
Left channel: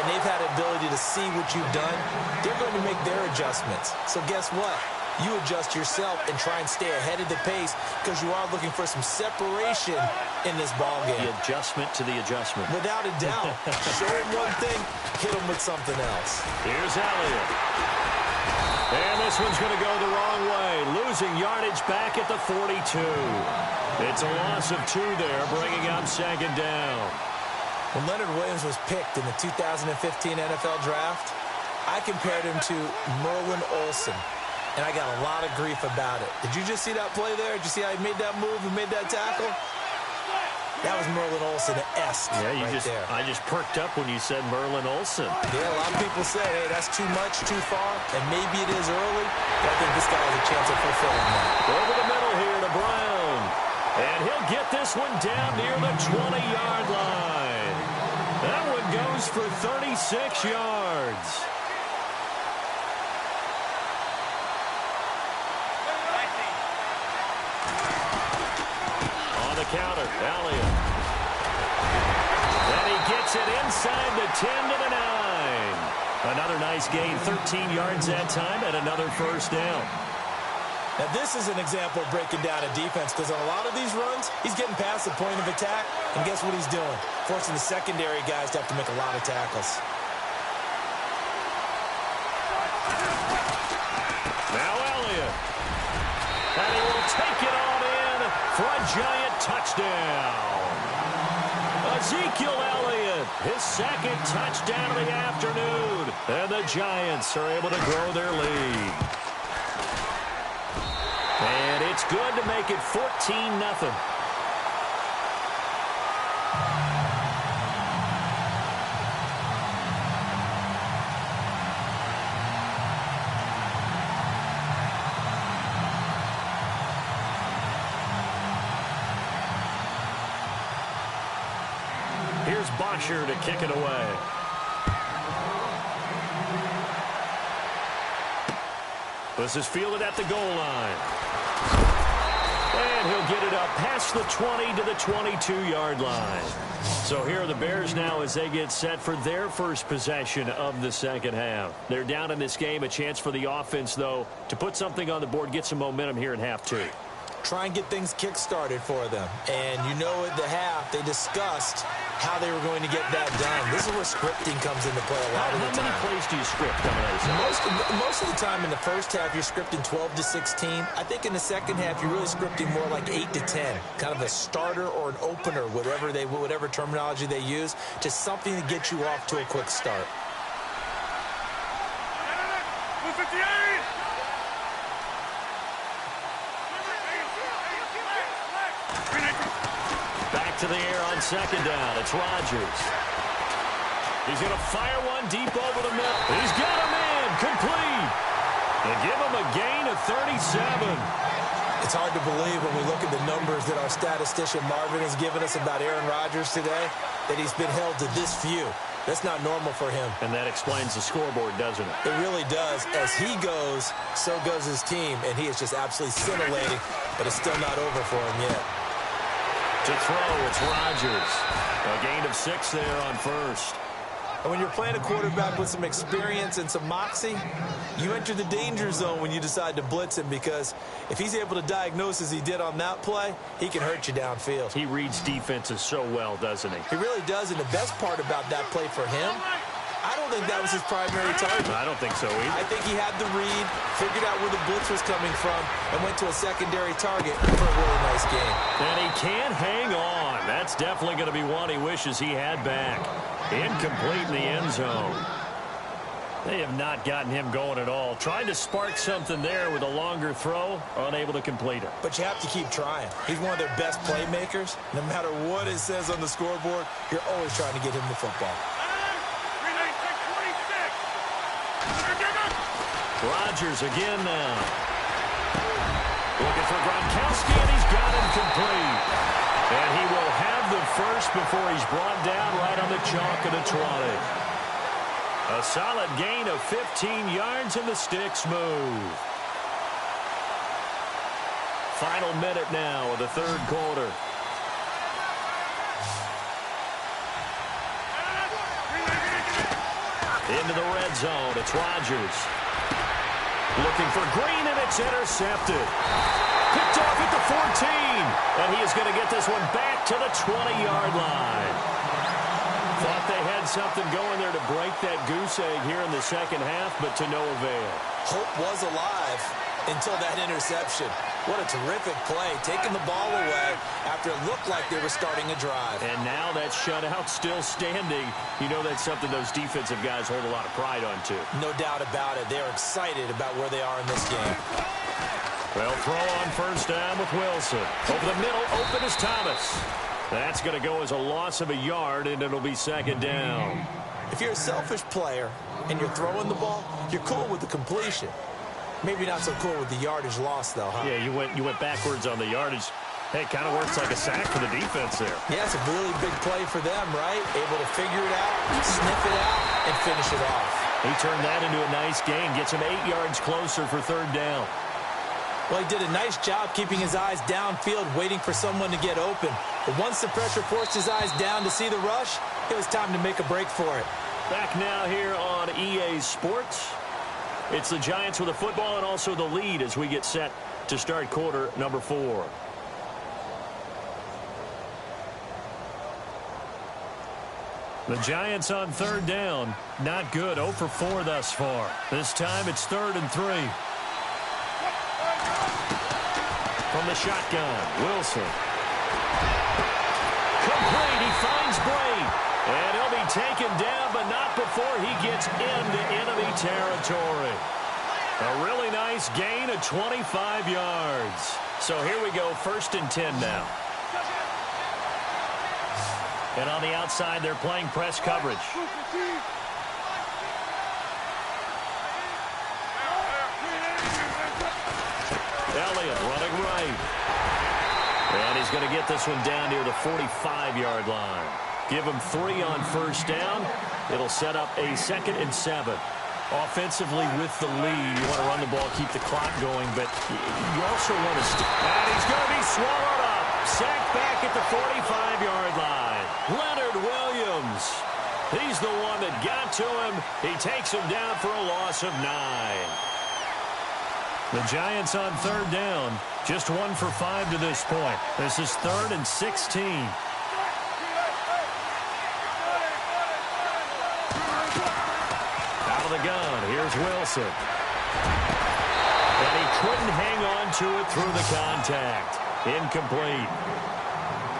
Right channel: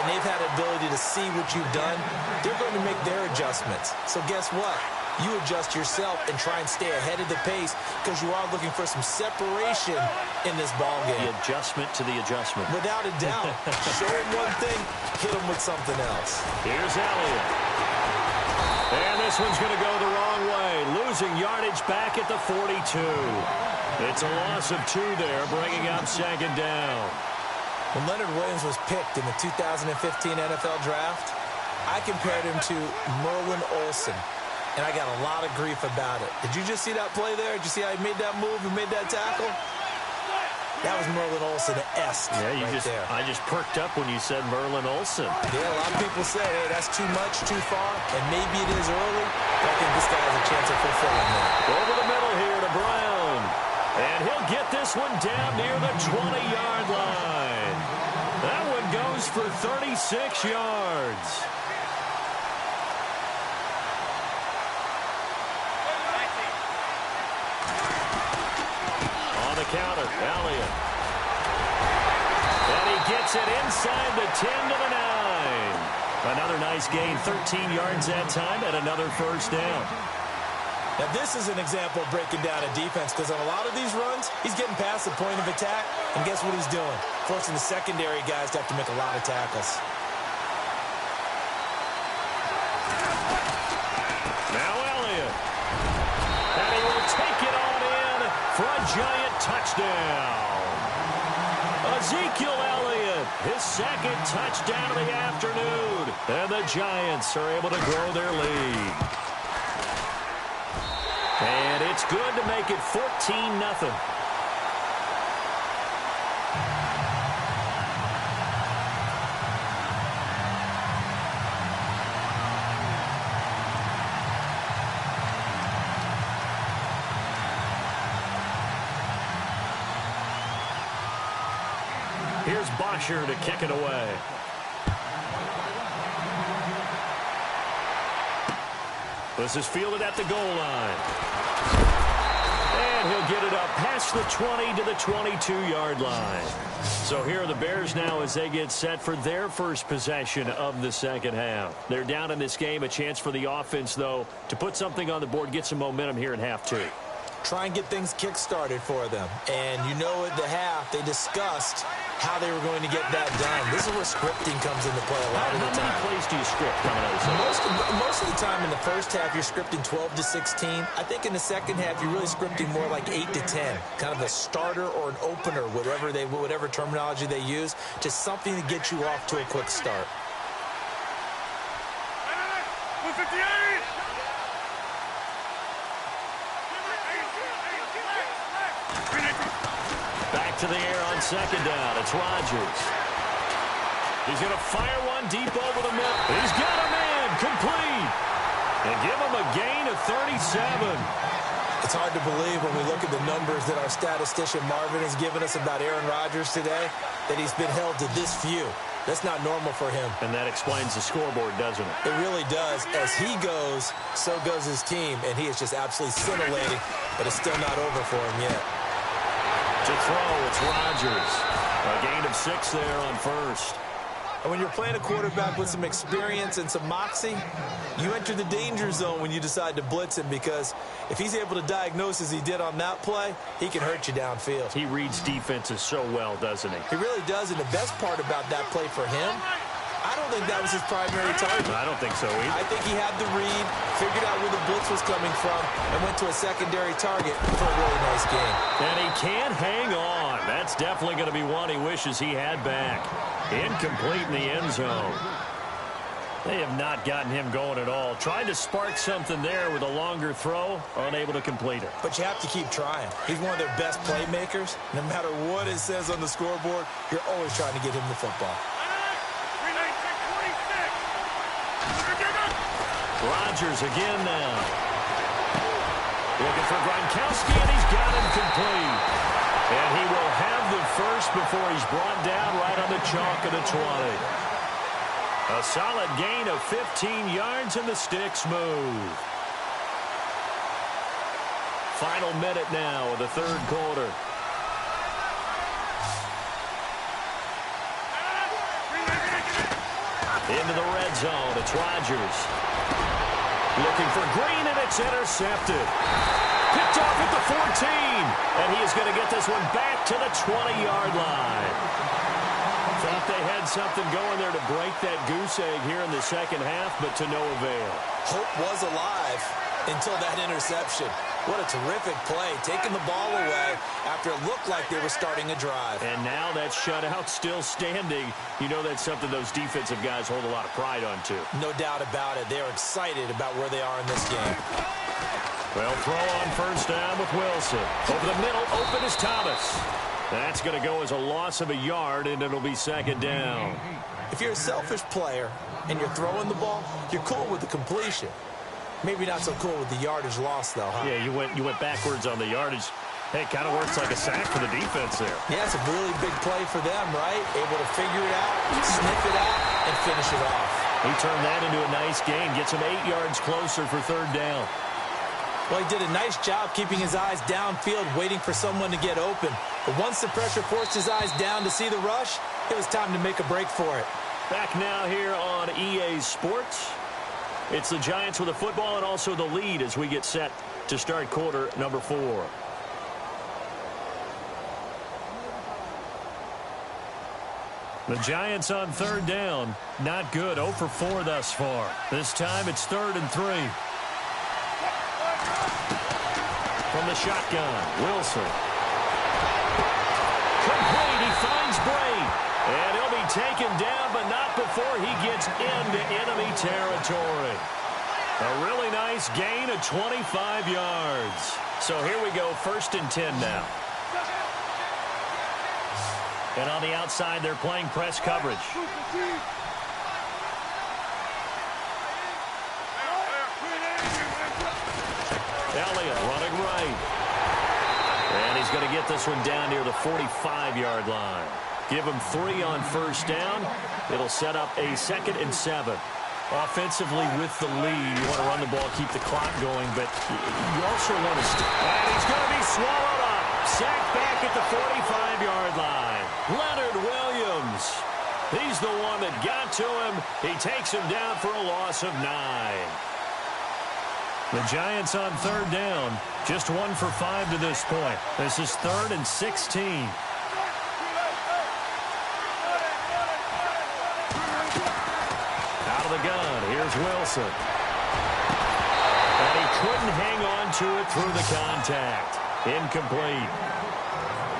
and they've had the ability to see what you've done. They're going to make their adjustments. So guess what? You adjust yourself and try and stay ahead of the pace because you are looking for some separation in this ball game. The adjustment to the adjustment. Without a doubt. Show them one thing, hit them with something else. Here's Elliott. And this one's going to go the wrong way. Losing yardage back at the 42. It's a loss of 2 there, bringing up 2nd down. When Leonard Williams was picked in the 2015 NFL Draft, I compared him to Merlin Olsen. And I got a lot of grief about it. Did you just see that play there? Did you see how he made that move and made that tackle? That was Merlin Olsen-esque there. I just perked up when you said Merlin Olsen. Yeah, a lot of people say, hey, that's too much, too far, and maybe it is early, but I think this guy has a chance of fulfilling that. Over the middle here to Brown. And he'll get this one down near the 20-yard line. That one goes for 36 yards. Counter, Elliott. And he gets it inside the 10 to the 9. Another nice gain, 13 yards that time, and another first down. Now, this is an example of breaking down a defense because on a lot of these runs, he's getting past the point of attack, and guess what he's doing? Forcing the secondary guys to have to make a lot of tackles. Now Elliott. And he will take it on in for a giant touchdown. Ezekiel Elliott, his second touchdown of the afternoon. And the Giants are able to grow their lead. And it's good to make it 14-0. Here's Bosher to kick it away. This is fielded at the goal line. And he'll get it up past the 20 to the 22-yard line. So here are the Bears now as they get set for their first possession of the second half. They're down in this game. A chance for the offense, though, to put something on the board, get some momentum here in half two. Try and get things kick-started for them. And you know at the half, they discussed how they were going to get that done. This is where scripting comes into play a lot of the time. How many plays do you script coming out of the second? Most of the time in the first half, you're scripting 12 to 16. I think in the second half, you're really scripting more like 8 to 10. Kind of a starter or an opener, whatever terminology they use, just something to get you off to a quick start. 158! Back to the air on second down. It's Rodgers. He's going to fire one deep over the middle. He's got a man complete. They give him a gain of 37. It's hard to believe when we look at the numbers that our statistician Marvin has given us about Aaron Rodgers today, that he's been held to this few. That's not normal for him. And that explains the scoreboard, doesn't it? It really does. As he goes, so goes his team, and he is just absolutely scintillating, but it's still not over for him yet. To throw, it's Rodgers. A gain of 6 there on first. And when you're playing a quarterback with some experience and some moxie, you enter the danger zone when you decide to blitz him, because if he's able to diagnose as he did on that play, he can hurt you downfield. He reads defenses so well, doesn't he? He really does, and the best part about that play for him, I don't think that was his primary target. I don't think so either. I think he had the read, figured out where the blitz was coming from, and went to a secondary target for a really nice game. And he can't hang on. That's definitely going to be one he wishes he had back. Incomplete in the end zone. They have not gotten him going at all. Trying to spark something there with a longer throw, unable to complete it. But you have to keep trying. He's one of their best playmakers. No matter what it says on the scoreboard, you're always trying to get him the football. Rodgers again now. Looking for Gronkowski, and he's got him complete. And he will have the first before he's brought down right on the chalk of the 20. A solid gain of 15 yards, and the sticks move. Final minute now of the third quarter. Into the red zone, it's Rodgers. Looking for Green, and it's intercepted. Picked off at the 14, and he is going to get this one back to the 20-yard line. Thought they had something going there to break that goose egg here in the second half, but to no avail. Hope was alive until that interception. What a terrific play, taking the ball away after it looked like they were starting a drive. And now that shutout still standing. You know that's something those defensive guys hold a lot of pride on, too. No doubt about it. They're excited about where they are in this game. Well, throw on first down with Wilson. Over the middle, open is Thomas. That's going to go as a loss of a yard, and it'll be second down. If you're a selfish player and you're throwing the ball, you're cool with the completion. Maybe not so cool with the yardage loss, though, huh? Yeah, you went backwards on the yardage. Hey, it kind of works like a sack for the defense there. Yeah, it's a really big play for them, right? Able to figure it out, sniff it out, and finish it off. He turned that into a nice gain, gets him 8 yards closer for third down. Well, he did a nice job keeping his eyes downfield, waiting for someone to get open. But once the pressure forced his eyes down to see the rush, it was time to make a break for it. Back now here on EA Sports. It's the Giants with the football and also the lead as we get set to start quarter number 4. The Giants on third down. Not good. 0 for 4 thus far. This time it's 3rd and 3. From the shotgun, Wilson. Complete. He finds Bray. And he'll be taken down, but not before he gets into enemy territory. A really nice gain of 25 yards. So here we go, 1st and 10 now. And on the outside, they're playing press coverage. Elliott running right. And he's going to get this one down near the 45-yard line. Give him 3 on 1st down. It'll set up a 2nd and 7. Offensively with the lead, you want to run the ball, keep the clock going, but you also want to... And he's going to be swallowed up. Sacked back at the 45-yard line. Leonard Williams. He's the one that got to him. He takes him down for a loss of 9. The Giants on third down. Just 1 for 5 to this point. This is 3rd and 16. Out of the gun, here's Wilson. And he couldn't hang on to it through the contact. Incomplete.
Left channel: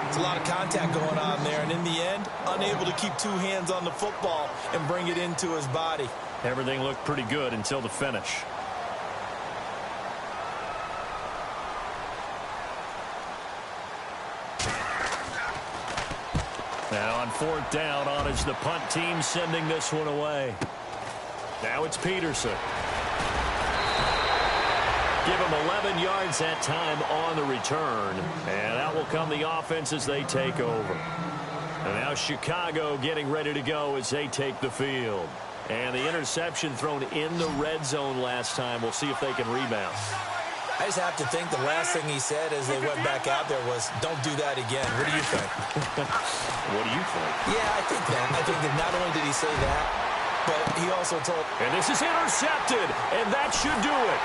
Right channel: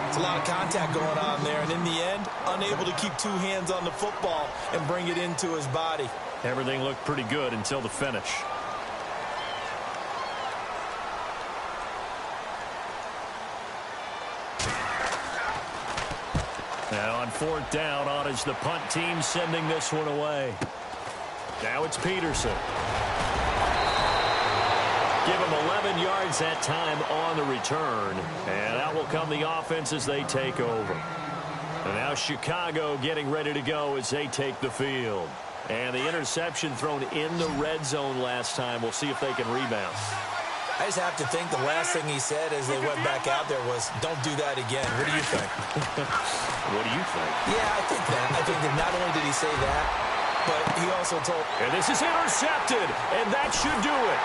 It's a lot of contact going on there, and in the end, unable to keep 2 hands on the football and bring it into his body. Everything looked pretty good until the finish. Now on 4th down, on is the punt team sending this one away. Now it's Peterson. Give him 11 yards that time on the return. And out will come the offense as they take over. And now Chicago getting ready to go as they take the field. And the interception thrown in the red zone last time. We'll see if they can rebound. I just have to think the last thing he said as they went back out there was, don't do that again. What do you think? What do you think? Yeah, I think that. I think that not only did he say that, but he also told... And this is intercepted, and that should do it.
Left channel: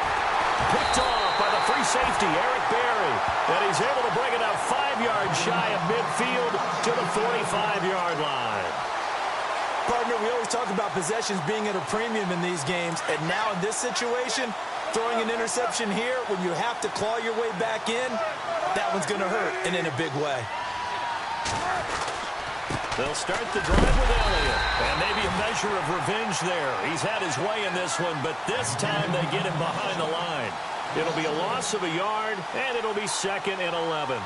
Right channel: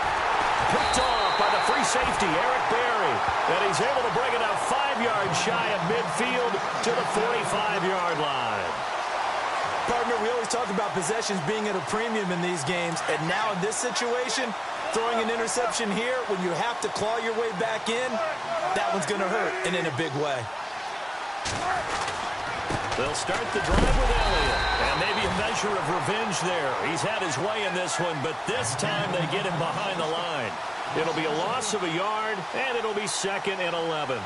Picked off by the free safety, Eric Berry. And he's able to bring it out 5 yards shy of midfield to the 45-yard line. Partner, we always talk about possessions being at a premium in these games, and now in this situation... Throwing an interception here when you have to claw your way back in, that one's going to hurt, and in a big way. They'll start the drive with Elliott, and maybe a measure of revenge there. He's had his way in this one, but this time they get him behind the line. It'll be a loss of a yard, and it'll be 2nd and 11.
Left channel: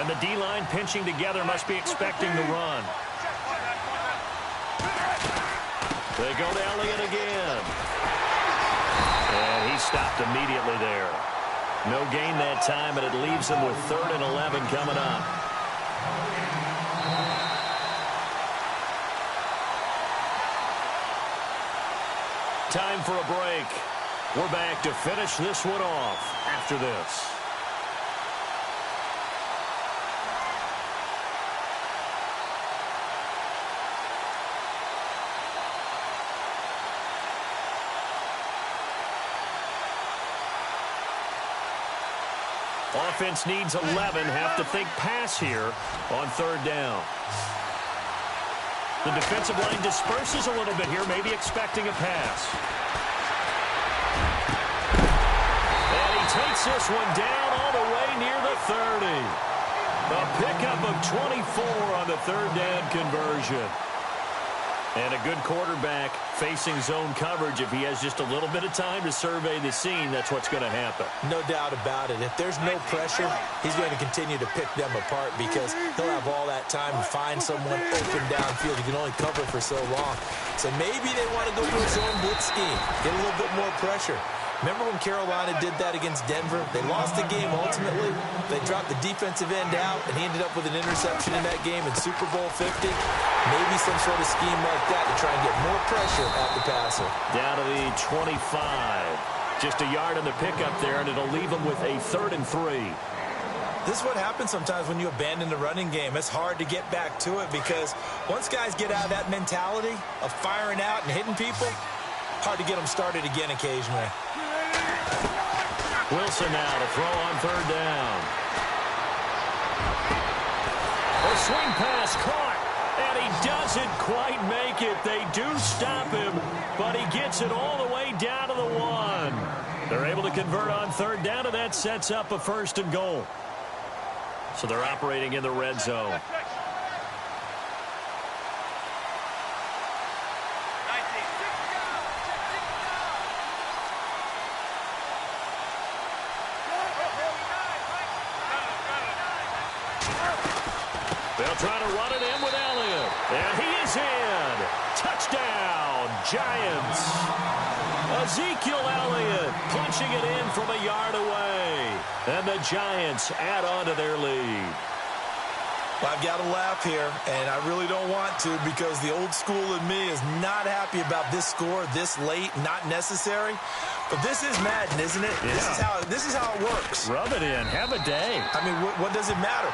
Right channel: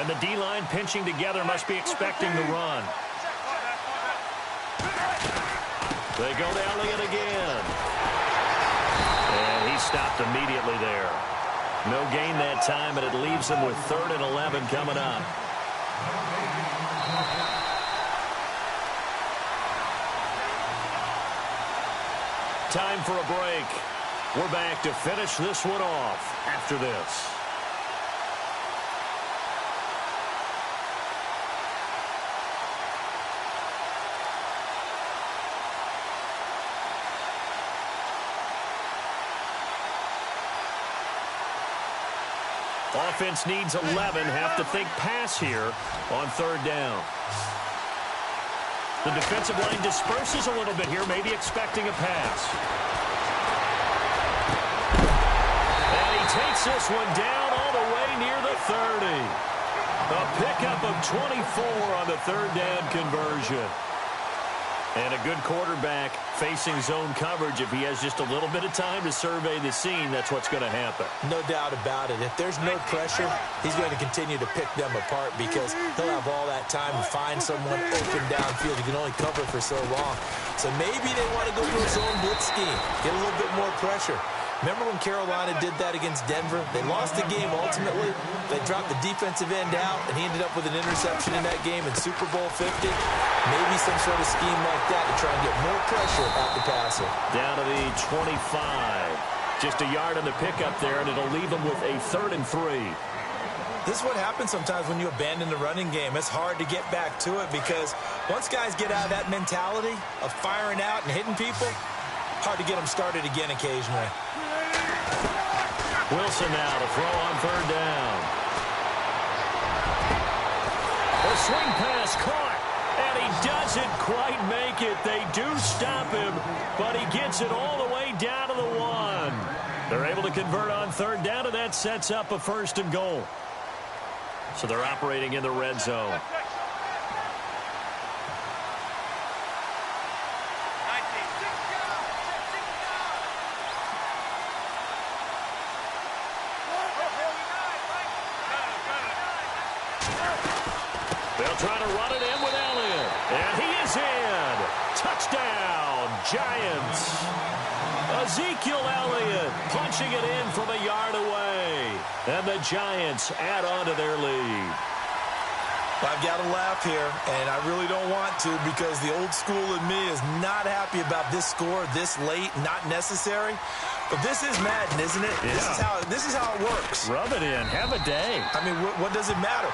And the D-line pinching together must be expecting the run. They go to Elliott again. And he stopped immediately there. No gain that time, and it leaves them with 3rd and 11 coming up. Time for a break. We're back to finish this one off after this. Offense needs 11. Have to think pass here on 3rd down. The defensive line disperses a little bit here, maybe expecting a pass. And he takes this one down all the way near the 30. A pickup of 24 on the 3rd down conversion. And a good quarterback facing zone coverage. If he has just a little bit of time to survey the scene, that's what's going to happen. No doubt about it. If there's no pressure, he's going to continue to pick them apart because he'll have all that time to find someone open downfield. He can only cover for so long. So maybe they want to go to a zone blitz scheme, get a little bit more pressure. Remember when Carolina did that against Denver? They lost the game ultimately. They dropped the defensive end out, and he ended up with an interception in that game in Super Bowl 50. Maybe some sort of scheme like that to try and get more pressure at the passer. Down to the 25. Just a yard on the pickup there, and it'll leave them with a 3rd and 3. This is what happens sometimes when you abandon the running game. It's hard to get back to it because once guys get out of that mentality of firing out and hitting people, hard to get them started again occasionally. Wilson now to throw on third down. The swing pass caught, and he doesn't quite make it. They do stop him, but he gets it all the way down to the 1. They're able to convert on third down, and that sets up a 1st and goal. So they're operating in the red zone. They'll try to run it in with Elliott. And he is in. Touchdown, Giants. Ezekiel Elliott punching it in from a yard away. And the Giants add on to their lead. I've got to laugh here, and I really don't want to because the old school in me is not happy about this score this late, not necessary. But this is Madden, isn't it? Yeah. This is how it works. Rub it in. Have a day. I mean, what does it matter?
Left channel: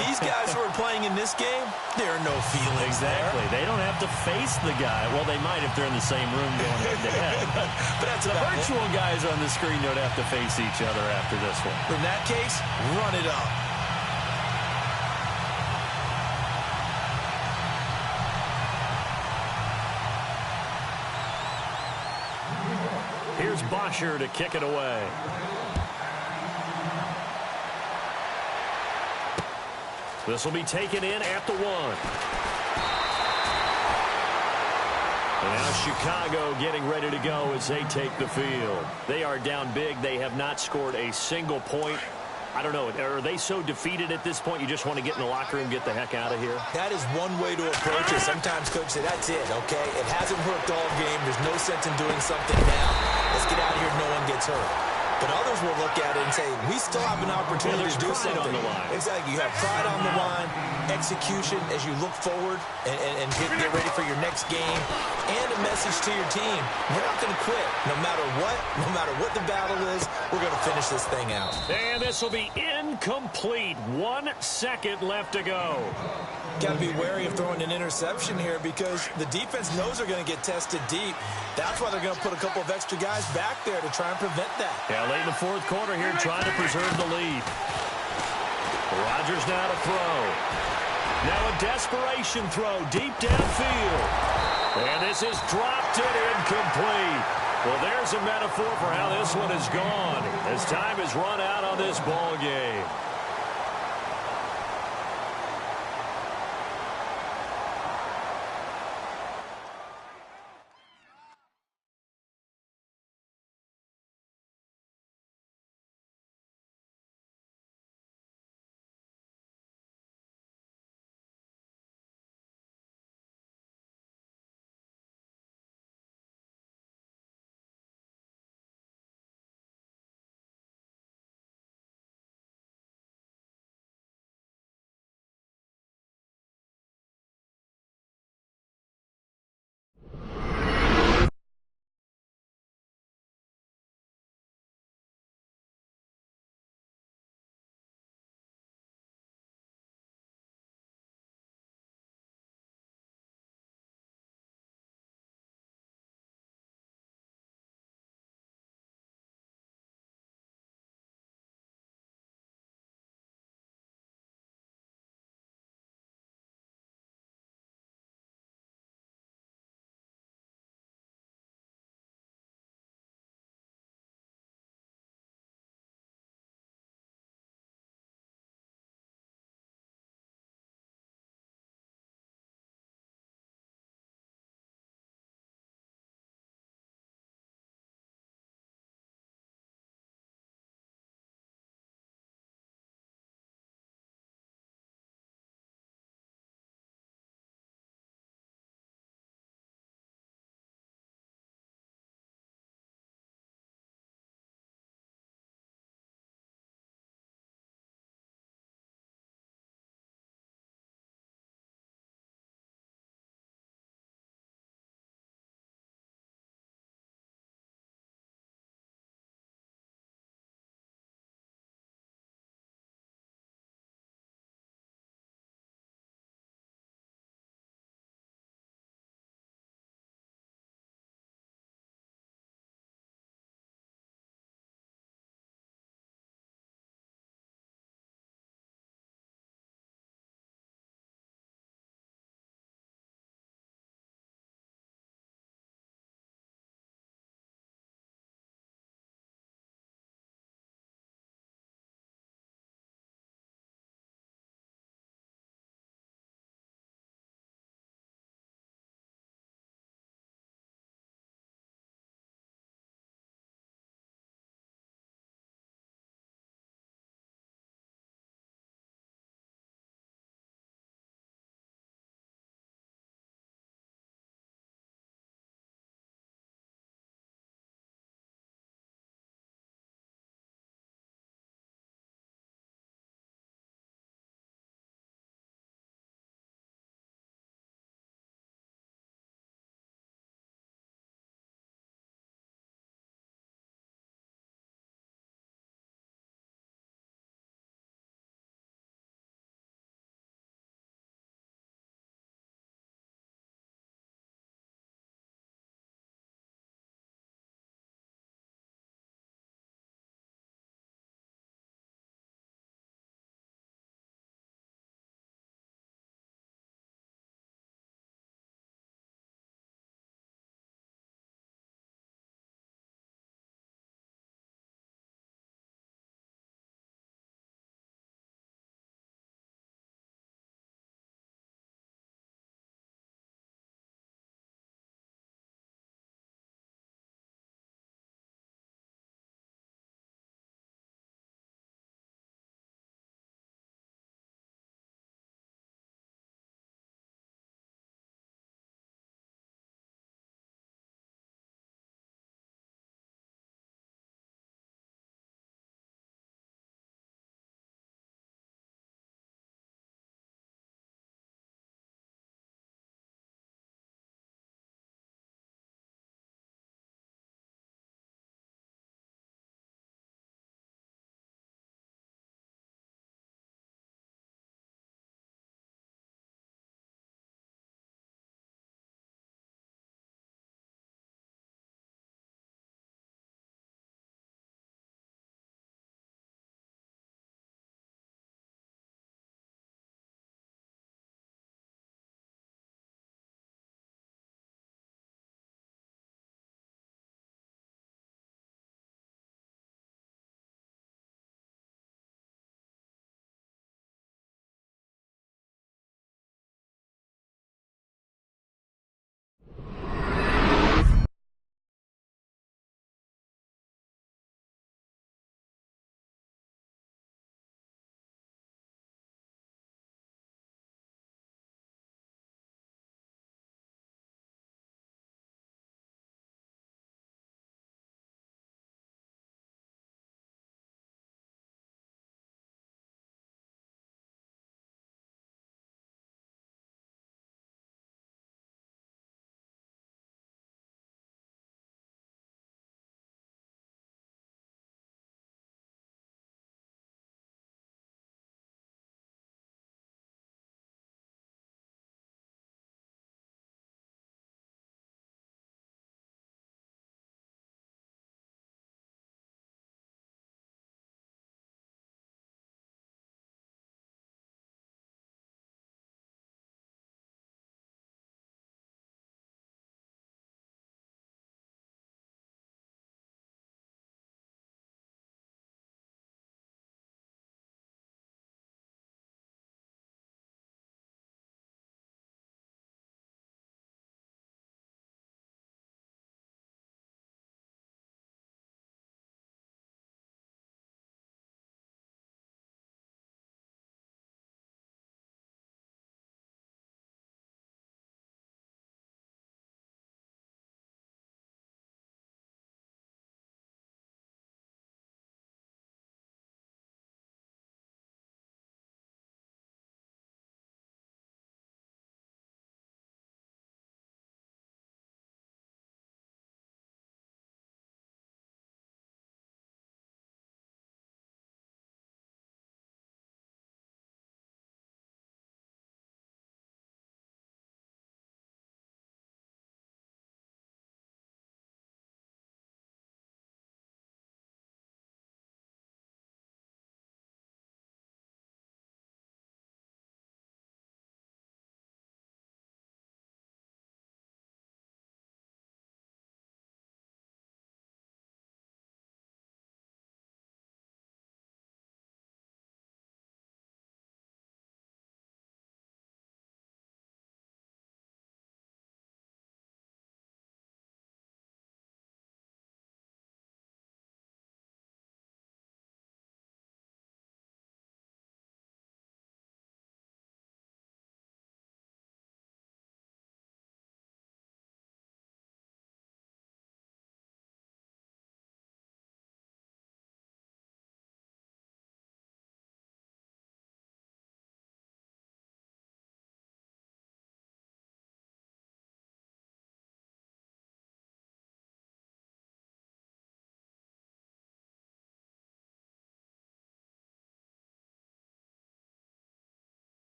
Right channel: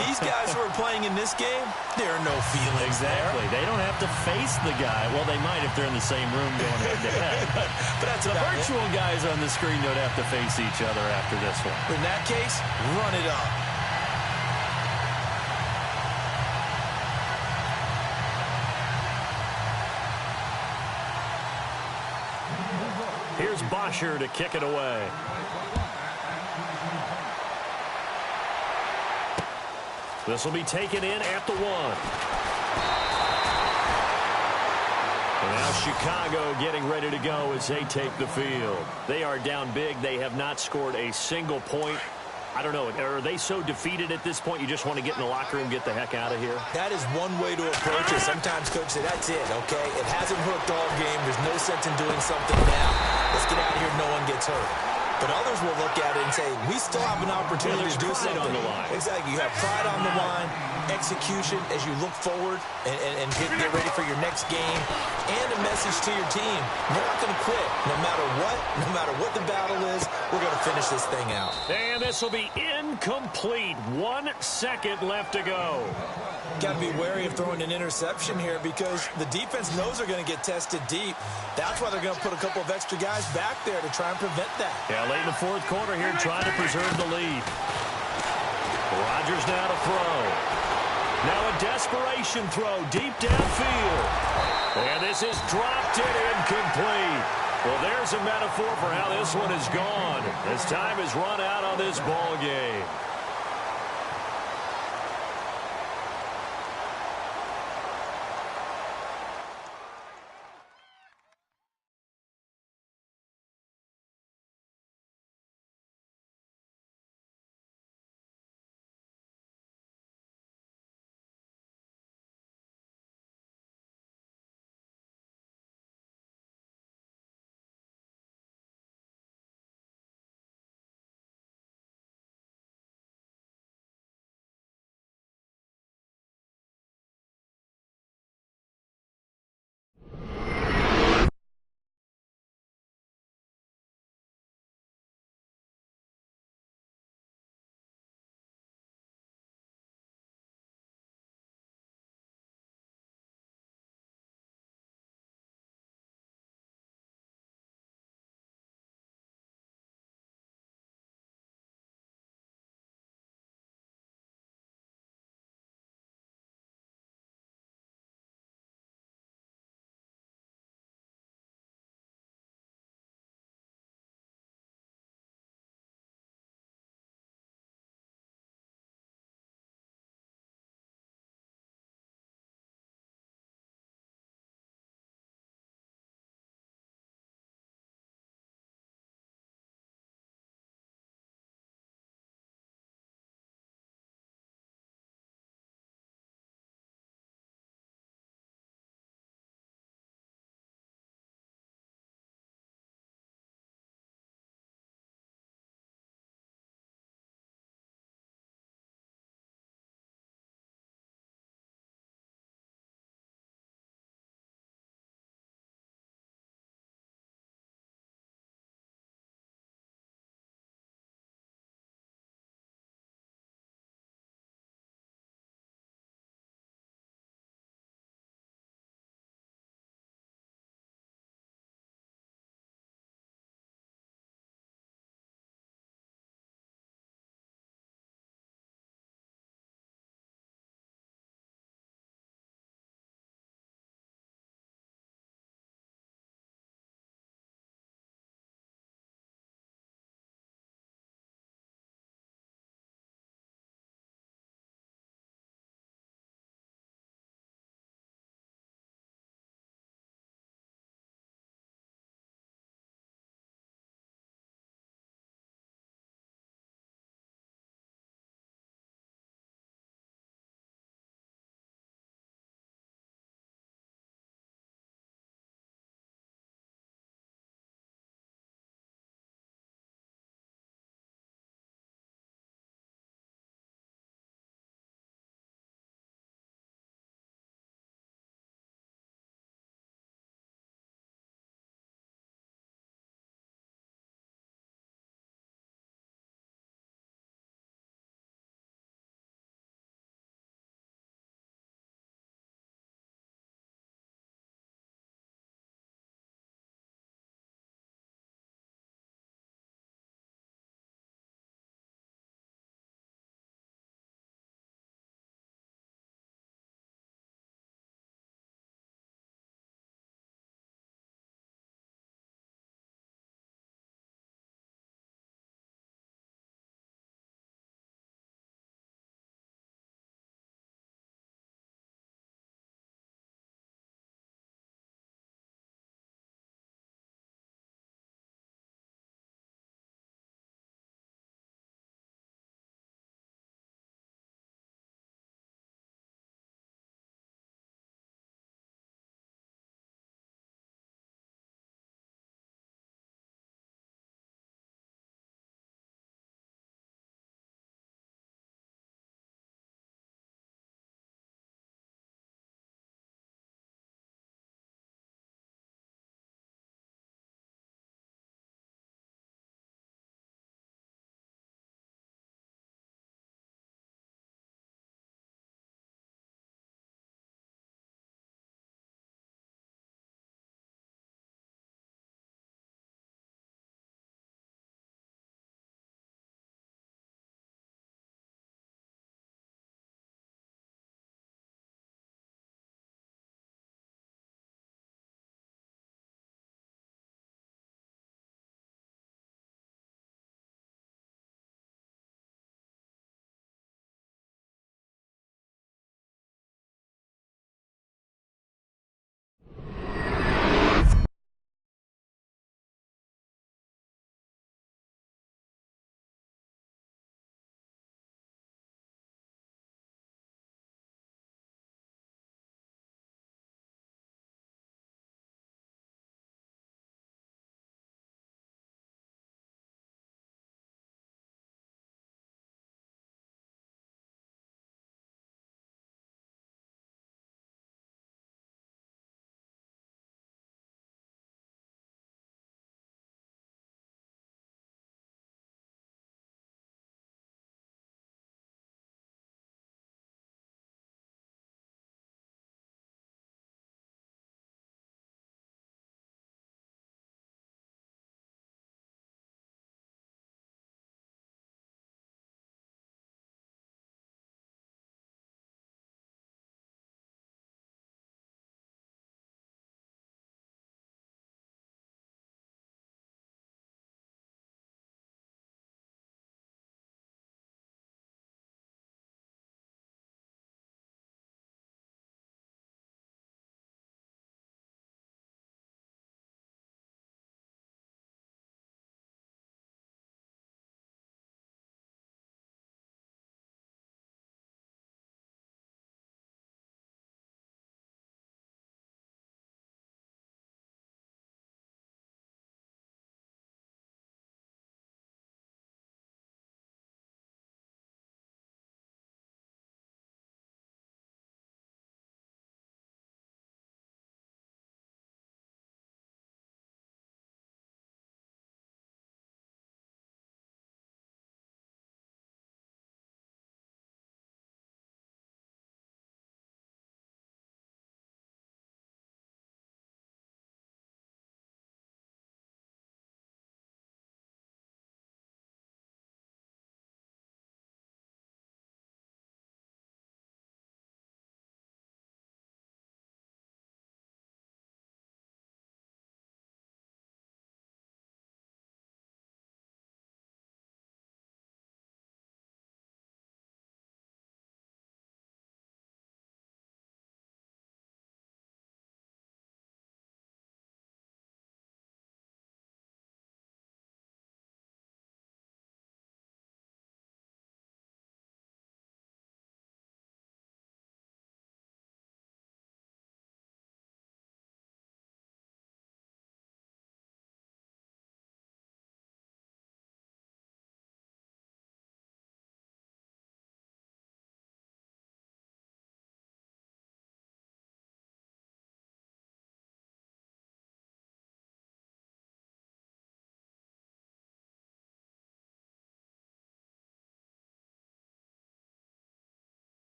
These guys who are playing in this game, there are no feelings Exactly. there. They don't have to face the guy. Well, they might if they're in the same room going head-to-head. But that's the about virtual guys on the screen don't have to face each other after this one. In that case, run it up. Here's Bosher to kick it away. This will be taken in at the 1. And now Chicago getting ready to go as they take the field. They are down big. They have not scored a single point. I don't know. Are they so defeated at this point you just want to get in the locker room and get the heck out of here? That is one way to approach it. Sometimes coaches say, that's it, okay? It hasn't worked all game. There's no sense in doing something now. Let's get out of here. No one gets hurt. But others will look at it and say, we still have an opportunity to do something. On the line. Exactly. You have pride on the line, execution as you look forward and get ready for your next game, and a message to your team. We're not going to quit. No matter what the battle is, we're going to finish this thing out. And this will be incomplete. 1 second left to go. Got to be wary of throwing an interception here because the defense knows they're going to get tested deep. That's why they're going to put a couple of extra guys back there to try and prevent that. Yeah, late in the 4th quarter here trying to preserve the lead. Rodgers now to throw. Now a desperation throw deep downfield. And this is dropped it incomplete. Well, there's a metaphor for how this one is gone as time has run out on this ball game.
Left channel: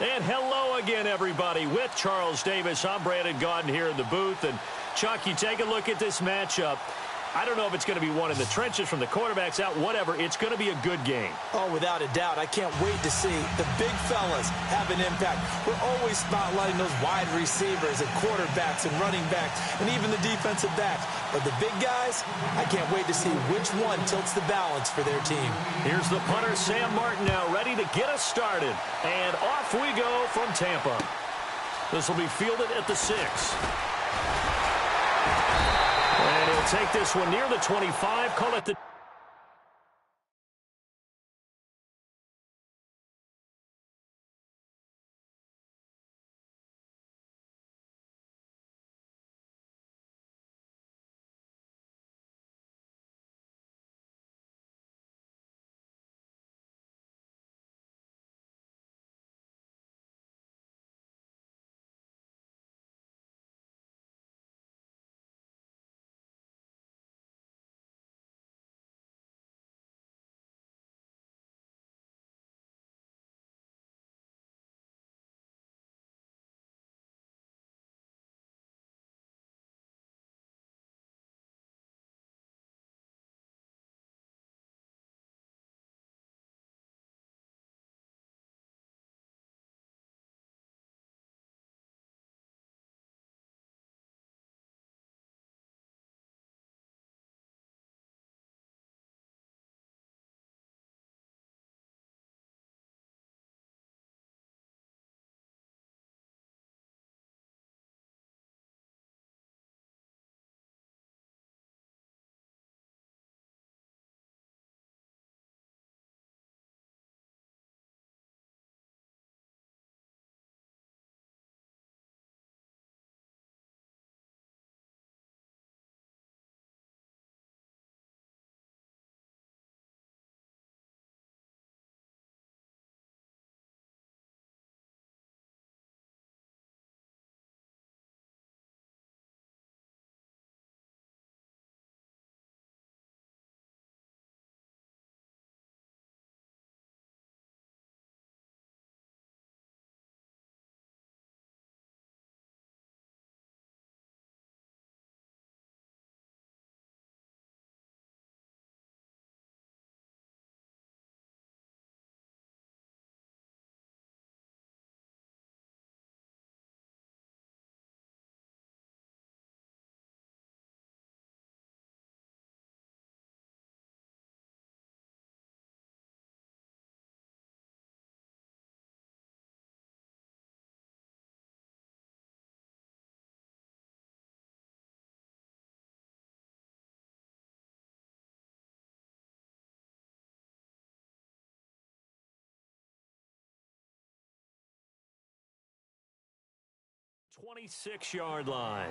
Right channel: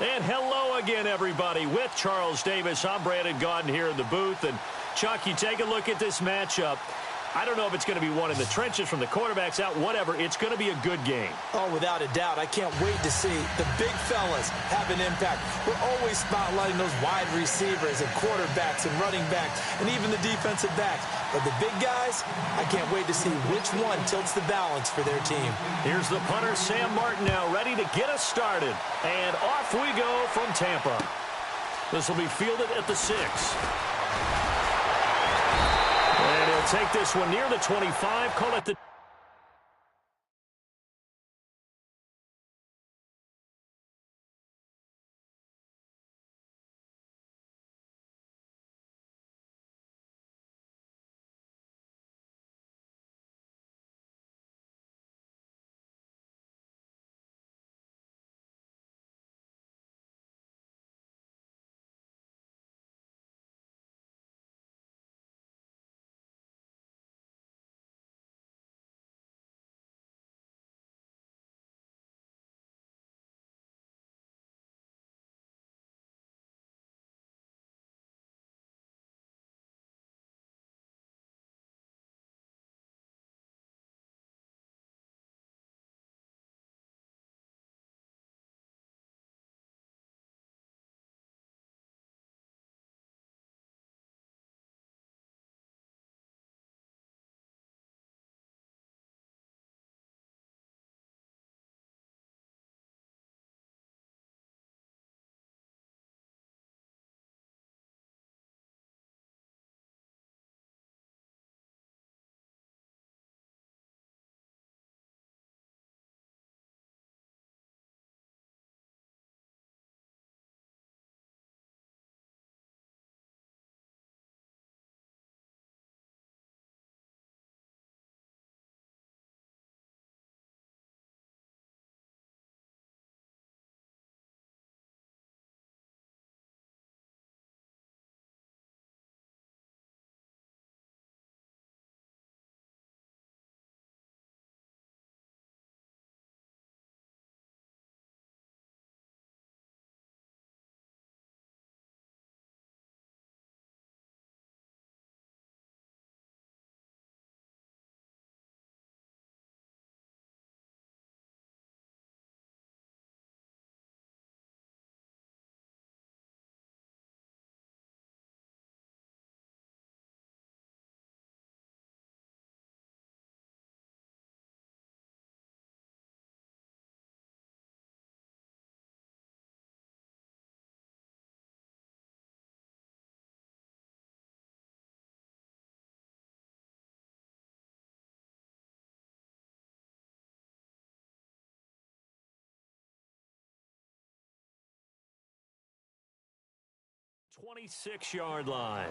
And hello again, everybody. With Charles Davis, I'm Brandon Gaudin here in the booth. And, Chuck, you take a look at this matchup. I don't know if it's going to be one in the trenches from the quarterbacks out, whatever. It's going to be a good game. Oh, without a doubt. I can't wait to see the big fellas have an impact. We're always spotlighting those wide receivers and quarterbacks and running backs and even the defensive backs. But the big guys, I can't wait to see which one tilts the balance for their team. Here's the punter, Sam Martin, now ready to get us started. And off we go from Tampa. This will be fielded at the 6. And he'll take this one near the 25, call it the... ...26-yard line.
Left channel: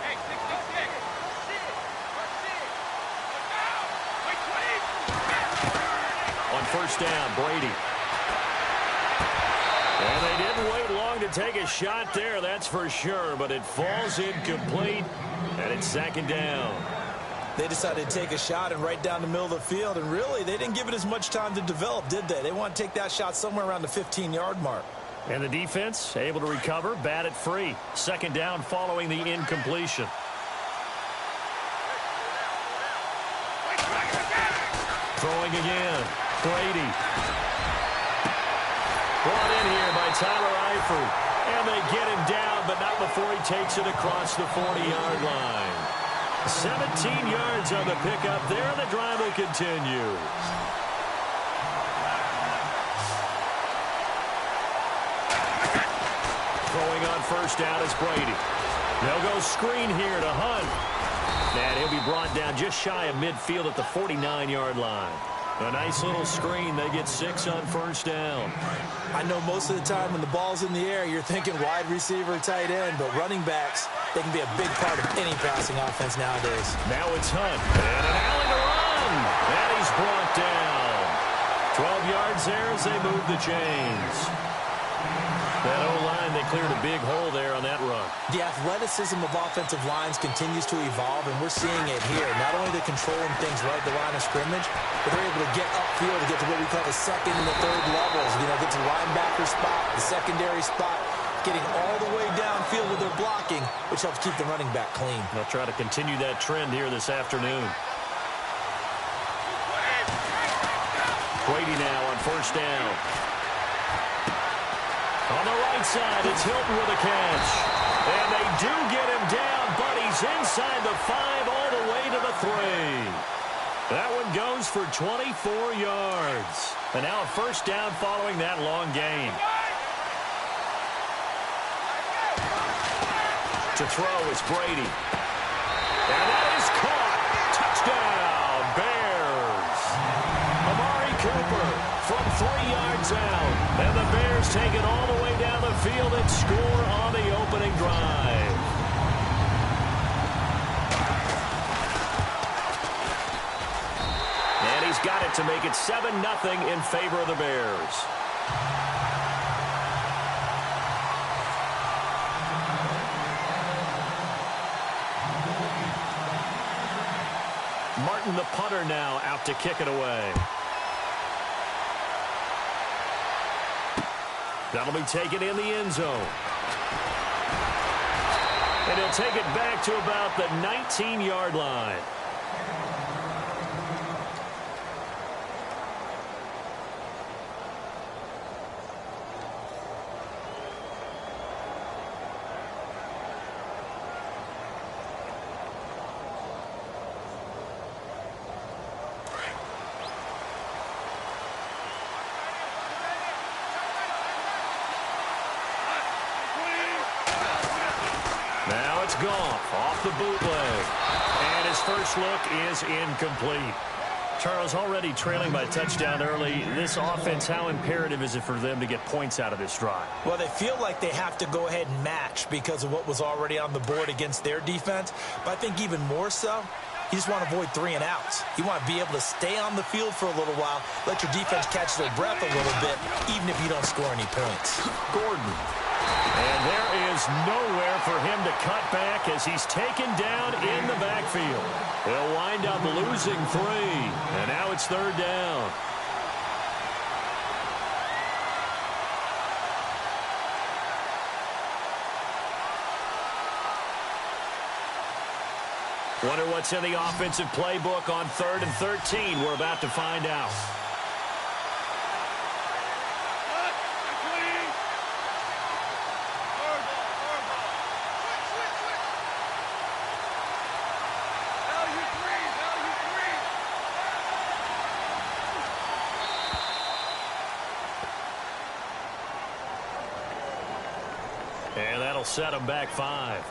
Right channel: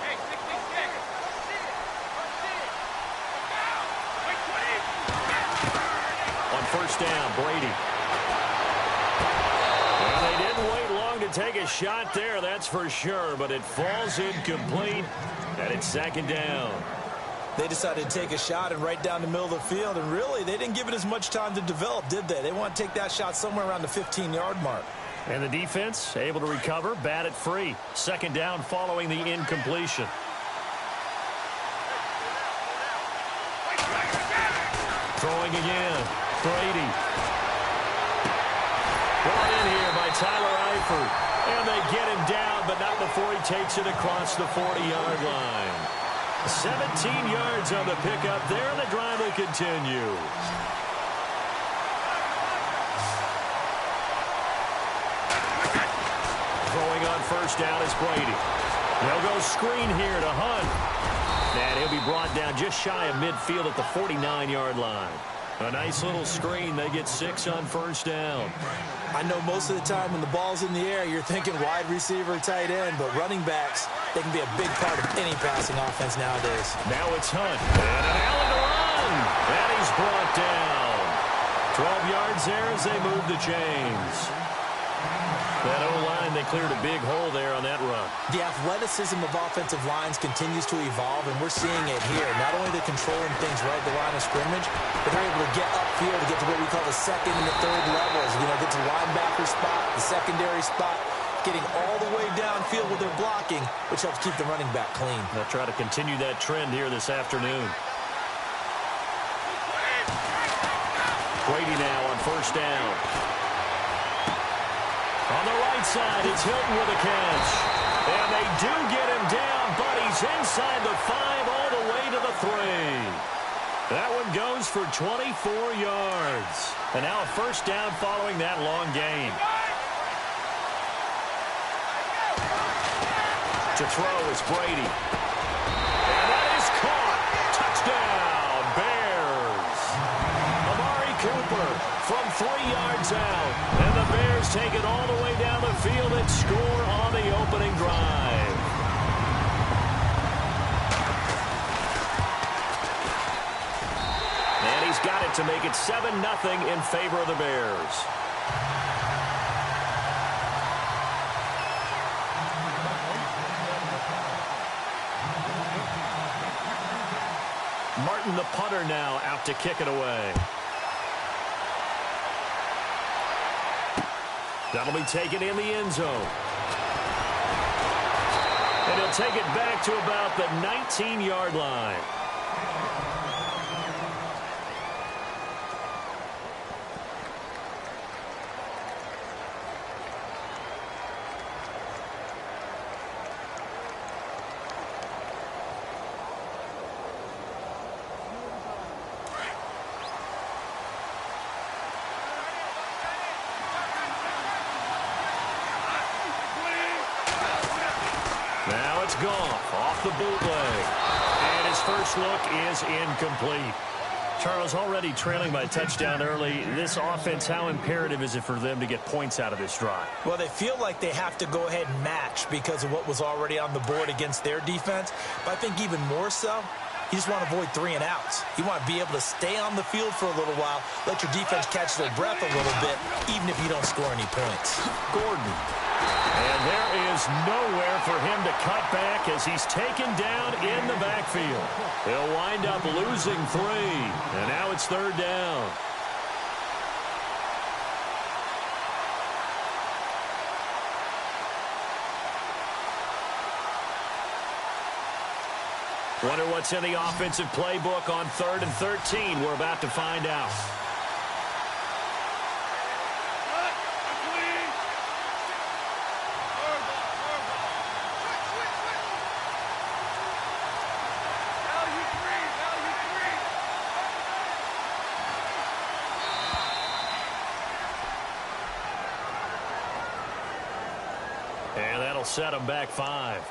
Hey, 66. Let's see it. Look out. Wait, 20. On first down, Brady. And they didn't wait long to take a shot there, that's for sure, but it falls incomplete, and it's second down. They decided to take a shot and right down the middle of the field, and really, they didn't give it as much time to develop, did they? They want to take that shot somewhere around the 15-yard mark. And the defense able to recover, bat it free. Second down following the incompletion. Throwing again, Brady. Brought in here by Tyler Eifert. And they get him down, but not before he takes it across the 40-yard line. 17 yards on the pickup there, and the drive will continue. Throwing on first down is Brady. They'll go screen here to Hunt. And he'll be brought down just shy of midfield at the 49-yard line. A nice little screen. They get 6 on first down. I know most of the time when the ball's in the air, you're thinking wide receiver, tight end, but running backs, they can be a big part of any passing offense nowadays. Now it's Hunt. And an alley to run. And he's brought down. 12 yards there as they move the chains. That O-line, they cleared a big hole there on that run. The athleticism of offensive lines continues to evolve, and we're seeing it here. Not only they're controlling things right at the line of scrimmage, but they're able to get upfield to get to what we call the second and the third levels. You know, get to the linebacker spot, the secondary spot, getting all the way downfield with their blocking, which helps keep the running back clean. They'll try to continue that trend here this afternoon. Brady now on first down. On the right side, it's Hilton with a catch. And they do get him down, but he's inside the 5 all the way to the 3. That one goes for 24 yards. And now a first down following that long gain. To throw is Brady. And that is caught. Touchdown, Bears. Amari Cooper from 3 yards out. And the Bears take it all the way down the field and score on the opening drive. And he's got it to make it 7-0 in favor of the Bears. Martin, the punter, now out to kick it away. That'll be taken in the end zone. And he'll take it back to about the 19-yard line. Now it's Goff off the bootleg. And his first look is incomplete. Charles, already trailing by a touchdown early. This offense, how imperative is it for them to get points out of this drive? Well, they feel like they have to go ahead and match because of what was already on the board against their defense. But I think even more so, you just want to avoid 3 and outs. You want to be able to stay on the field for a little while, let your defense catch their breath a little bit, even if you don't score any points. Gordon. And there is nowhere for him to cut back as he's taken down in the backfield. He'll wind up losing 3. And now it's 3rd down. Wonder what's in the offensive playbook on 3rd and 13. We're about to find out. And that'll set them back 5.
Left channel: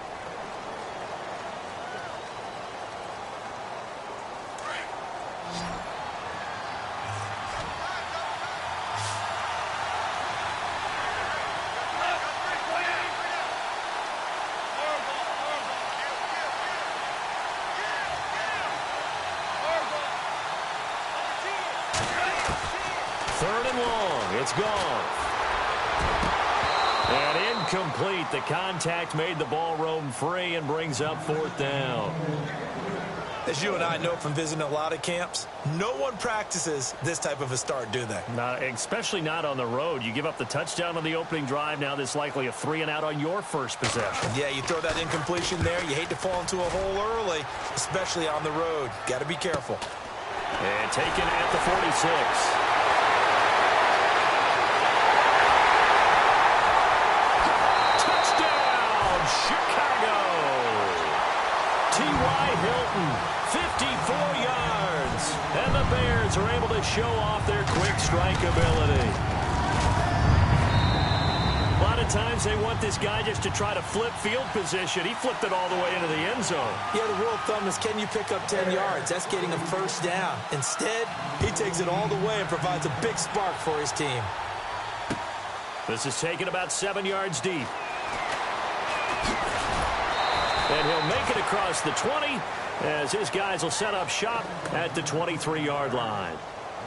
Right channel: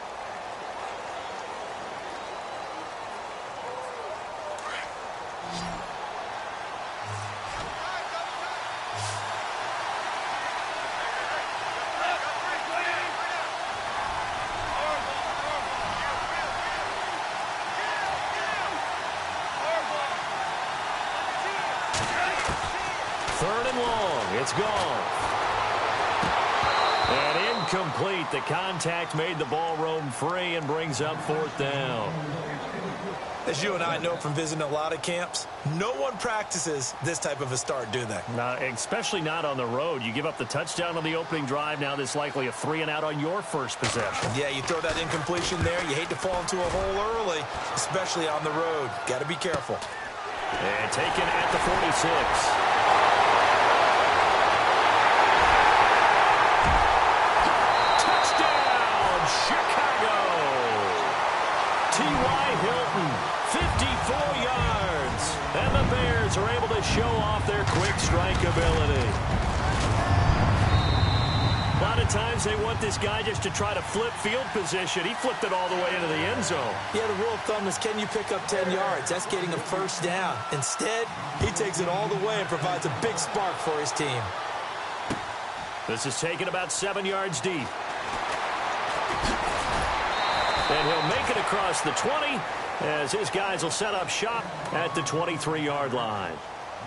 Third and long. It's gone. And incomplete. The contact made the ball roam free and brings up 4th down. As you and I know from visiting a lot of camps, no one practices this type of a start, do they? Especially not on the road. You give up the touchdown on the opening drive. Now there's likely a 3 and out on your first possession. Yeah, you throw that incompletion there. You hate to fall into a hole early, especially on the road. Got to be careful. And taken at the 46. Chicago. T.Y. Hilton, 54 yards. And the Bears are able to show off their quick strike ability. A lot of times they want this guy just to try to flip field position. He flipped it all the way into the end zone. Yeah, the rule of thumb is, can you pick up 10 yards? That's getting a first down. Instead, he takes it all the way and provides a big spark for his team. This is taken about 7 yards deep. And he'll make it across the 20 as his guys will set up shop at the 23-yard line.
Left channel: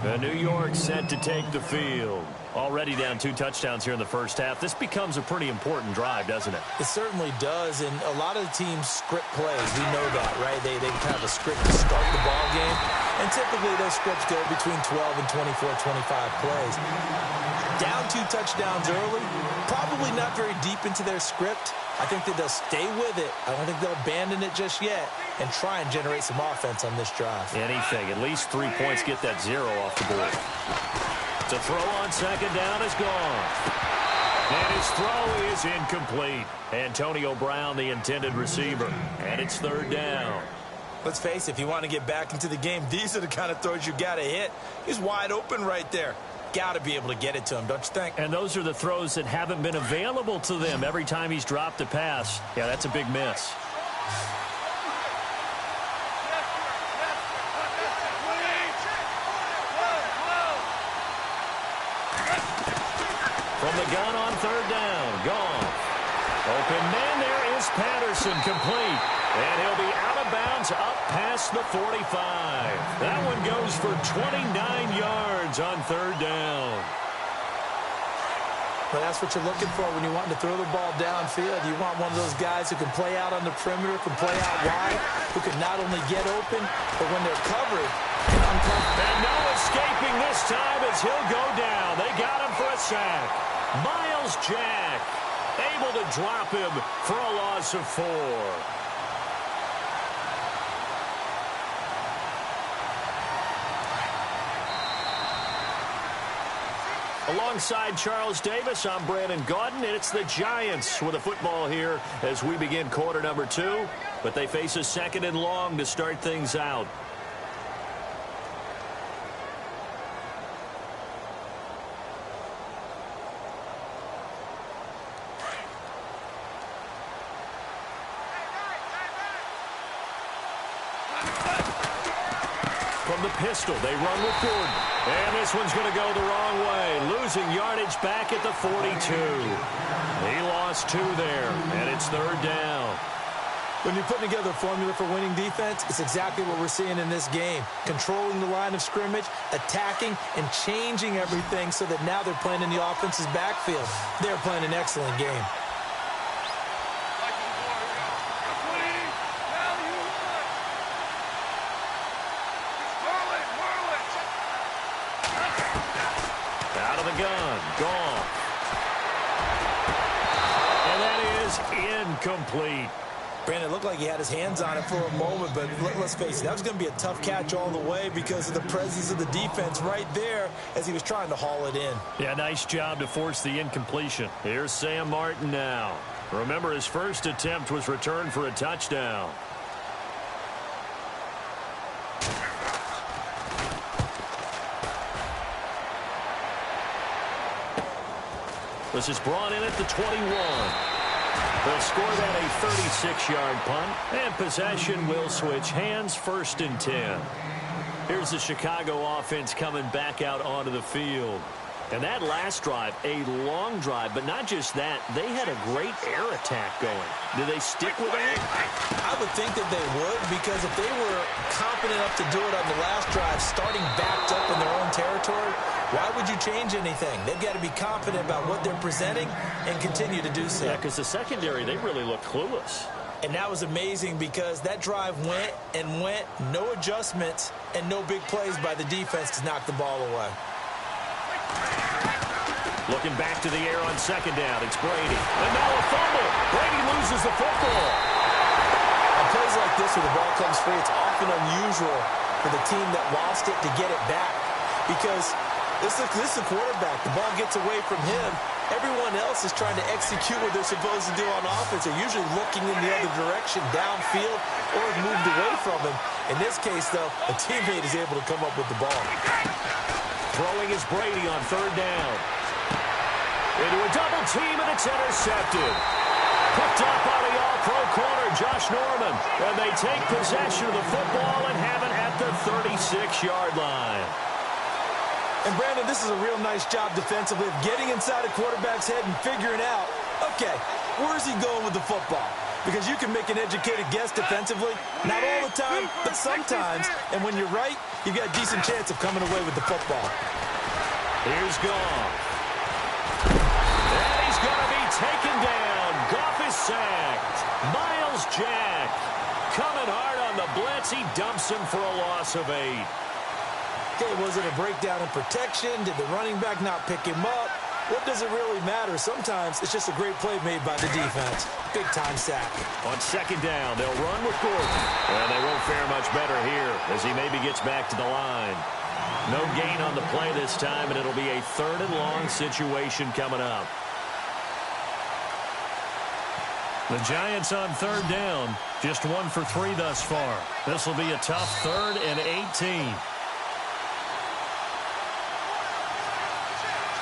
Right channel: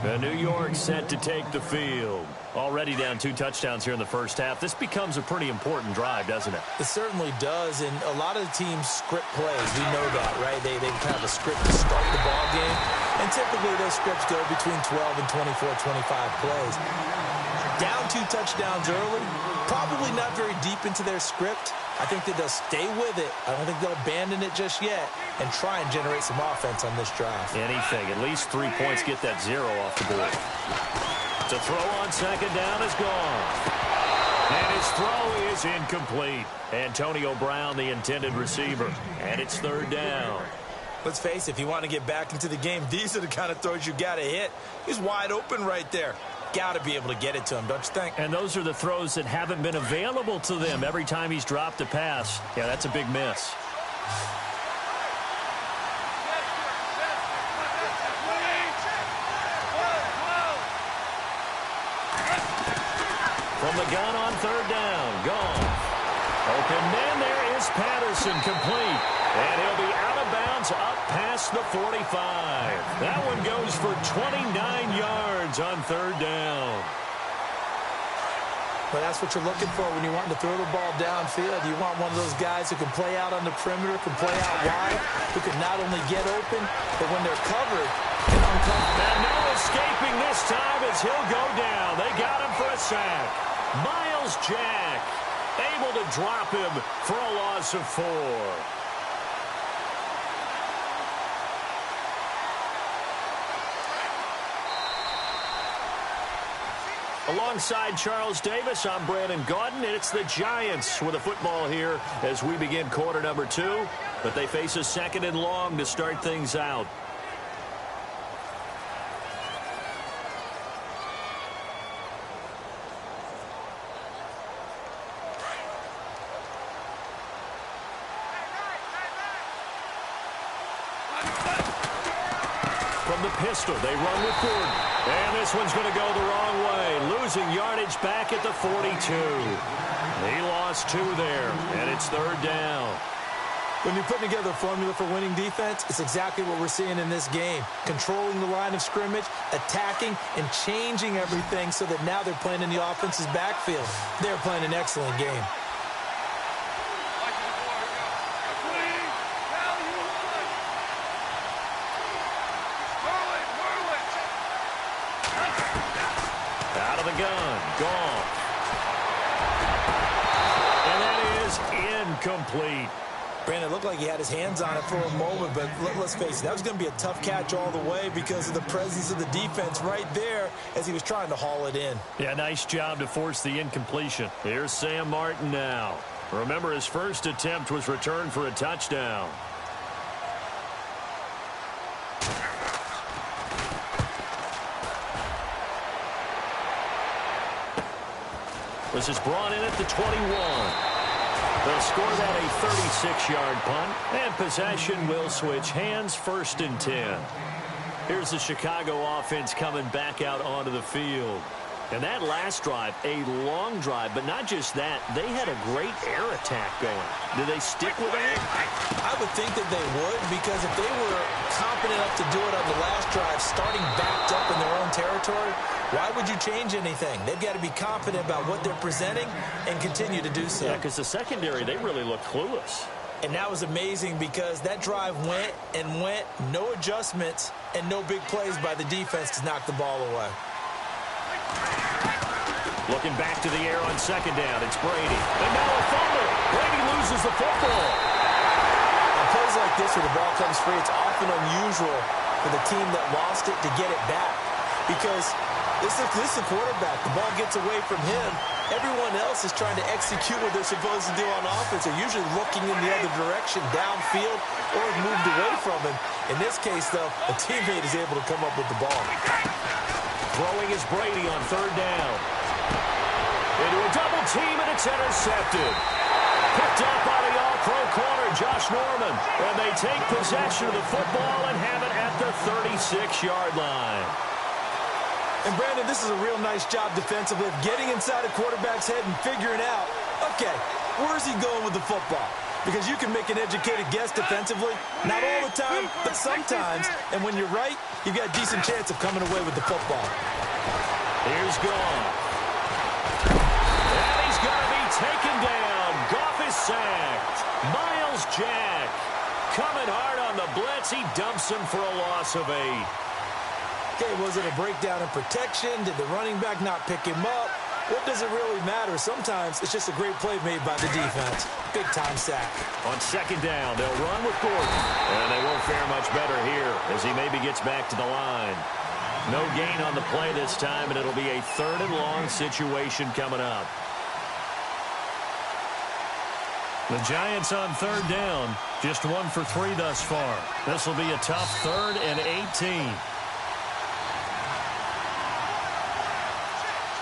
New York set to take the field. Already down 2 touchdowns here in the first half. This becomes a pretty important drive, doesn't it? It certainly does, and a lot of the teams script plays. We know that, right? They kind of a script to start the ball game, and typically those scripts go between 12 and 24, 25 plays. Down 2 touchdowns early, probably not very deep into their script. I think that they'll stay with it. I don't think they'll abandon it just yet and try and generate some offense on this drive. Anything. At least 3 points, get that 0 off the board. To throw on second down is gone. And his throw is incomplete. Antonio Brown, the intended receiver. And it's third down. Let's face it, if you want to get back into the game, these are the kind of throws you got to hit. He's wide open right there. Got to be able to get it to him, don't you think? And those are the throws that haven't been available to them every time he's dropped a pass. Yeah, that's a big miss. From the gun on third down, Goff. Open man, there is Patterson, complete. And he'll be out of bounds up past the 45. That one goes for 29 yards on third down. Well, that's what you're looking for when you want to throw the ball downfield. You want one of those guys who can play out on the perimeter, can play out wide, who can not only get open, but when they're covered, can uncover. And no escaping this time as he'll go down. They got him for a sack. Miles Jack able to drop him for a loss of 4. Alongside Charles Davis, I'm Brandon Gaudin, and it's the Giants with the football here as we begin quarter number 2. But they face a second and long to start things out. From the pistol, they run with Gordon. And this one's going to go the wrong way. Losing yardage back at the 42. He lost 2 there, and it's third down. When you're putting together a formula for winning defense, it's exactly what we're seeing in this game. Controlling the line of scrimmage, attacking, and changing everything so that now they're playing in the offense's backfield. They're playing an excellent game. Gun, gone. And that is incomplete. Brandon, it looked like he had his hands on it for a moment, but let's face it, that was going to be a tough catch all the way because of the presence of the defense right there as he was trying to haul it in. Yeah, nice job to force the incompletion. Here's Sam Martin now. Remember, his first attempt was returned for a touchdown. This is brought in at the 21. They'll score that a 36-yard punt, and possession will switch hands, 1st and 10. Here's the Chicago offense coming back out onto the field. And that last drive, a long drive, but not just that, they had a great air attack going. Do they stick with that? I would think that they would, because if they were confident enough to do it on the last drive, starting backed up in their own territory, why would you change anything? They've got to be confident about what they're presenting and continue to do so. Yeah, because the secondary, they really looked clueless. And that was amazing because that drive went and went, no adjustments, and no big plays by the defense to knock the ball away. Looking back to the air on second down, it's Brady. And now a fumble. Brady loses the football. On plays like this where the ball comes free, it's often unusual for the team that lost it to get it back. Because this is a quarterback. The ball gets away from him. Everyone else is trying to execute what they're supposed to do on offense. They're usually looking in the other direction, downfield, or moved away from him. In this case, though, a teammate is able to come up with the ball. Throwing is Brady on third down. Into a double team, and it's intercepted. Picked up by the all-pro corner, Josh Norman. And they take possession of the football and have it at the 36-yard line. And, Brandon, this is a real nice job defensively of getting inside a quarterback's head and figuring out, okay, where's he going with the football? because you can make an educated guess defensively. Not all the time, but sometimes. And when you're right, you've got a decent chance of coming away with the football. Here's Goff. And he's going to be taken down. Goff is sacked. Miles Jack coming hard on the blitz. He dumps him for a loss of 8. Okay, was it a breakdown in protection? Did the running back not pick him up? What does it really matter? Sometimes it's just a great play made by the defense. Big-time sack. On second down, they'll run with Gordon. And they won't fare much better here as he maybe gets back to the line. No gain on the play this time, and it'll be a 3rd and long situation coming up. The Giants on 3rd down. Just 1 for 3 thus far. This will be a tough 3rd and 18.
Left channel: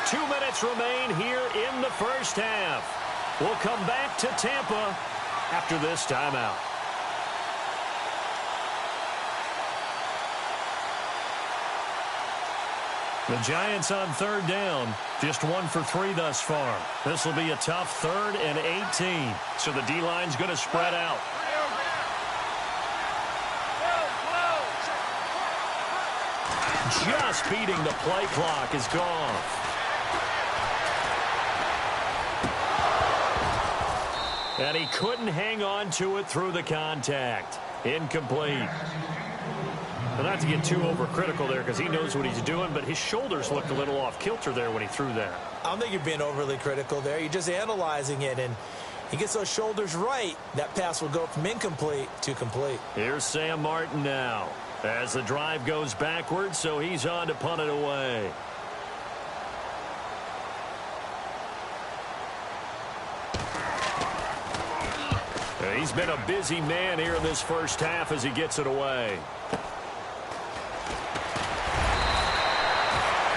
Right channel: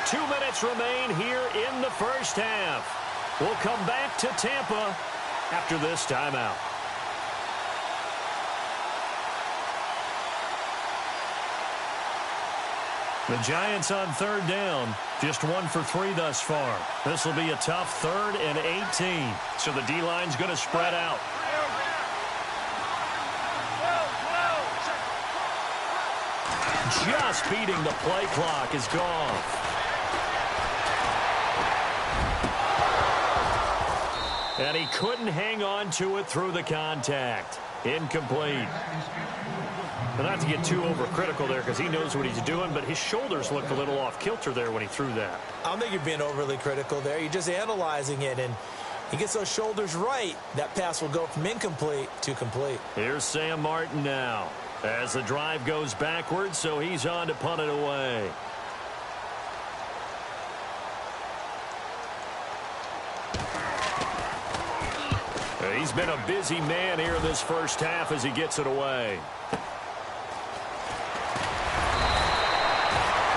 2 minutes remain here in the first half. We'll come back to Tampa after this timeout. The Giants on 3rd down. Just 1 for 3 thus far. This will be a tough 3rd and 18. So the D-line's going to spread out. Just beating the play clock is Goff. And he couldn't hang on to it through the contact. Incomplete. But not to get too overcritical there because he knows what he's doing, but his shoulders looked a little off kilter there when he threw that. I don't think you're being overly critical there. You're just analyzing it, and he gets those shoulders right. That pass will go from incomplete to complete. Here's Sam Martin now as the drive goes backwards, so he's on to punt it away. He's been a busy man here in this first half as he gets it away.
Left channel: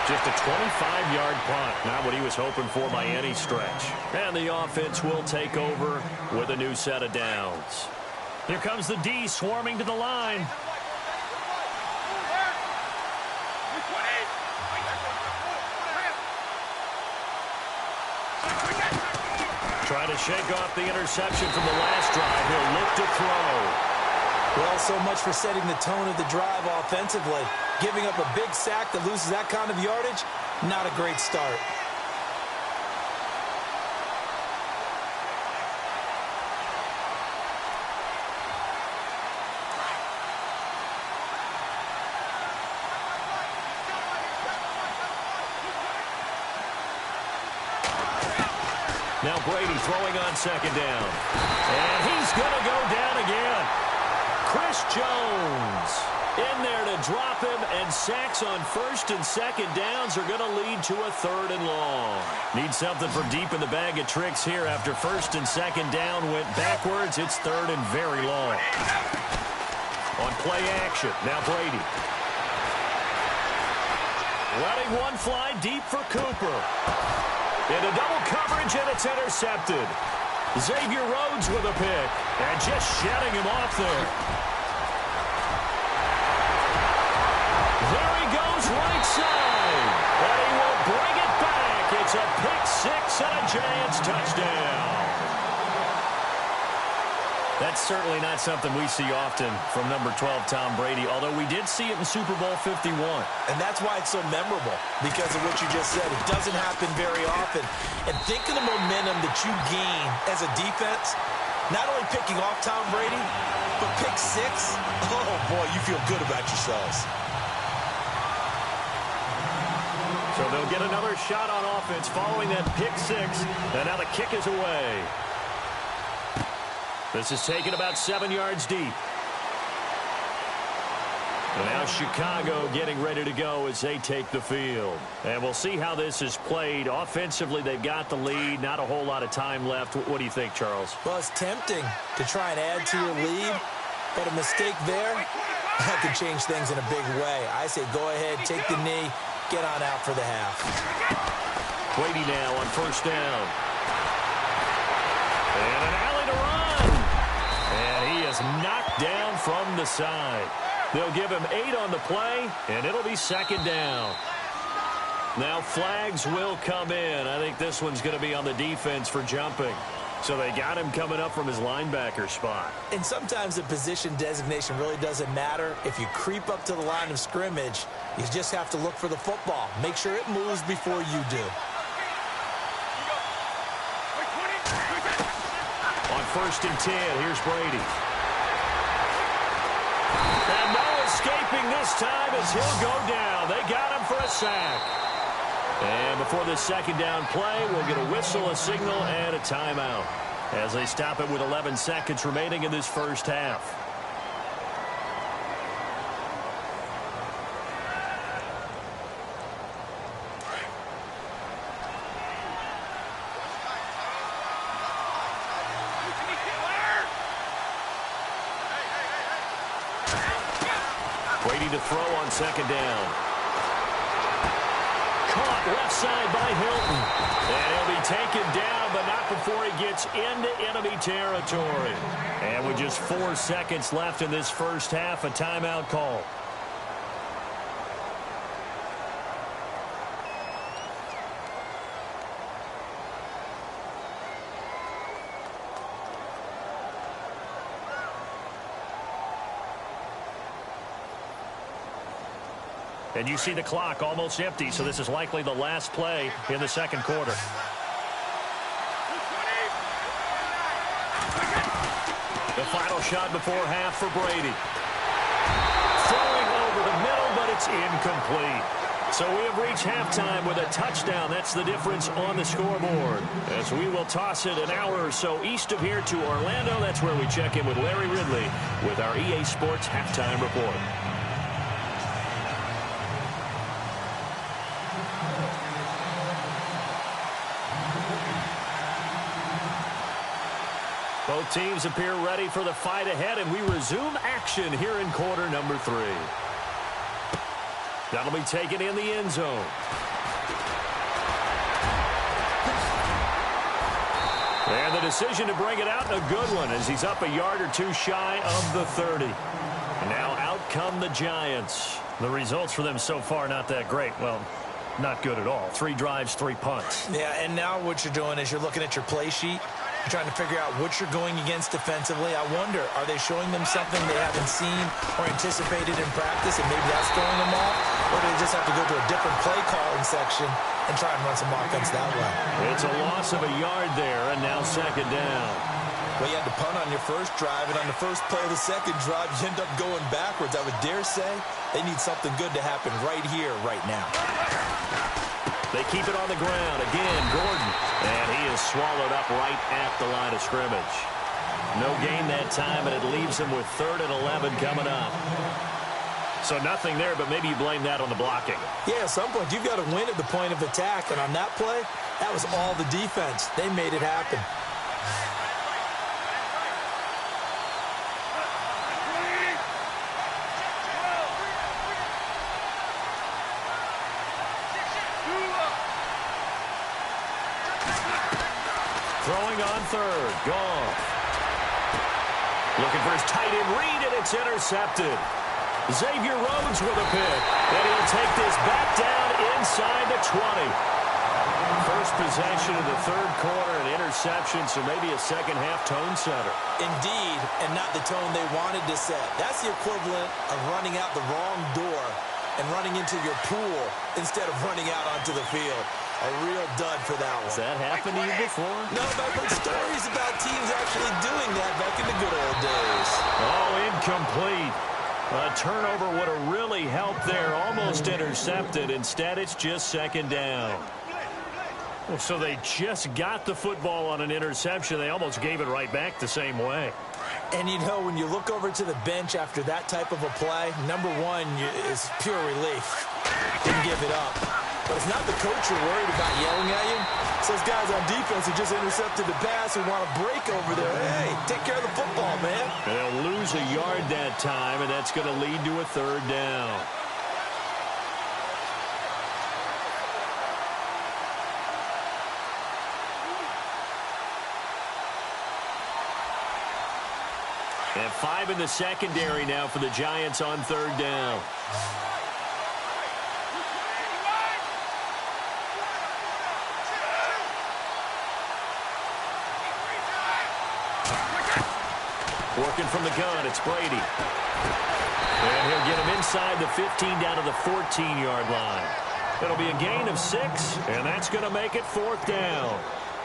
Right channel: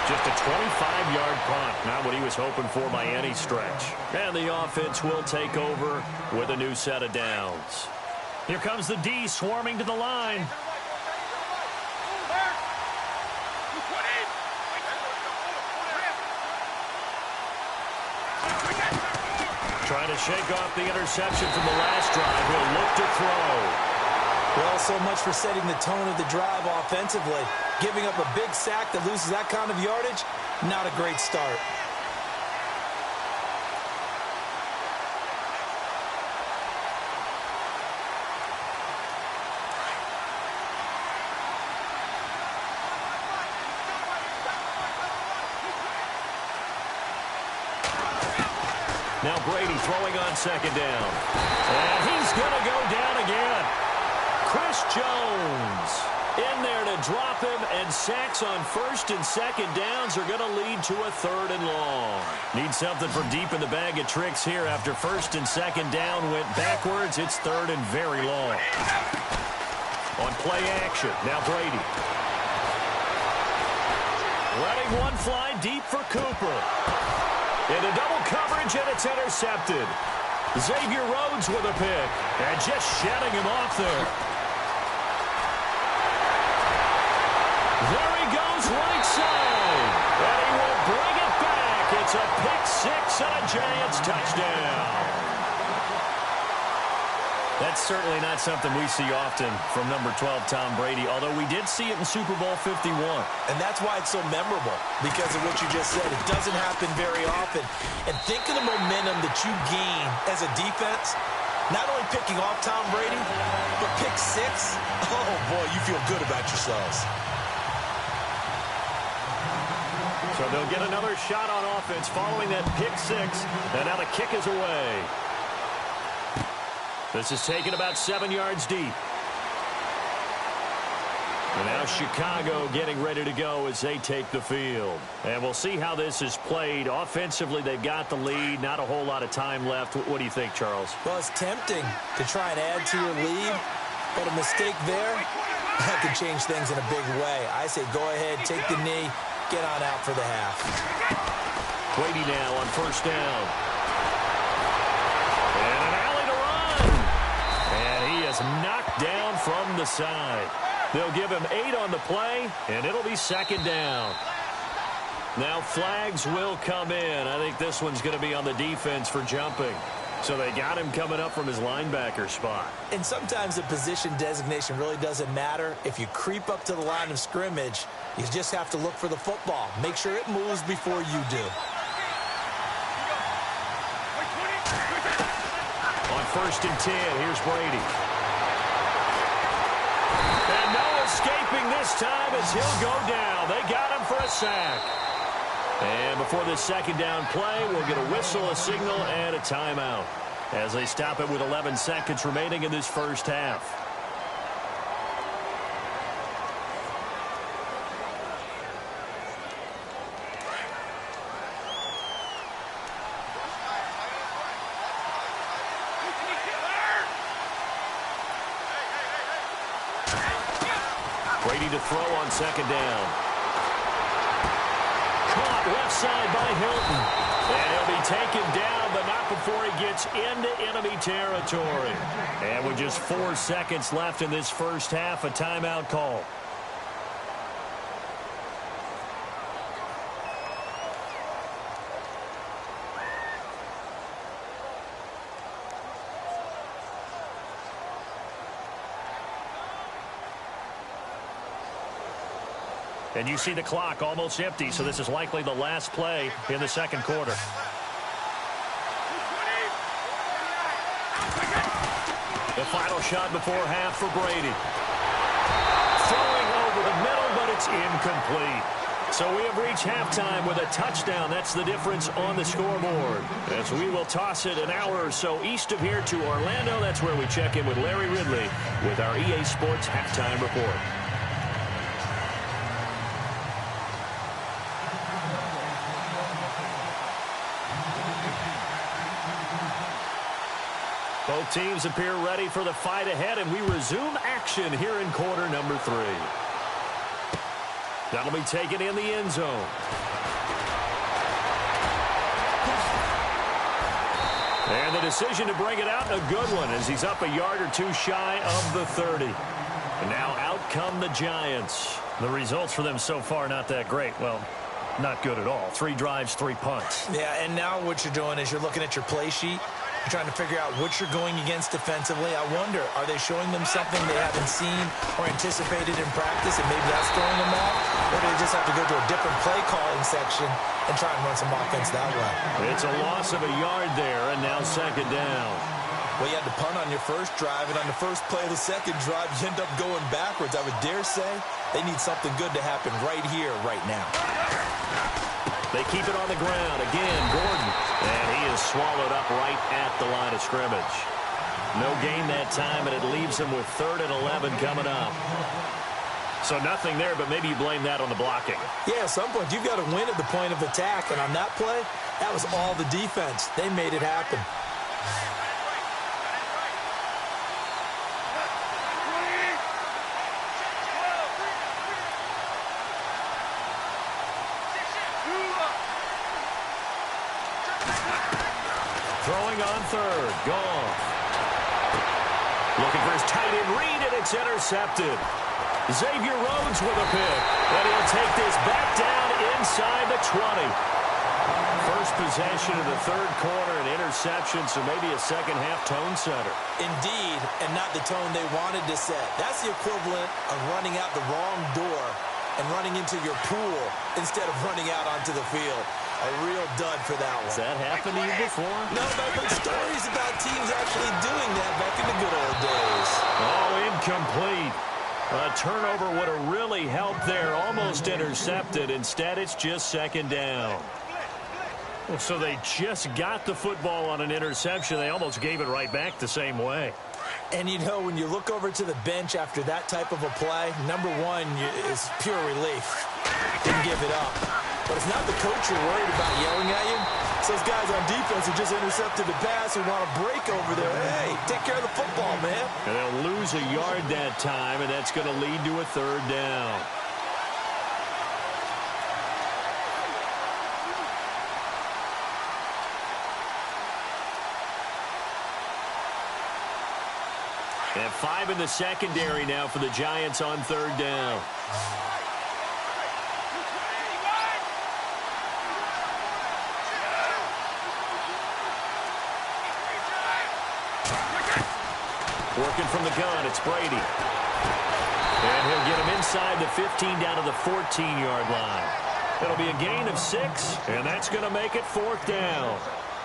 Just a 25-yard punt, not what he was hoping for by any stretch. And the offense will take over with a new set of downs. Here comes the D swarming to the line. Trying to shake off the interception from the last drive. He'll look to throw. Well, so much for setting the tone of the drive offensively. Giving up a big sack that loses that kind of yardage, not a great start. Now Brady throwing on second down. And he's going to go down again. Chris Jones in there to drop him, and sacks on first and second downs are going to lead to a 3rd and long. Need something from deep in the bag of tricks here after first and second down went backwards. It's 3rd and very long. On play action, now Brady. Letting one fly deep for Cooper. Into double coverage, and it's intercepted. Xavier Rhodes with a pick, and just shedding him off there. There he goes right side, and he will bring it back. It's a pick 6 and a Giants touchdown. That's certainly not something we see often from number 12, Tom Brady, although we did see it in Super Bowl 51. And that's why it's so memorable, because of what you just said. It doesn't happen very often. And think of the momentum that you gain as a defense, not only picking off Tom Brady, but pick 6. Oh, boy, you feel good about yourselves. So they'll get another shot on offense following that pick 6, and now the kick is away. This is taken about 7 yards deep. And now Chicago getting ready to go as they take the field. And we'll see how this is played. Offensively, they've got the lead. Not a whole lot of time left. What do you think, Charles? Well, it's tempting to try and add to your lead, but a mistake there, that could change things in a big way. I say go ahead, take the knee, get on out for the half. Brady now on first down. And an alley to run. And he is knocked down from the side. They'll give him 8 on the play, and it'll be second down. Now flags will come in. I think this one's going to be on the defense for jumping. So they got him coming up from his linebacker spot. And sometimes the position designation really doesn't matter. If you creep up to the line of scrimmage, you just have to look for the football. Make sure it moves before you do. On 1st and 10, here's Brady. And no escaping this time as he'll go down. They got him for a sack. And before this second down play, we'll get a whistle, a signal, and a timeout as they stop it with 11 seconds remaining in this first half. Brady to throw on second down. Caught left side by Hilton. And he'll be taken down, but not before he gets into enemy territory. And with just 4 seconds left in this first half, a timeout call. And you see the clock almost empty, so this is likely the last play in the second quarter. The final shot before half for Brady. Throwing over the middle, but it's incomplete. So we have reached halftime with a touchdown. That's the difference on the scoreboard. As we will toss it an hour or so east of here to Orlando. That's where we check in with Larry Ridley with our EA Sports Halftime Report. Both teams appear ready for the fight ahead, and we resume action here in quarter number 3. That'll be taken in the end zone. And the decision to bring it out, a good one, as he's up a yard or two shy of the 30. And now out come the Giants. The results for them so far not that great. Well, not good at all. 3 drives, 3 punts. Yeah, and now what you're doing is you're looking at your play sheet. You're trying to figure out what you're going against defensively. I wonder, are they showing them something they haven't seen or anticipated in practice, and maybe that's throwing them off? Or do they just have to go to a different play calling section and try and run some offense that way? It's a loss of a yard there, and now second down. Well, you had to punt on your first drive, and on the first play of the second drive, you end up going backwards. I would dare say they need something good to happen right here, right now. They keep it on the ground. Again, Gordon. And he is swallowed up right at the line of scrimmage. No gain that time, and it leaves him with 3rd and 11 coming up. So nothing there, but maybe you blame that on the blocking. Yeah, at some point, you've got to win at the point of attack. And on that play, that was all the defense. They made it happen. Throwing on 3rd. Goff. Looking for his tight end read, and it's intercepted. Xavier Rhodes with a pick. And he'll take this back down inside the 20. First possession of the third quarter, an interception, so maybe a second-half tone setter. Indeed, and not the tone they wanted to set. That's the equivalent of running out the wrong door and running into your pool instead of running out onto the field. A real dud for that one. Has that happened to you before? No, but I've heard stories about teams actually doing that back in the good old days. Oh, incomplete. A turnover would have really helped there. Almost intercepted. Instead, it's just second down. Well, so they just got the football on an interception. They almost gave it right back the same way. And, you know, when you look over to the bench after that type of a play, number one is pure relief. Didn't give it up. But it's not the coach you're worried about yelling at you. It's those guys on defense who just intercepted the pass who want to break over there. Hey, take care of the football, man. And they'll lose a yard that time, and that's going to lead to a 3rd down. And 5 in the secondary now for the Giants on 3rd down. Working from the gun, it's Brady. And he'll get him inside the 15 down to the 14-yard line. It'll be a gain of 6, and that's going to make it 4th down.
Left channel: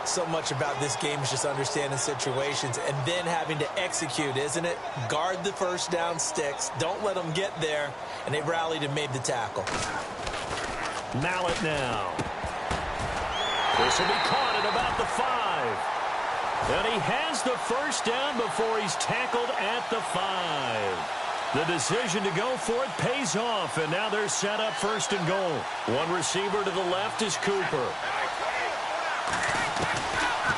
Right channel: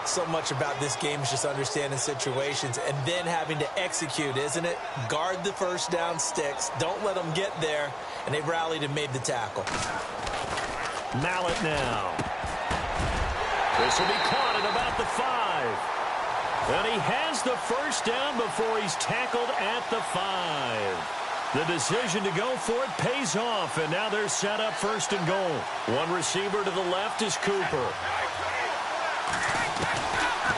So much about this game is just understanding situations and then having to execute, isn't it? Guard the first down sticks. Don't let them get there. And they rallied and made the tackle. Mallet now. This will be caught at about the 5. And he has the first down before he's tackled at the 5. The decision to go for it pays off, and now they're set up 1st and goal. One receiver to the left is Cooper.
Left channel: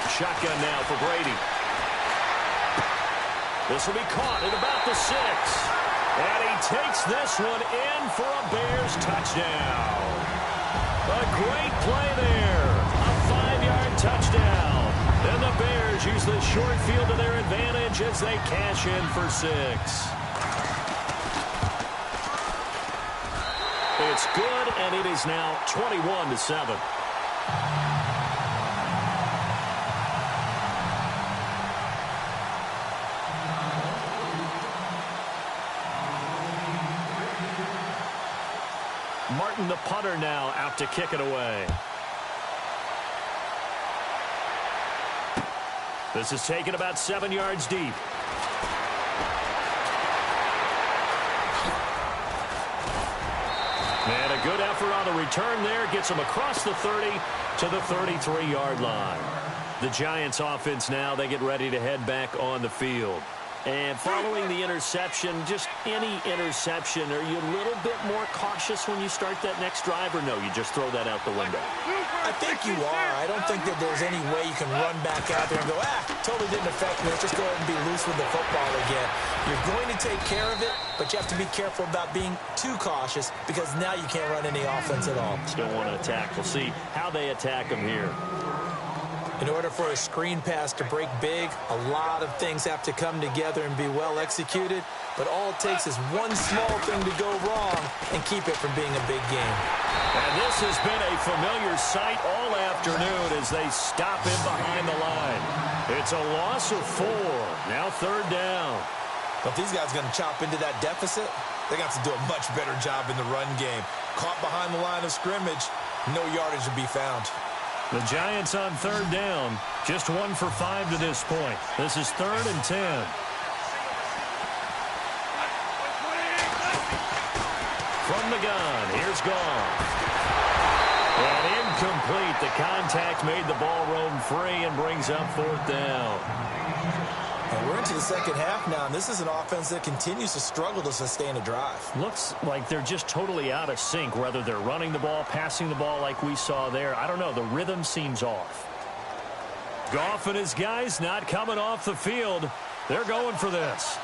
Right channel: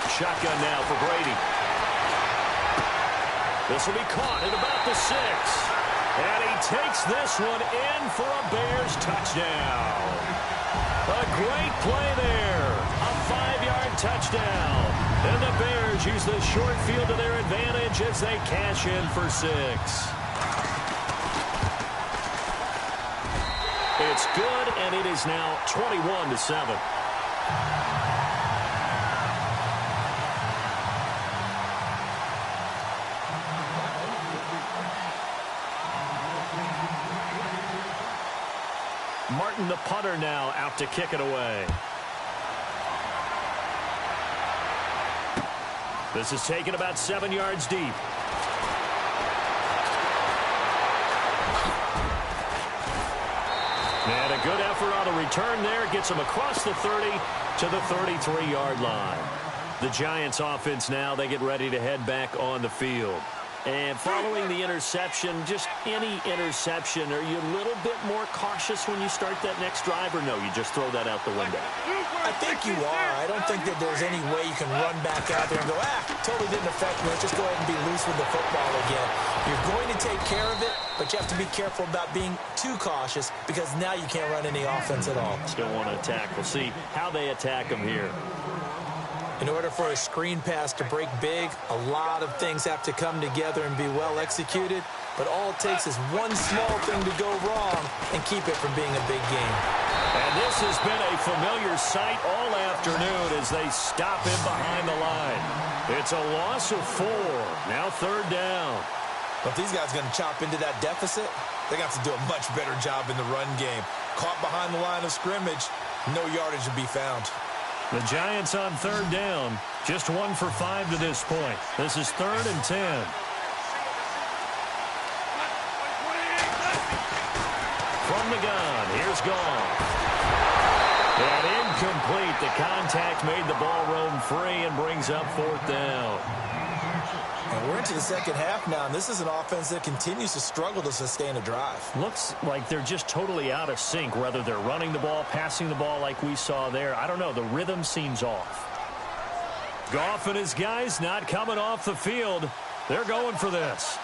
Shotgun now for Brady. This will be caught at about the 6. And he takes this one in for a Bears touchdown. A great play there. A 5-yard touchdown. And the Bears use the short field to their advantage as they cash in for 6. It's good, and it is now 21-7. Martin, the punter, now out to kick it away. This is taken about 7 yards deep. And a good effort on the return there. Gets him across the 30 to the 33-yard line. The Giants offense now, they get ready to head back on the field. And following the interception, just any interception, are you a little bit more cautious when you start that next drive, or no, you just throw that out the window? I think you are. I don't think that there's any way you can run back out there and go, totally didn't affect me. Let's just go ahead and be loose with the football again. You're going to take care of it, but you have to be careful about being too cautious because now you can't run any offense at all. Still want to attack. We'll see how they attack them here. In order for a screen pass to break big, a lot of things have to come together and be well executed. But all it takes is one small thing to go wrong and keep it from being a big game. And this has been a familiar sight all afternoon as they stop him behind the line. It's a loss of 4. Now 3rd down. But if these guys are going to chop into that deficit, they're going to have to do a much better job in the run game. Caught behind the line of scrimmage, no yardage to be found. The Giants on 3rd down, just 1 for 5 to this point. This is 3rd and 10. From the gun, here's Goff. And incomplete. The contact made the ball roam free and brings up 4th down. Well, we're into the second half now, and this is an offense that continues to struggle to sustain a drive. Looks like they're just totally out of sync, whether they're running the ball, passing the ball like we saw there. I don't know. The rhythm seems off. Goff and his guys not coming off the field. They're going for this.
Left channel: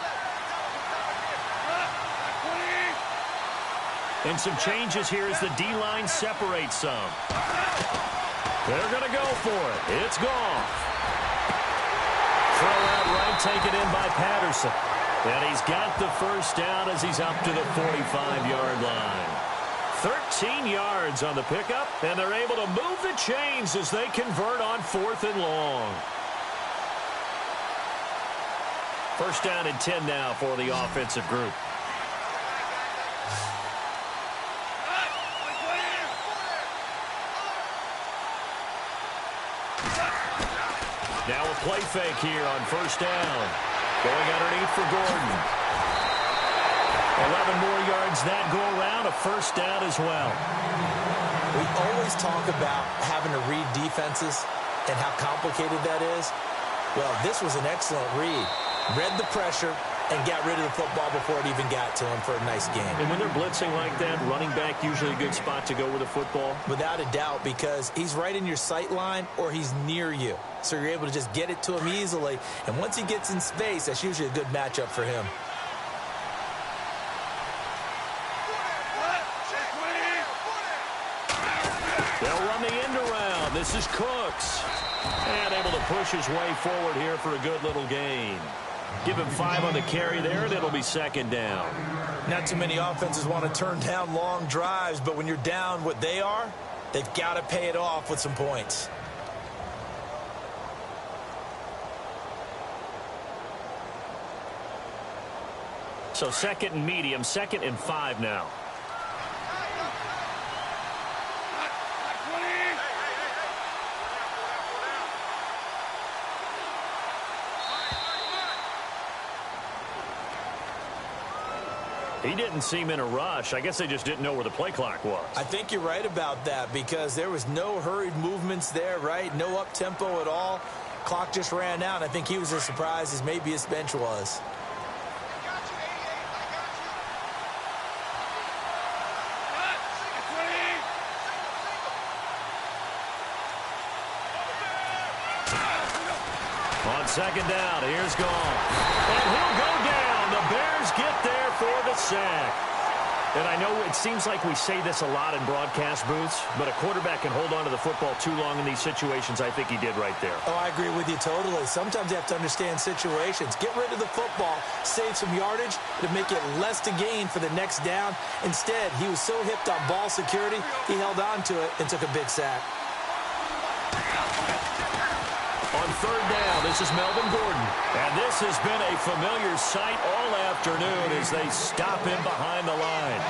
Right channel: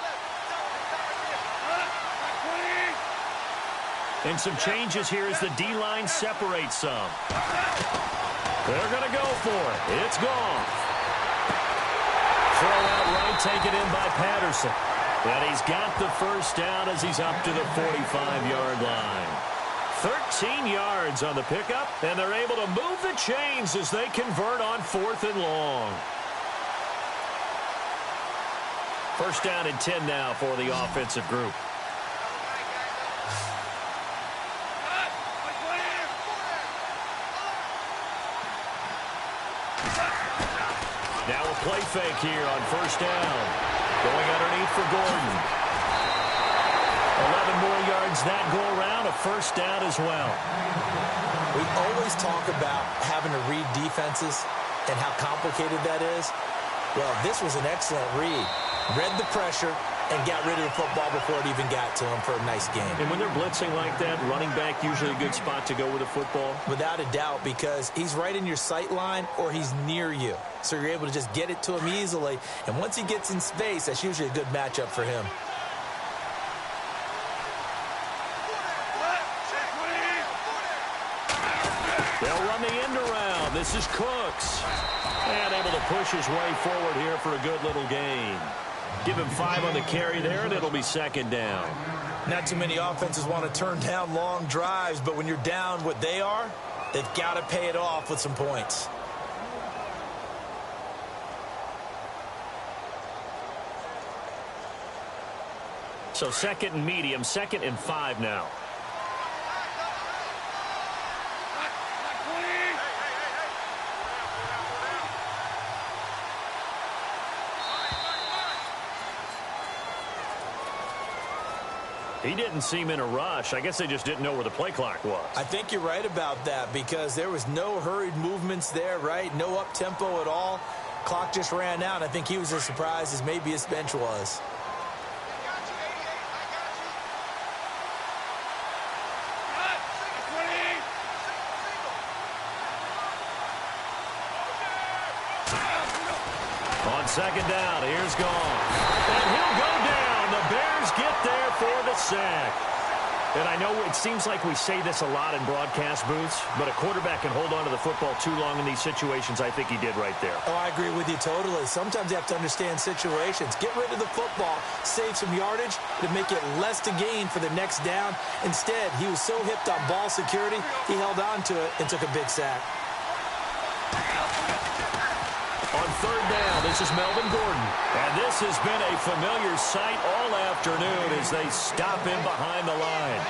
And some changes here as the D-line separates some. They're going to go for it. It's Goff. Throw out right, taken in by Patterson. And he's got the first down as he's up to the 45-yard line. 13 yards on the pickup, and they're able to move the chains as they convert on 4th and long. First down and 10 now for the offensive group. Now a play fake here on 1st down. Going underneath for Gordon. 11 more yards that go around, a first down as well. We always talk about having to read defenses and how complicated that is. Well, this was an excellent read. Read the pressure and got rid of the football before it even got to him for a nice game. And when they're blitzing like that, running back usually a good spot to go with the football? Without a doubt, because he's right in your sight line or he's near you. So you're able to just get it to him easily. And once he gets in space, that's usually a good matchup for him. They'll run the end around. This is Cooks. And able to push his way forward here for a good little gain. Give him 5 on the carry there, and it'll be 2nd down. Not too many offenses want to turn down long drives, but when you're down what they are, they've got to pay it off with some points. So 2nd and medium, 2nd and 5 now. He didn't seem in a rush. I guess they just didn't know where the play clock was. I think you're right about that because there was no hurried movements there, right? No up-tempo at all. Clock just ran out. I think he was as surprised as maybe his bench was. On 2nd down, here's Goff. And he'll go down. The Bears get there for the sack. And I know it seems like we say this a lot in broadcast booths, but a quarterback can hold on to the football too long in these situations. I think he did right there. Oh, I agree with you totally. Sometimes you have to understand situations. Get rid of the football, save some yardage to make it less to gain for the next down. Instead, he was so hipped on ball security, he held on to it and took a big sack. On 3rd down, this is Melvin Gordon. And this has been a familiar sight all afternoon as they stop him behind the line.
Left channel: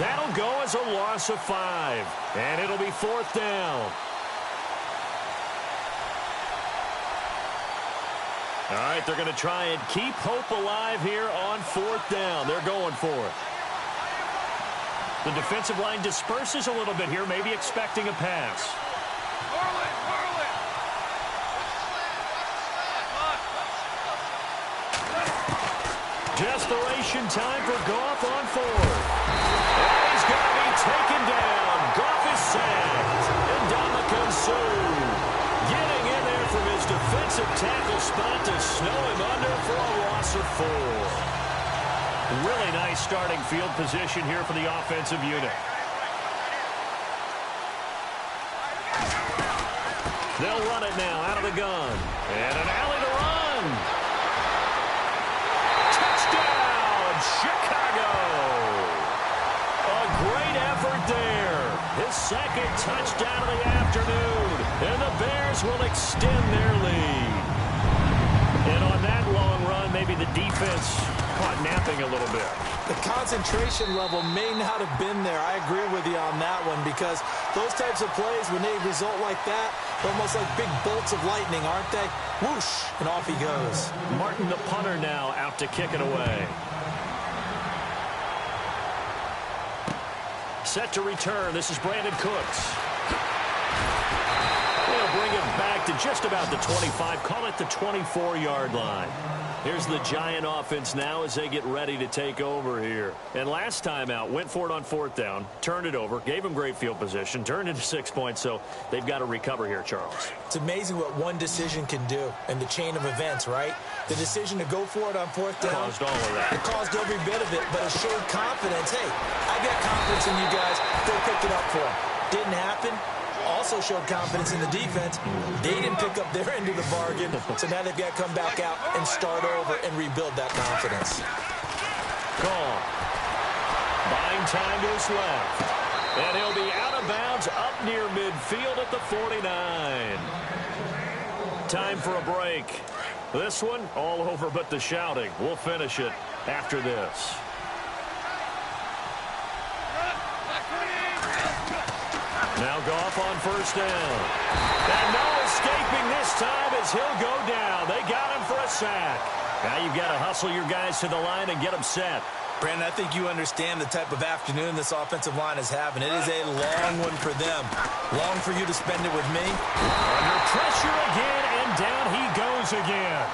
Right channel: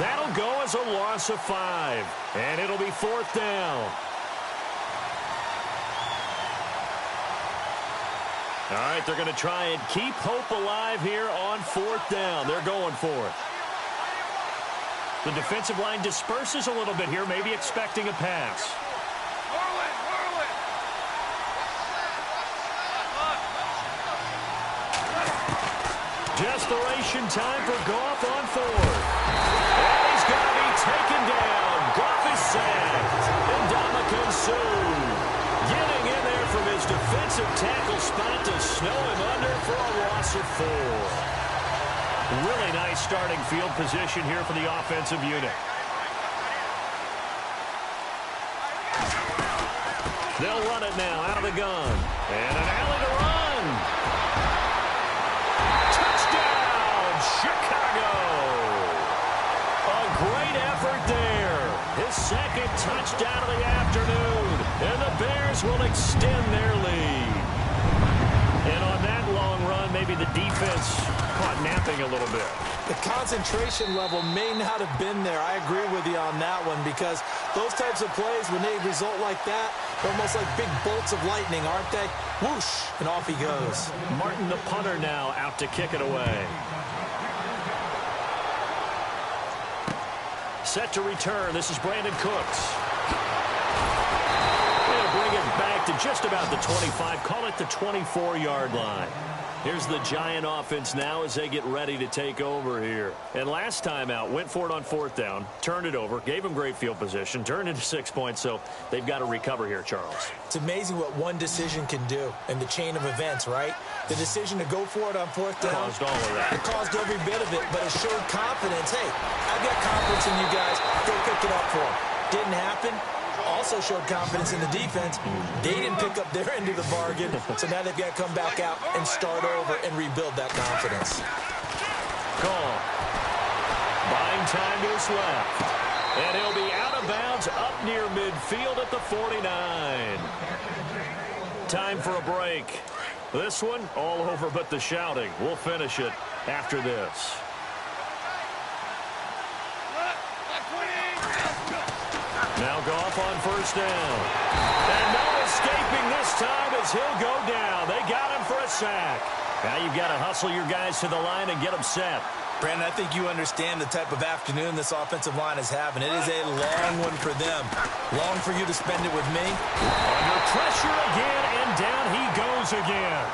That'll go as a loss of 5. And it'll be 4th down. All right, they're going to try and keep hope alive here on 4th down. They're going for it. The defensive line disperses a little bit here, maybe expecting a pass. Desperation time for Goff on 4th. And he's going to be taken down. Goff is sacked. And Ndamukong Suh getting in there from his defensive tackle spot to snow him under for a loss of 4. Really nice starting field position here for the offensive unit. They'll run it now out of the gun. And an alley to run. Chicago. A great effort there. His 2nd touchdown of the afternoon. And the Bears will extend their lead. And on that long run, maybe the defense caught napping a little bit. The concentration level may not have been there. I agree with you on that one because those types of plays, when they result like that, they're almost like big bolts of lightning, aren't they? Whoosh, and off he goes. Martin, the punter, now out to kick it away. Set to return. This is Brandon Cooks. They'll bring it back to just about the 25. Call it the 24-yard line. Here's the Giant offense now as they get ready to take over here. And last time out, went for it on 4th down, turned it over, gave them great field position, turned into 6 points, so they've got to recover here, Charles. It's amazing what one decision can do in the chain of events, right? The decision to go for it on 4th down. Caused all of that. It caused every bit of it, but it showed confidence. Hey, I've got confidence in you guys. Go pick it up for them. Didn't happen. Also showed confidence in the defense. They didn't pick up their end of the bargain, so now they've got to come back out and start over and rebuild that confidence. Gone. Buying time to his left. And he'll be out of bounds up near midfield at the 49. Time for a break. This one, all over but the shouting. We'll finish it after this. Now Goff on 1st down. And no escaping this time as he'll go down. They got him for a sack. Now you've got to hustle your guys to the line and get them set. Brandon, I think you understand the type of afternoon this offensive line is having. It is a long one for them. Long for you to spend it with me. Under pressure again, and down he goes again.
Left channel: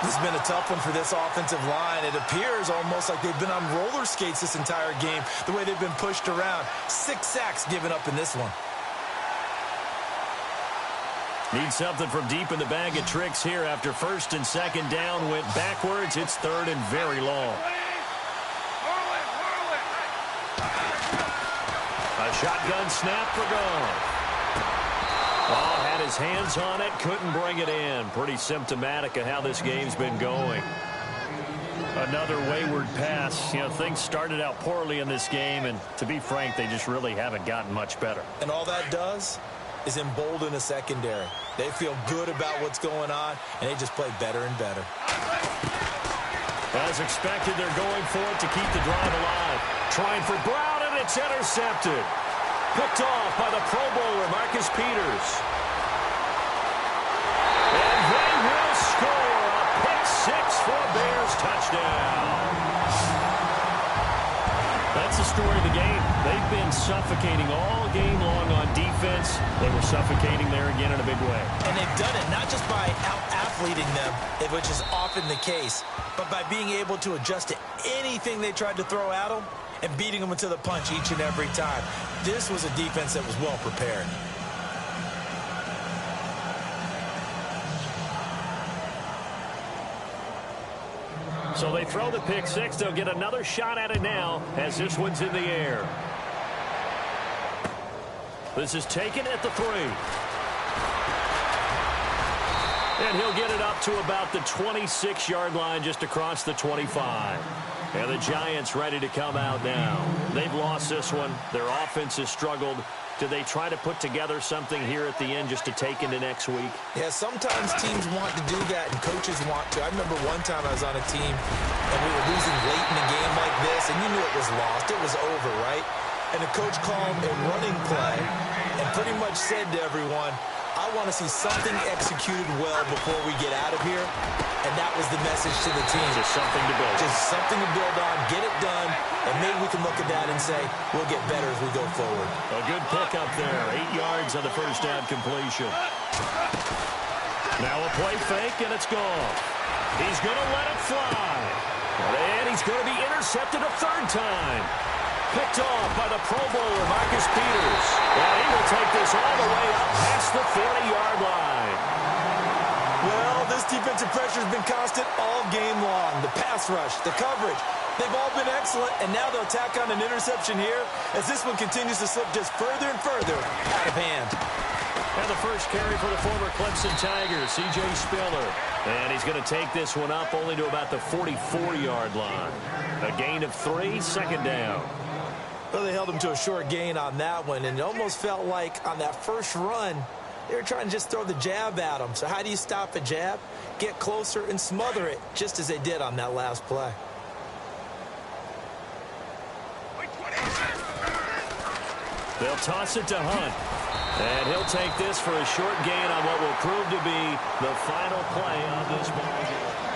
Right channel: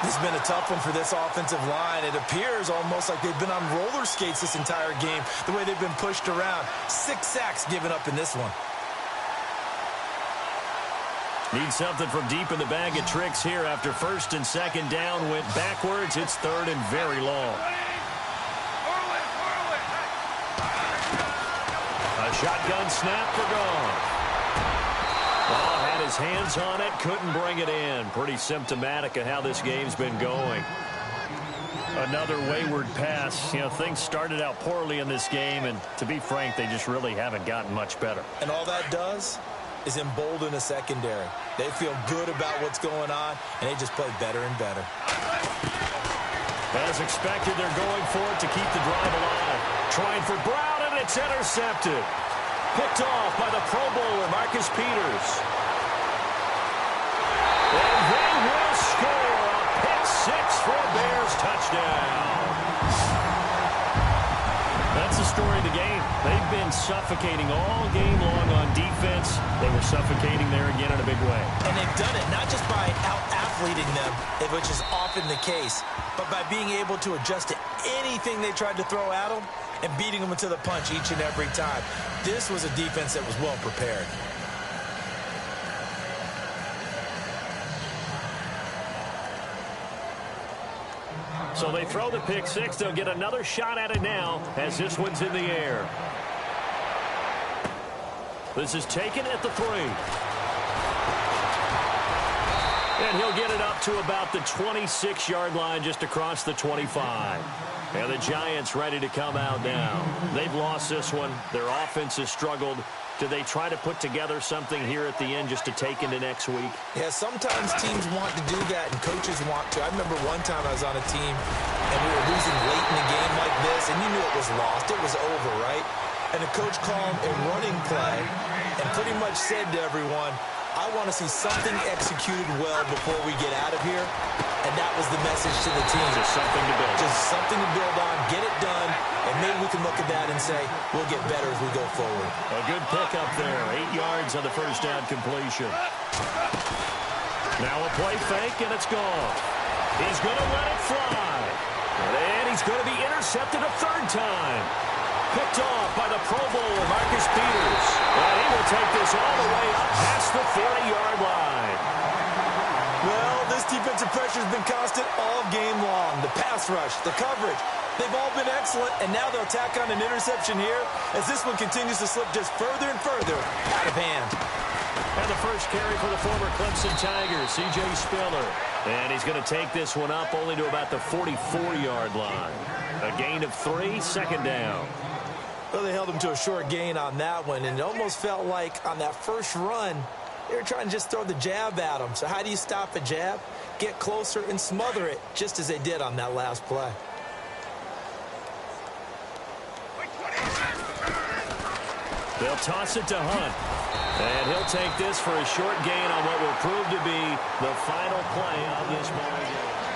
This has been a tough one for this offensive line. It appears almost like they've been on roller skates this entire game, the way they've been pushed around. 6 sacks given up in this one. Need something from deep in the bag of tricks here after 1st and 2nd down went backwards. It's 3rd and very long. A shotgun snap for Goff. Oh, had his hands on it, couldn't bring it in. Pretty symptomatic of how this game's been going. Another wayward pass. You know, things started out poorly in this game, and to be frank, they just really haven't gotten much better. And all that does is embolden a secondary. They feel good about what's going on, and they just play better and better. As expected, they're going for it to keep the drive alive. Trying for Brown, and it's intercepted. Picked off by the Pro Bowler, Marcus Peters. And they will score a pick six for a Bears touchdown. That's the story of the game. They've been suffocating all game long on defense. They were suffocating there again in a big way. And they've done it not just by out-athleting them, which is often the case, but by being able to adjust to anything they tried to throw at them and beating them into the punch each and every time. This was a defense that was well prepared. So they throw the pick six. They'll get another shot at it now as this one's in the air. This is taken at the 3. And he'll get it up to about the 26-yard line, just across the 25. And the Giants ready to come out now. They've lost this one. Their offense has struggled. Do they try to put together something here at the end just to take into next week? Yeah, sometimes teams want to do that and coaches want to. I remember one time I was on a team and we were losing late in a game like this, and you knew it was lost. It was over, right? And the coach called a running play and pretty much said to everyone, I want to see something executed well before we get out of here. And that was the message to the team. Just something to build. Just something to build on, get it done, and maybe we can look at that and say, we'll get better as we go forward. A good pickup there. 8 yards on the first down completion. Now a play fake, and it's gone. He's going to let it fly. And he's going to be intercepted a third time. Picked off by the Pro Bowler, Marcus Peters. And he will take this all the way up past the 40-yard line. Well, this defensive pressure has been constant all game long. The pass rush, the coverage, they've all been excellent, and now they'll tack on an interception here as this one continues to slip just further and further out of hand. And the first carry for the former Clemson Tigers, C.J. Spiller. And he's going to take this one up only to about the 44-yard line. A gain of 3, second down. Well, they held him to a short gain on that one, and it almost felt like on that first run, they were trying to just throw the jab at him. So how do you stop a jab? Get closer and smother it, just as they did on that last play. They'll toss it to Hunt. And he'll take this for a short gain on what will prove to be the final play of this ball game.